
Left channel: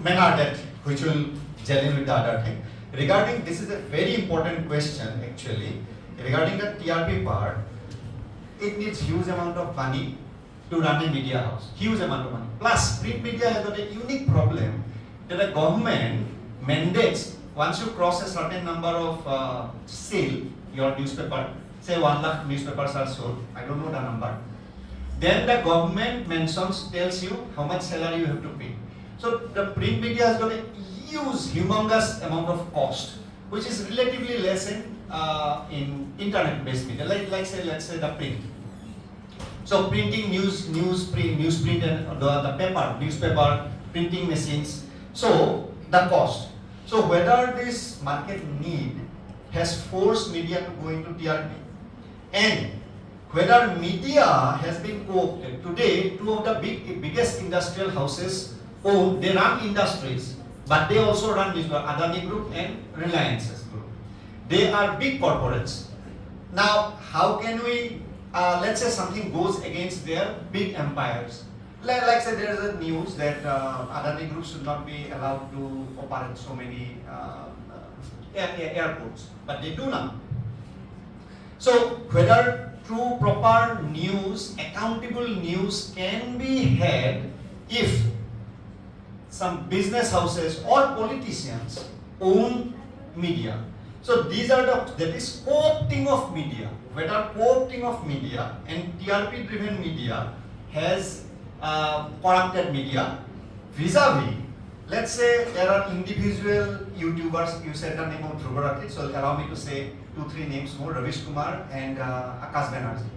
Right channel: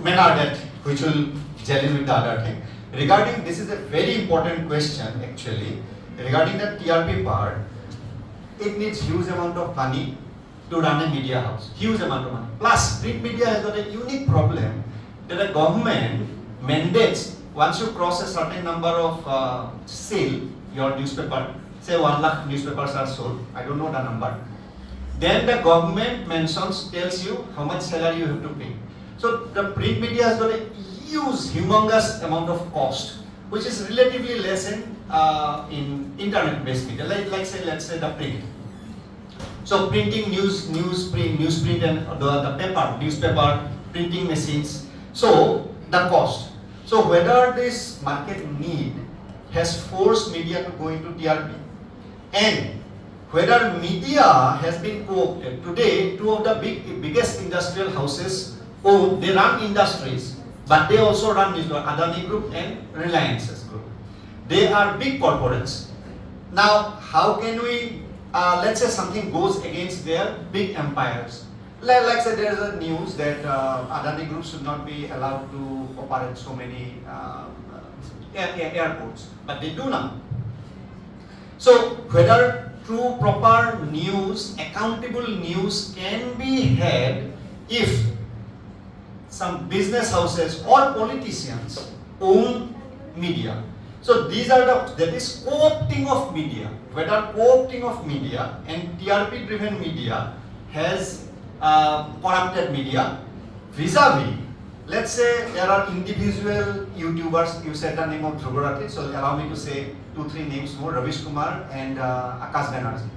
manner that which will gel in with the other thing. Regarding, this is a very important question actually, regarding the TRP part, it needs huge amount of money to run a media house, huge amount of money. Plus, print media has got a unique problem that the government mandates once you cross a certain number of sale, your newspaper, say 1 lakh newspapers are sold, I don't know the number, then the government tells you how much salary you have to pay. So the print media has got a huge, humongous amount of cost, which is relatively less in internet-based media, let's say the print. So printing newsprint and the paper, newspaper, printing machines, so the cost. So whether this market need has forced media to go into TRP and whether media has been co-opted. Today, two of the biggest industrial houses they run industries, but they also run Adani Group and Reliance's Group. They are big corporates. Now, how can we, let's say something goes against their big empires. Like say there is a news that Adani Group should not be allowed to operate so many airports, but they do now. So whether true proper news, accountable news can be had if some business houses or politicians own media. So these are that is co-opting of media. Whether co-opting of media and TRP driven media has corrupted media vis-a-vis, let's say there are individual YouTubers, you said the name of Dhruvarati, so allow me to say 2-3 names more, Ravish Kumar and Akash Banerjee.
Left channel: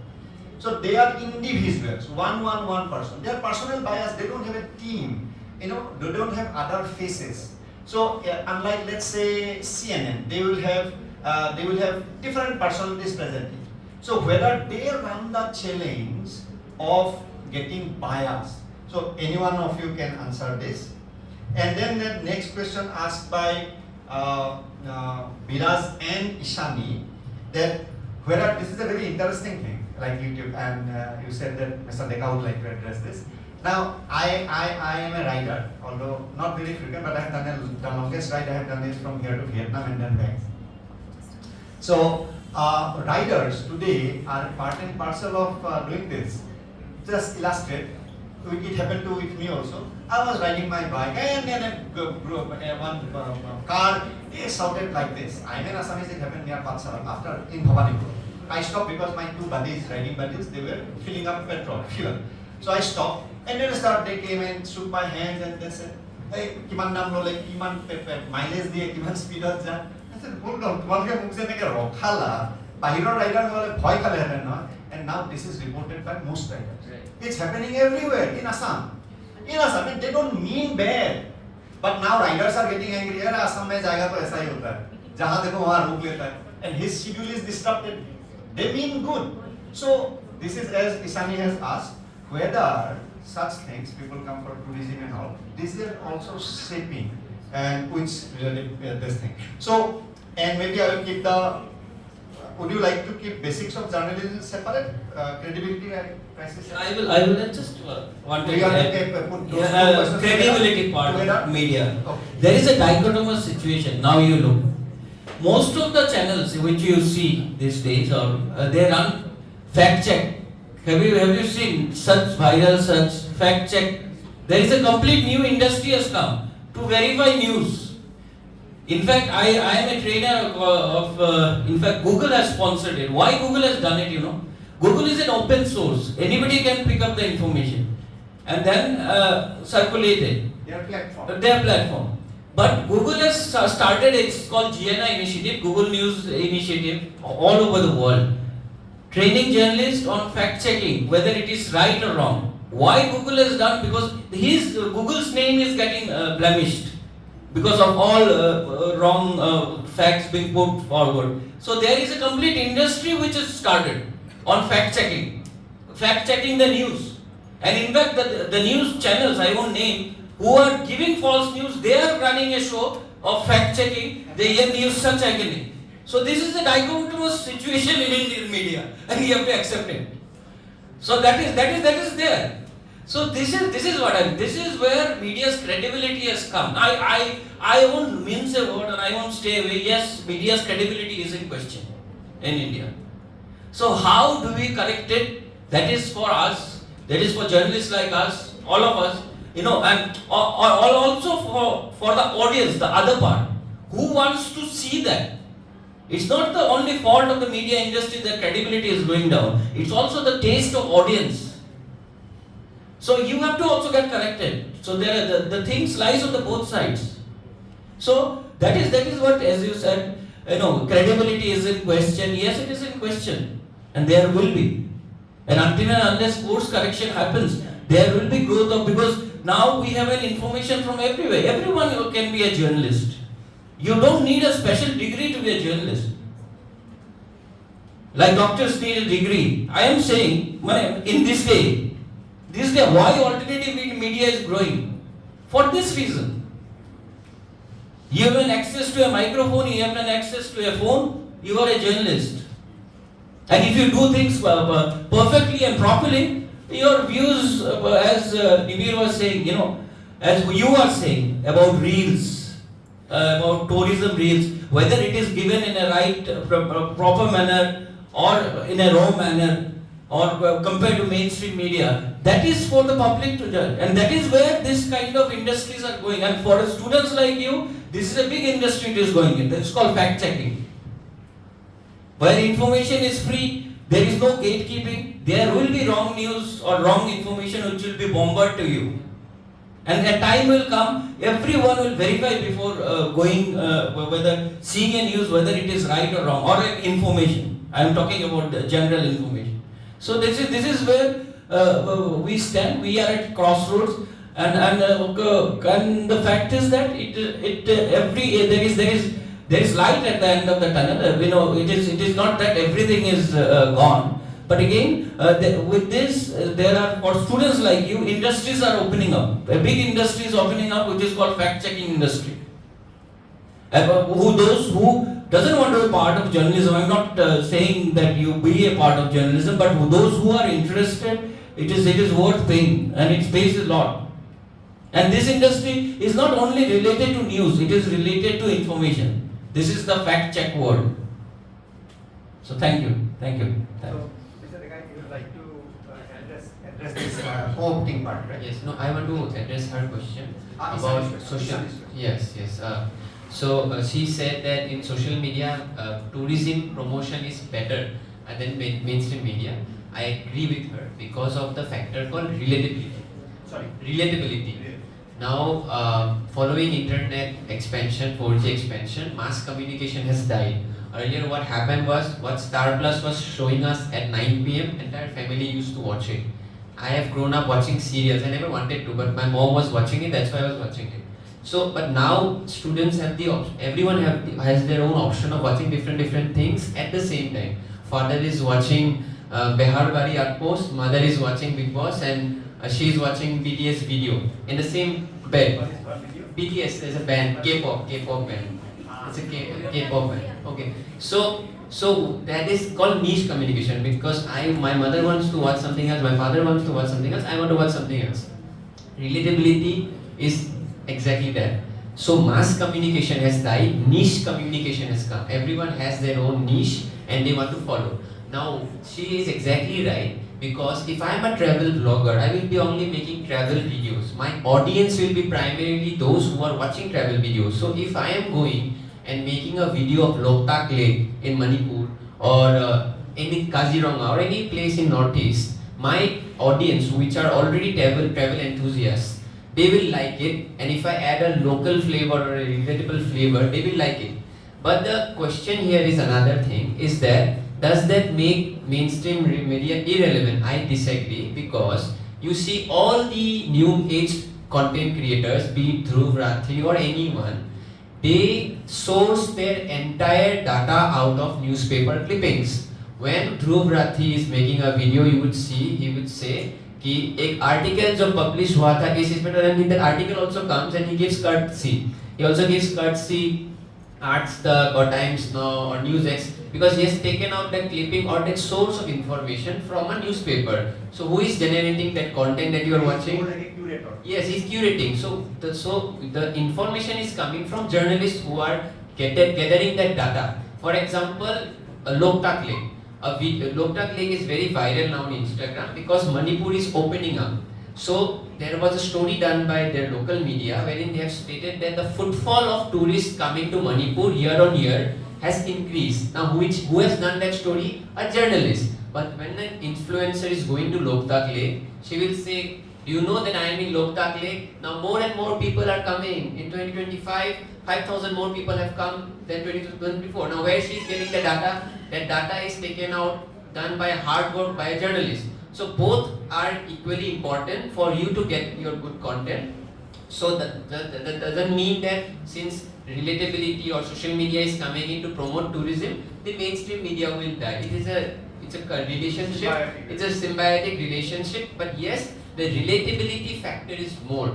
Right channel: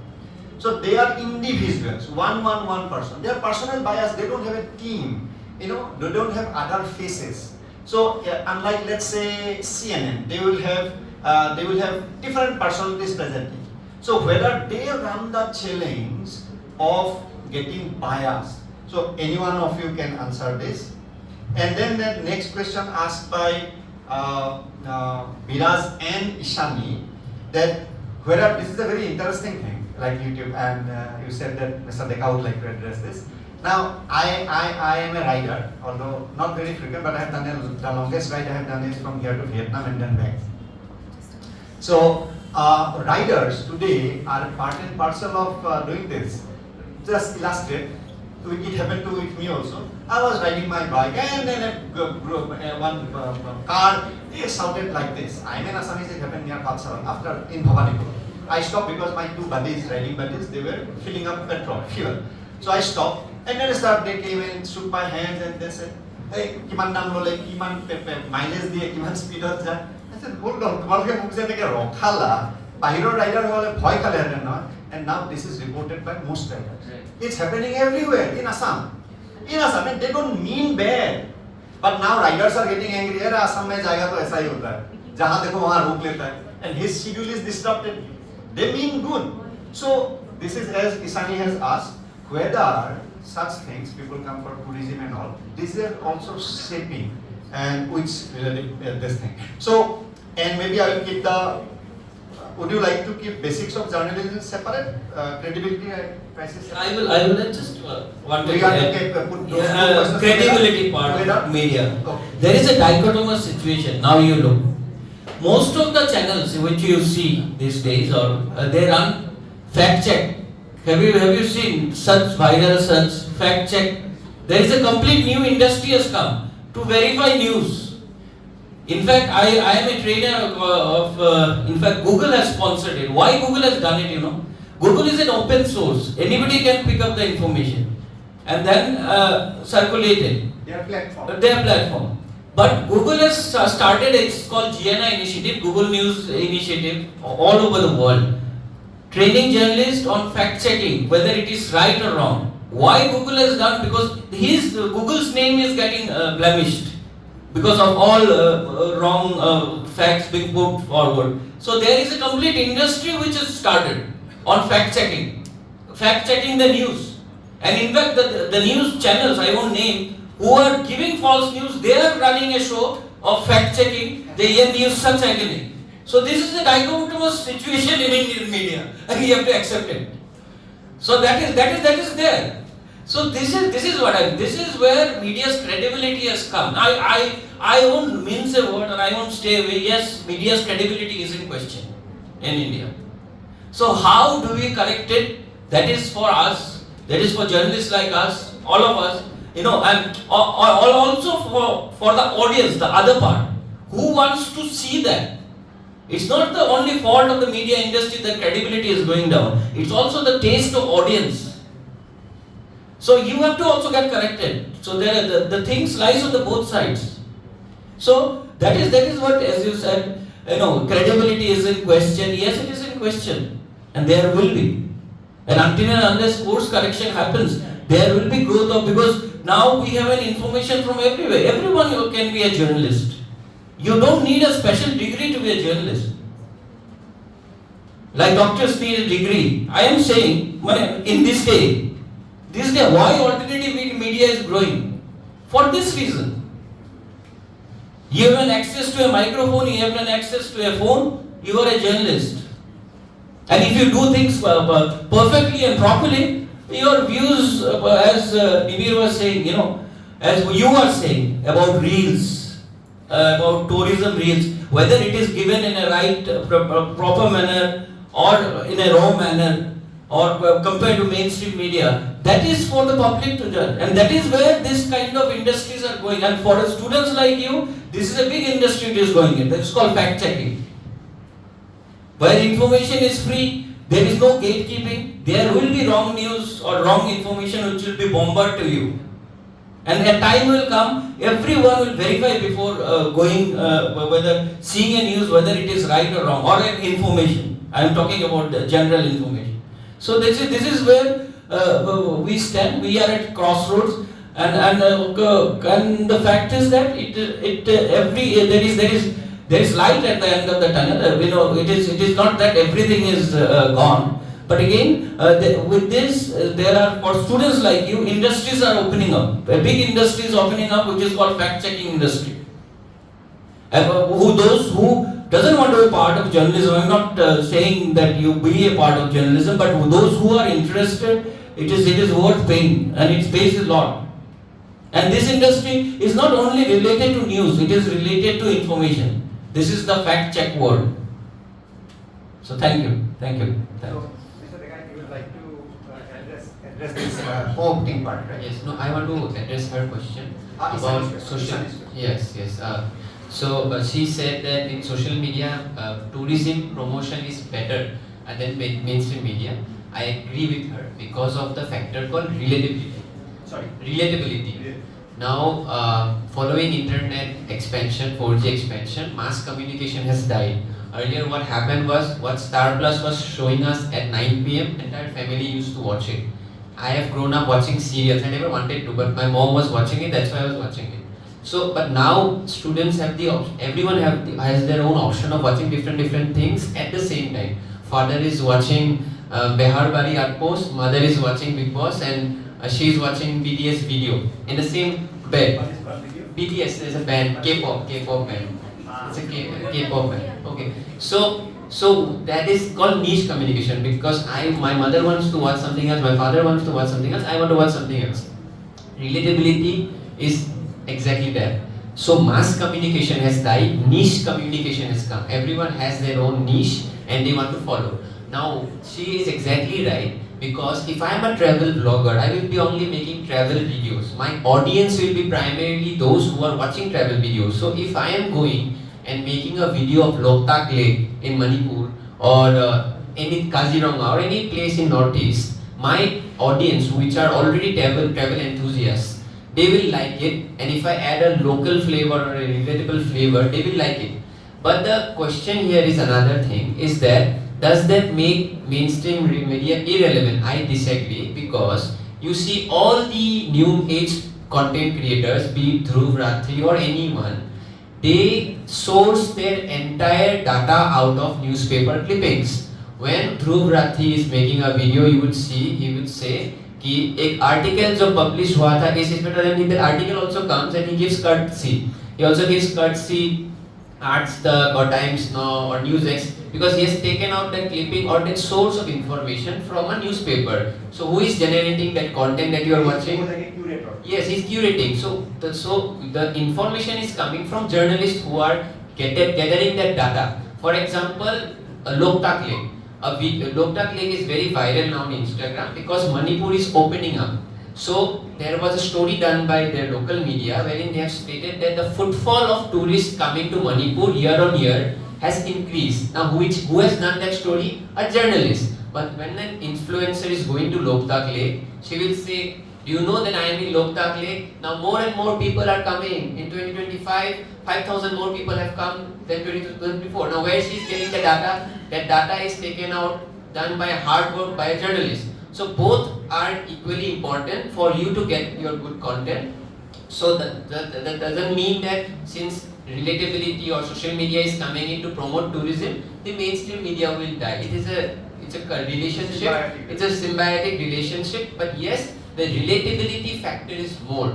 So they are individuals, one person. They are personal bias, they don't have a team, they don't have other faces. So unlike let's say CNN, they will have different personalities presenting. So whether they run the challenge of getting bias. So any one of you can answer this. And then the next question asked by Biraj and Ishani, that whether this is a very interesting thing, like YouTube, and you said that Mr. Deka would like to address this. Now, I am a rider, although not very frequent, but I have done the longest ride I have done is from here to Vietnam and then back. So, riders today are part and parcel of doing this. Just illustrate, it happened to with me also. I was riding my bike and then one car shouted like this. I mean, Assamese, it happened near Palsaram after in Bhavanipur. I stopped because my two buddies, riding buddies, they were filling up fuel. So I stopped and then they came and shook my hands and they said, hey, kiman naam lole, kiman mileage diye, kiman speed of that. I said, hold on, tomorrow mukh se neke rokhala, bahiro rider wale bhoy khale haten na. And now this is reported by most riders. Right. It's happening everywhere in Assam. In Assam, and they don't mean bad. But now riders are getting angry. Hey, Assam mein jayega to aisa hi hota hai. Jahan dekho wahan rok leta hai. And his schedule is disrupted. They mean good. So this is as Isani has asked, whether such things, people come for tourism and all, these are also shaping and which related this thing. So, and maybe I will keep would you like to keep basics of journalism separate? Credibility and crisis? I will just want to put credibility part of media. Okay. There is a dichotomous situation. Now you look. Most of the channels which you see these days, or they run fact check. Have you seen such viral search, fact check? There is a complete new industry has come to verify news. In fact, I am a trainer of in fact, Google has sponsored it. Why Google has done it, Google is an open source. Anybody can pick up the information and then circulate it. Their platform. Their platform. But Google has started, it's called GNI initiative, Google News initiative, all over the world. Training journalists on fact checking, whether it is right or wrong. Why Google has done? Because Google's name is getting blemished because of all wrong facts being put forward. So there is a complete industry which has started on fact checking the news. And in fact, the news channels, I won't name, who are giving false news, they are running a show of fact checking, they use such agony. So this is the dichotomous situation in Indian media, and we have to accept it. So that is there. So this is what this is where media's credibility has come. I won't mince a word, or I won't stay away. Yes, media's credibility is in question in India. So how do we correct it? That is for us. That is for journalists like us, all of us. And also for the audience, the other part, who wants to see that. It's not the only fault of the media industry that credibility is going down. It's also the taste of audience. So you have to also get corrected. So there the things lies on the both sides. So that is what, as you said, credibility is in question. Yes, it is in question, and there will be. And until and unless course correction happens, there will be growth of, because now we have an information from everywhere. Everyone can be a journalist. You don't need a special degree to be a journalist. Like doctors need a degree. I am saying, in this day, why alternative media is growing? For this reason. You have an access to a microphone, you have an access to a phone, you are a journalist. And if you do things perfectly and properly, your views, as Nibir was saying, as you are saying about reels, about tourism reels, whether it is given in a right, proper manner or in a wrong manner, or compared to mainstream media, that is for the public to judge. And that is where this kind of industries are going. And for students like you, this is a big industry it is going in. That's called fact-checking. Where information is free, there is no gatekeeping, there will be wrong news or wrong information which will be bombarded to you. And a time will come, everyone will verify before going, whether seeing a news, whether it is right or wrong, or an information. I am talking about the general information. So this is where we stand. We are at crossroads, and the fact is that there is light at the end of the tunnel. It is not that everything is gone. But again, with this, there are, for students like you, industries are opening up. A big industry is opening up, which is called fact-checking industry. Those who doesn't want to be part of journalism, I'm not saying that you be a part of journalism, but those who are interested, it is worth paying, and it pays a lot. And this industry is not only related to news, it is related to information. This is the fact-check world. So thank you. So, Mr. Deka, you would like to address this opening part, right? Yes, no, I want to address her question about Sunny's social. question. Yes. So she said that in social media, tourism promotion is better than mainstream media. I agree with her because of the factor called relatability. Relatability. Now, following internet expansion, 4G expansion, mass communication has died. Earlier, what happened was, what Star Plus was showing us at 9 p.m., entire family used to watch it. I have grown up watching serials. I never wanted to, but my mom was watching it. That's why I was watching it. So, but now students have the option. Everyone has their own option of watching different things at the same time. Father is watching Behar Bari Outpost, mother is watching Big Boss, and she is watching BTS video in the same bed. BTS is a band, K-pop band. It's a K-pop band. Okay. So that is called niche communication, because my mother wants to watch something else, my father wants to watch something else, I want to watch something else. Relatability is exactly that. So mass communication has died, niche communication has come. Everyone has their own niche and they want to follow. Now, she is exactly right, because if I am a travel blogger, I will be only making travel videos. My audience will be primarily those who are watching travel videos. So if I am going and making a video of Loktak Lake in Manipur, or any Kaziranga or any place in Northeast, my audience, which are already travel enthusiasts, they will like it, and if I add a local flavor or a relatable flavor, they will like it. But the question here is another thing, is that does that make mainstream media irrelevant? I disagree, because you see all the new age content creators, be it Dhruv Rathi or anyone, they source their entire data out of newspaper clippings. When Dhruv Rathi is making a video, you would see, he would say, कि एक article जो publish हुआ था इस इसमें, then that article also comes and he gives courtesy. He also gives courtesy Arts the or Times Now or NewsX, because he has taken out that clipping or that source of information from a newspaper. So who is generating that content that you are watching? Like a curator. Yes, he's curating. So the information is coming from journalists who are gathering that data. For example, Loktak Lake. Loktak Lake is very viral now on Instagram because Manipur is opening up. So there was a story done by their local media wherein they have stated that the footfall of tourists coming to Manipur year on year has increased. Now who has done that story? A journalist. But when an influencer is going to Loktak Lake, she will say, do you know that I am in Loktak Lake? Now more and more people are coming. In 2025, 5,000 more people have come than 2024. Now where she is getting the data? That data is taken out, done by hard work by a journalist. So both are equally important for you to get your good content. So that doesn't mean that since relatability or social media is coming in to promote tourism, the mainstream media will die. It's a relationship. It's a symbiotic relationship. But yes, the relatability factor is more.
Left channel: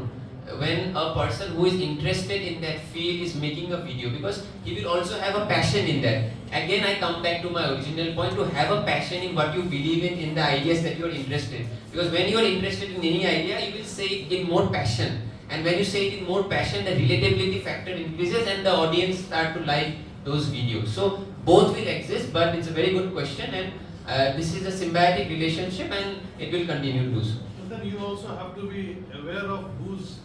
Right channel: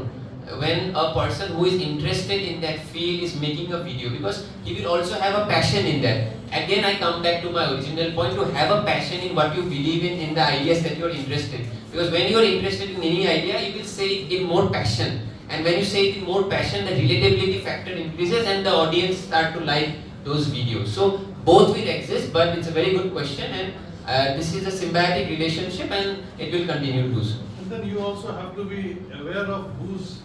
when a person who is interested in that field is making a video, because he will also have a passion in that. Again, I come back to my original point, to have a passion in what you believe in the ideas that you are interested. Because when you are interested in any idea, you will say it in more passion. And when you say it in more passion, the relatability factor increases and the audience start to like those videos. So both will exist, but it's a very good question, and this is a symbiotic relationship and it will continue to do so. And then you also have to be aware of who's,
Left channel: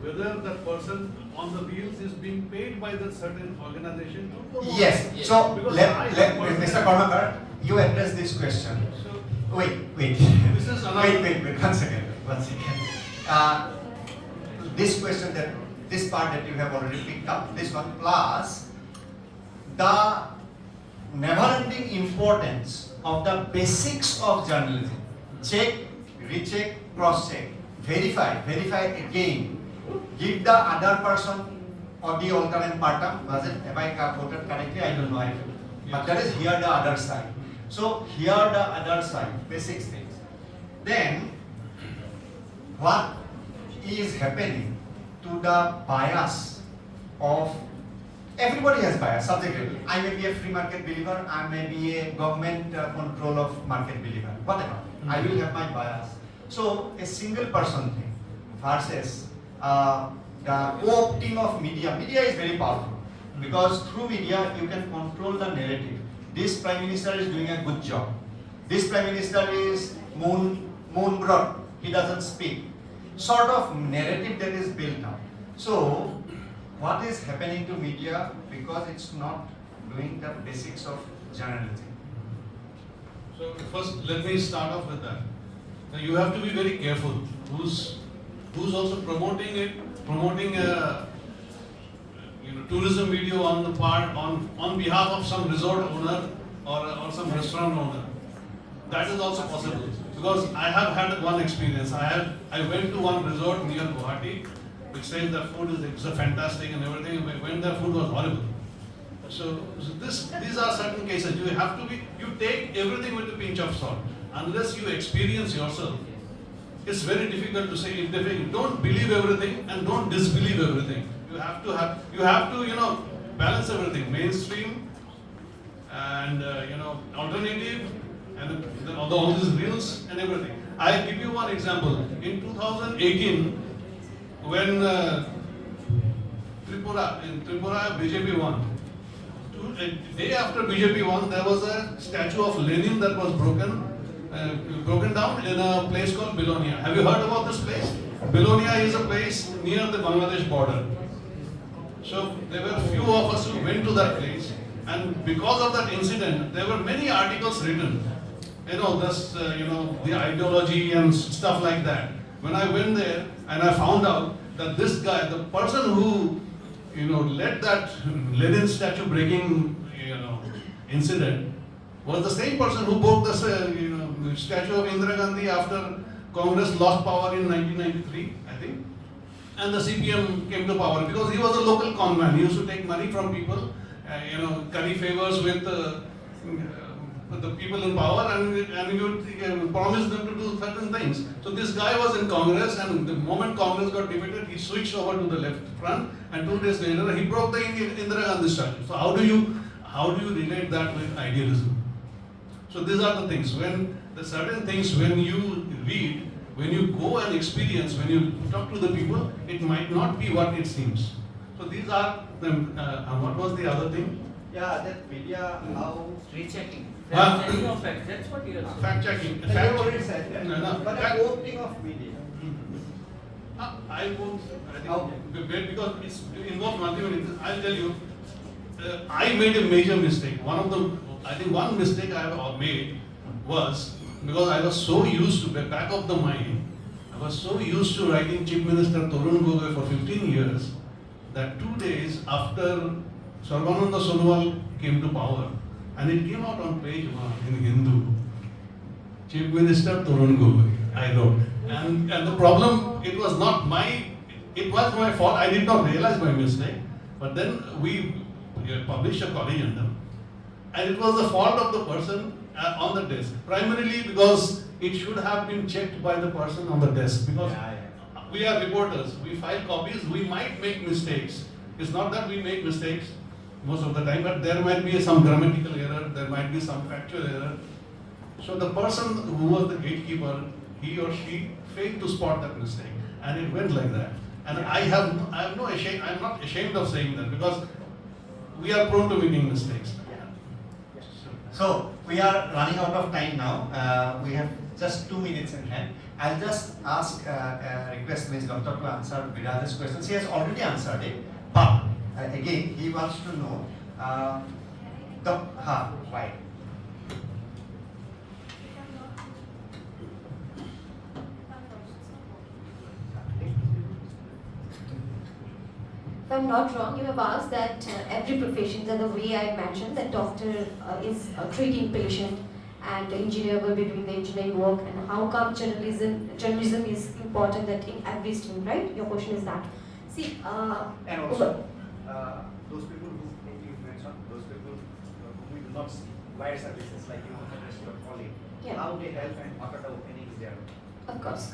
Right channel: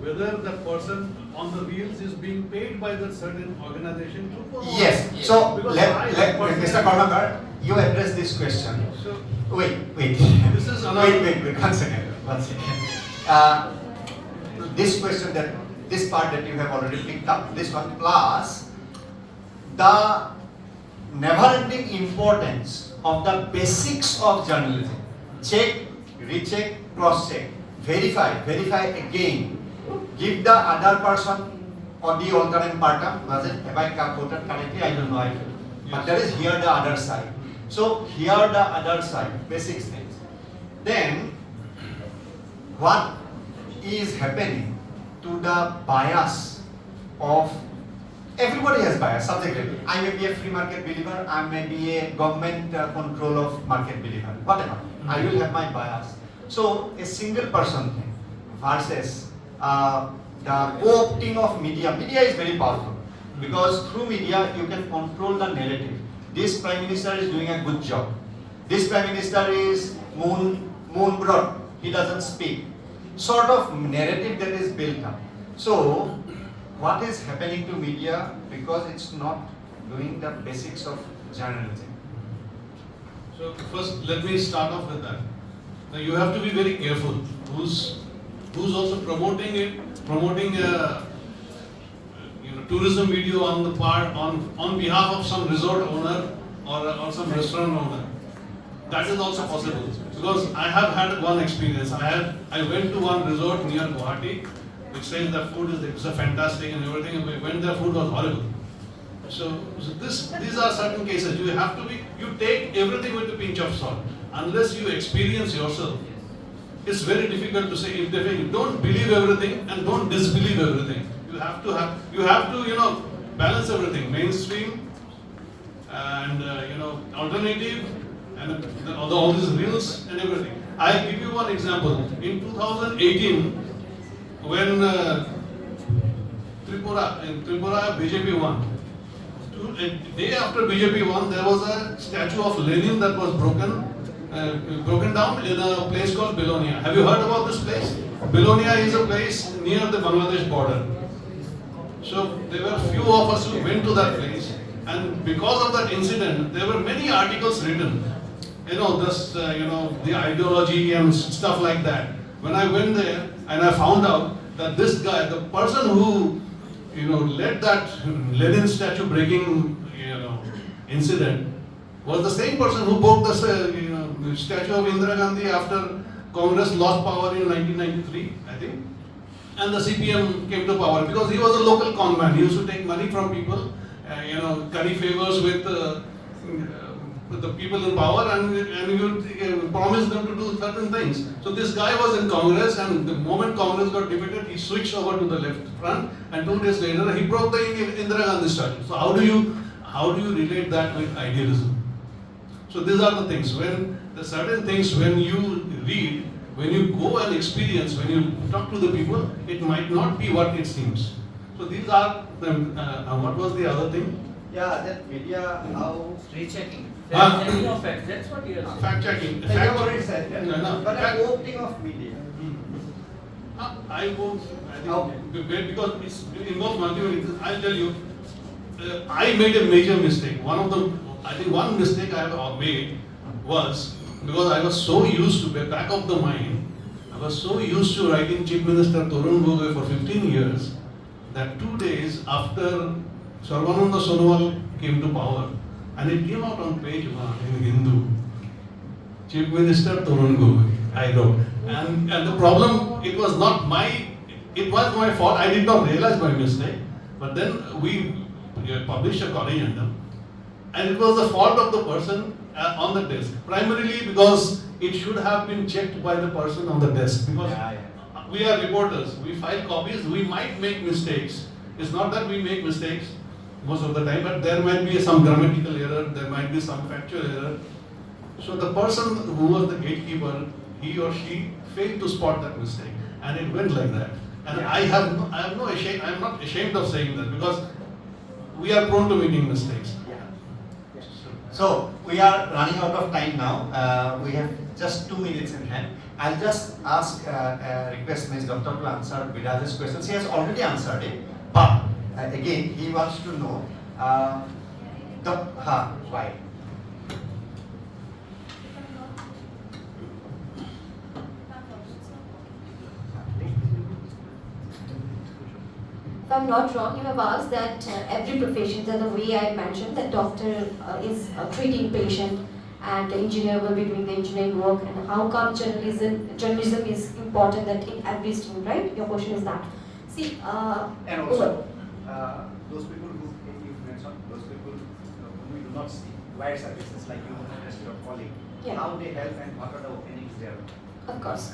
whether that person on the reels is being paid by that certain organization to promote. Yes. Yes. So Because let Mr. Karmakar, you address this question. So Wait. this is another. Wait. One second. This question, that this part that you have already picked up, this one, plus the never-ending importance of the basics of journalism. Check, recheck, cross-check, verify again. Give the other person audio alternate partum. Was it? Have I quoted correctly? I don't know. But there is here the other side. So here the other side, basic things. Then what is happening to the bias of everybody has bias subjectively. I may be a free market believer, I may be a government control of market believer, whatever. I will have my bias. So a single person thing versus the co-opting of media. Media is very powerful because through media you can control the narrative. This Prime Minister is doing a good job. This Prime Minister is moon broad. He doesn't speak. Sort of narrative that is built up. So what is happening to media because it's not doing the basics of journalism? So first, let me start off with that. Now you have to be very careful. Who's also promoting a tourism video on the part on behalf of some resort owner or some restaurant owner. That is also possible because I have had one experience. I went to one resort near Guwahati, which says that food is fantastic and everything. And when the food was horrible. So these are certain cases. You take everything with a pinch of salt. Unless you experience yourself, it's very difficult to say. You don't believe everything and don't disbelieve everything. You have to balance everything. Mainstream and alternative and all these reels and everything. I'll give you one example. In 2018, when Tripura BJP won. A day after BJP won, there was a statue of Lenin that was broken down in a place called Belonia. Have you heard about this place? Belonia is a place near the Bangladesh border. So there were few of us who went to that place, and because of that incident, there were many articles written. The ideology and stuff like that. When I went there and I found out that this guy, the person who led that Lenin statue breaking incident, was the same person who broke the statue of Indira Gandhi after Congress lost power in 1993, I think, and the CPM came to power because he was a local conman. He used to take money from people, curry favors with the people in power, and he would promise them to do certain things. So this guy was in Congress, and the moment Congress got defeated, he switched over to the left front, and 2 days later he broke the Indira Gandhi statue. So how do you relate that with idealism? So these are the things. When the certain things, when you read, when you go and experience, when you talk to the people, it might not be what it seems. So these are the. What was the other thing? Yeah, that media, how Rechecking. Checking of facts. That's what you are. Fact checking. you have already said that. No, But fact- a co-opting of media. I won't. I think Okay. because it's involves multiple things. I'll tell you. I made a major mistake. One mistake I have made was because I was so used to, back of the mind, I was so used to writing Chief Minister Tarun Gogoi for 15 years that 2 days after Sarvananda Sonowal came to power, and it came out on page 1 in Hindu. Chief Minister Tarun Gogoi, I wrote. And the problem, it was my fault. I did not realize my mistake. But then we published a corrigendum, and it was the fault of the person on the desk. Primarily because it should have been checked by the person on the desk. Because we are reporters, we file copies, we might make mistakes. It's not that we make mistakes most of the time, but there might be some grammatical error, there might be some factual error. So the person who was the gatekeeper, he or she failed to spot that mistake, and it went like that. And I'm not ashamed of saying that, because we are prone to making mistakes. So we are running out of time now. We have just 2 minutes in hand. I'll just request Ms. Dutta to answer Viraj's questions. He has already answered it, but again, he wants to know why. If I'm not wrong, you have asked that every profession, that the way I mentioned, that doctor is treating patient and engineer will be doing the engineering work, and how come journalism is important that in every stream, right? Your question is that. See, and also those people who you mentioned, those people whom we do not see, wire services like you as your colleague, how they help and what are the openings there? of course.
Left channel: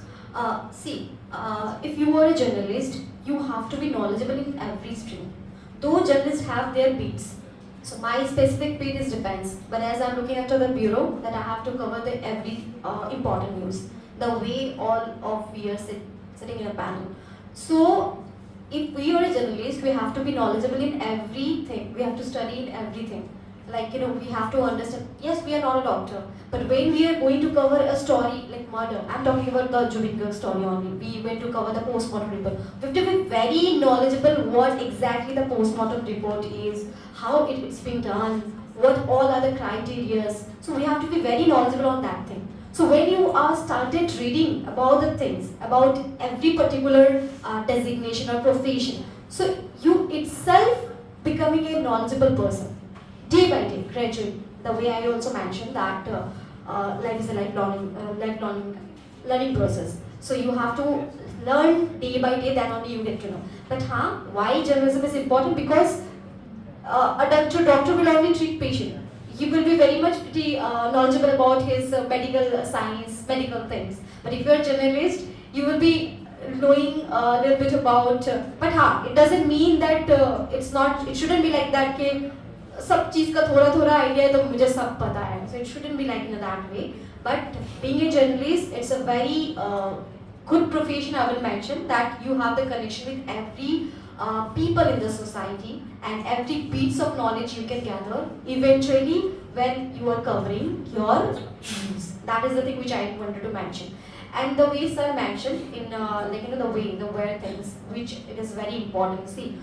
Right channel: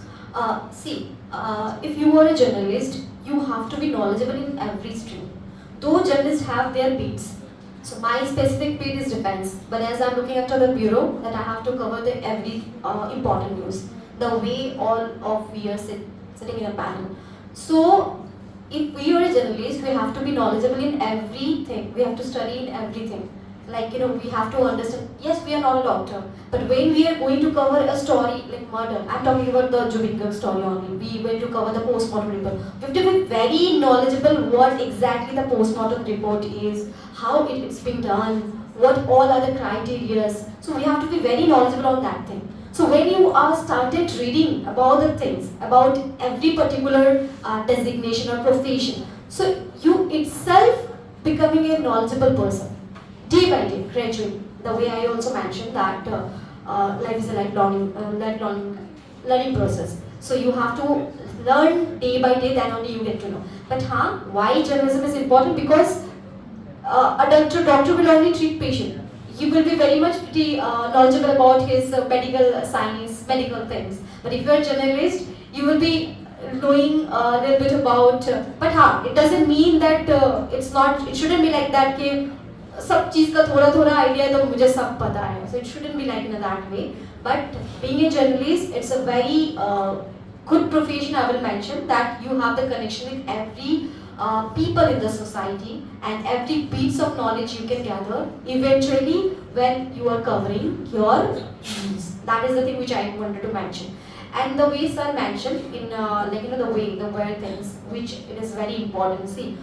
If you are a journalist, you have to be knowledgeable in every stream. Though journalists have their beats, so my specific beat is defense, but as I'm looking after the bureau, that I have to cover the every important news, the way all of we are sitting in a panel. So if we are a journalist, we have to be knowledgeable in everything. We have to study in everything. Like, we have to understand, yes, we are not a doctor, but when we are going to cover a story like murder, I'm talking about the Jubinka story only, we were to cover the postmortem report. We have to be very knowledgeable what exactly the postmortem report is, how it's been done, what all are the criteria. So we have to be very knowledgeable on that thing. So when you are started reading about the things, about every particular designation or profession, so you itself becoming a knowledgeable person. Day by day, gradually. The way I also mentioned that life is a lifelong learning process. So you have to learn day by day, then only you get to know. But why journalism is important? Because a doctor will only treat patient. He will be very much knowledgeable about his medical science, medical things. But if you are a journalist, you will be knowing a little bit about. But it doesn't mean that it shouldn't be like that. सब चीज का थोड़ा idea है तो मुझे सब पता है, so it shouldn't be like in that way. But being a journalist, it's a very good profession. I will mention that you have the connection with every people in the society, and every piece of knowledge you can gather eventually when you are covering your news. That is the thing which I wanted to mention. And the way sir mentioned in the where things, which it is very important. See,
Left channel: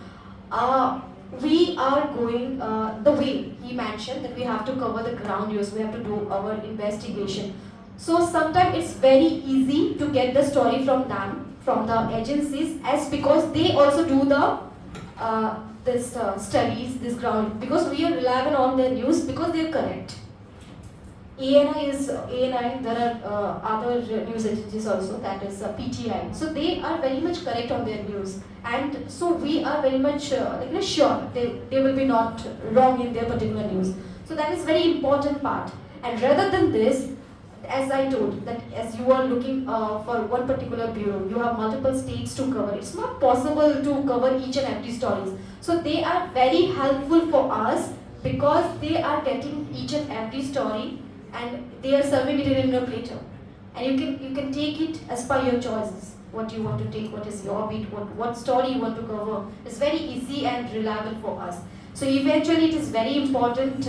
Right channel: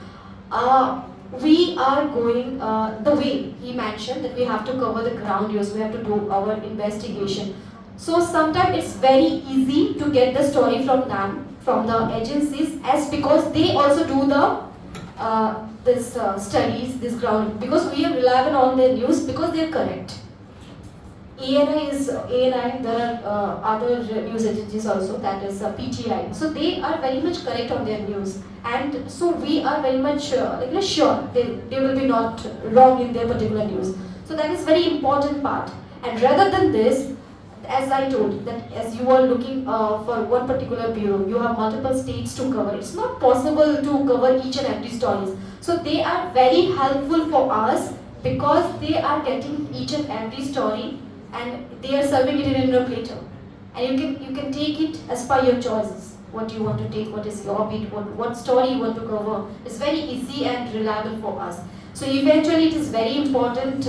we are going the way he mentioned that we have to cover the ground news, we have to do our investigation. So sometimes it's very easy to get the story from them, from the agencies, as because they also do the studies, this ground, because we are reliable on their news because they are correct. ANI, there are other news agencies also, that is PTI. So they are very much correct on their news, and so we are very much sure they will be not wrong in their particular news. So that is very important part. And rather than this, as I told, that as you are looking for one particular bureau, you have multiple states to cover. It's not possible to cover each and every stories. So they are very helpful for us because they are getting each and every story, and they are serving it in a platter, and you can take it as per your choices. What you want to take, what is your beat, what story you want to cover. It's very easy and reliable for us. So eventually it is very important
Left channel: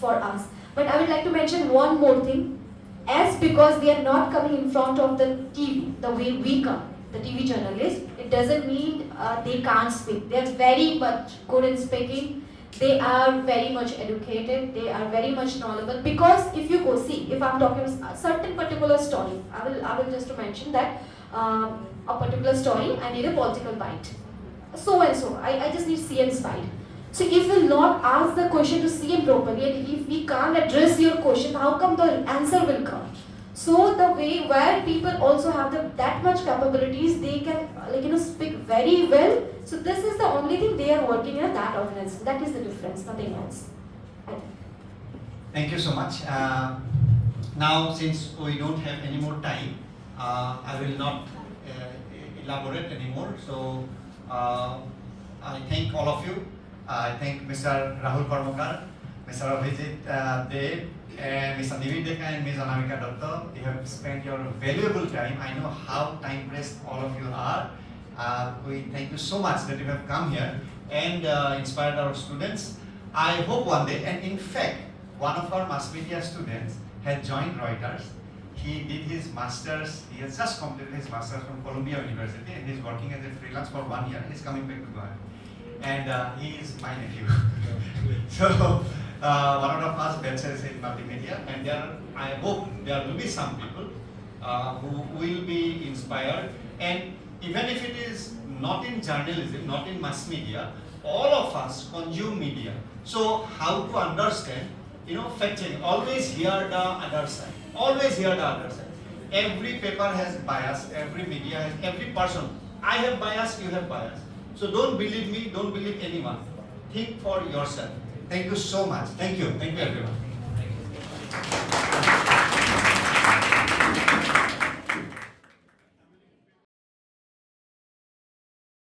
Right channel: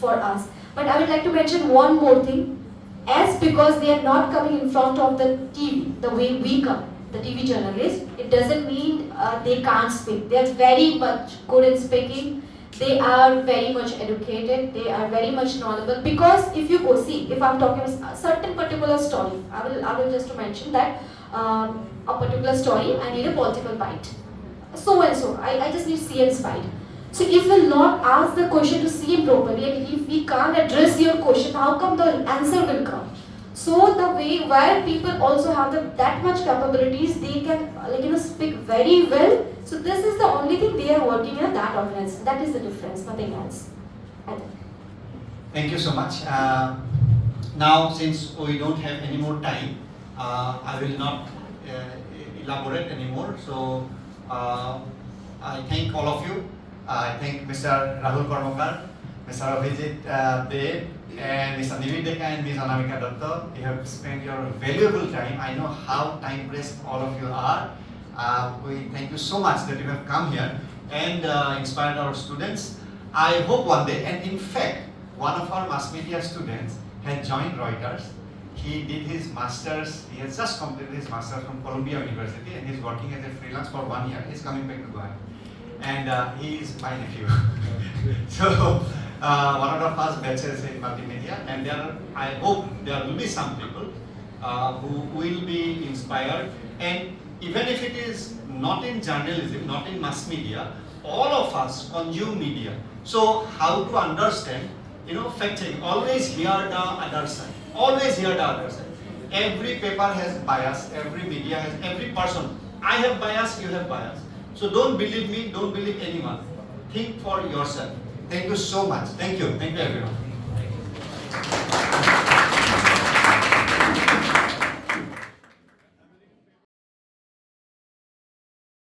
for us. But I would like to mention one more thing. As because they are not coming in front of the TV the way we come, the TV journalists, it doesn't mean they can't speak. They are very much good in speaking. They are very much educated, they are very much knowledgeable, because if you go see, if I'm talking a certain particular story, I will just mention that a particular story, I need a political bite. So and so, I just need CM's bite. So if we will not ask the question to CM properly, and if we can't address your question, how come the answer will come? So the way where people also have that much capabilities, they can speak very well. So this is the only thing they are working in that organization. That is the difference, nothing else. Thank you so much. Now, since we don't have any more time, I will not elaborate anymore. So I thank all of you. I thank Mr. Rahul Karmakar, Mr. Abhijit Dev, and Mr. Nibir Deka and Ms. Anamika Dutta. You have spent your valuable time. I know how time pressed all of you are. We thank you so much that you have come here and inspired our students. I hope one day, and in fact, one of our mass media students had joined Reuters. He did his master's, he has just completed his master's from Columbia University, and he's working as a freelance for 1 year. He's coming back to Goa. And he is my nephew. So, one of the first batches in multimedia, and I hope there will be some people who will be inspired. And even if it is not in journalism, not in mass media, all of us consume media. So, how to understand, fact checking, always hear the other side. Always hear the other side. Every paper has bias, every media has, every person. I have bias, you have bias. So don't believe me, don't believe anyone. Think for yourself. Thank you so much. Thank you. Thank you everyone.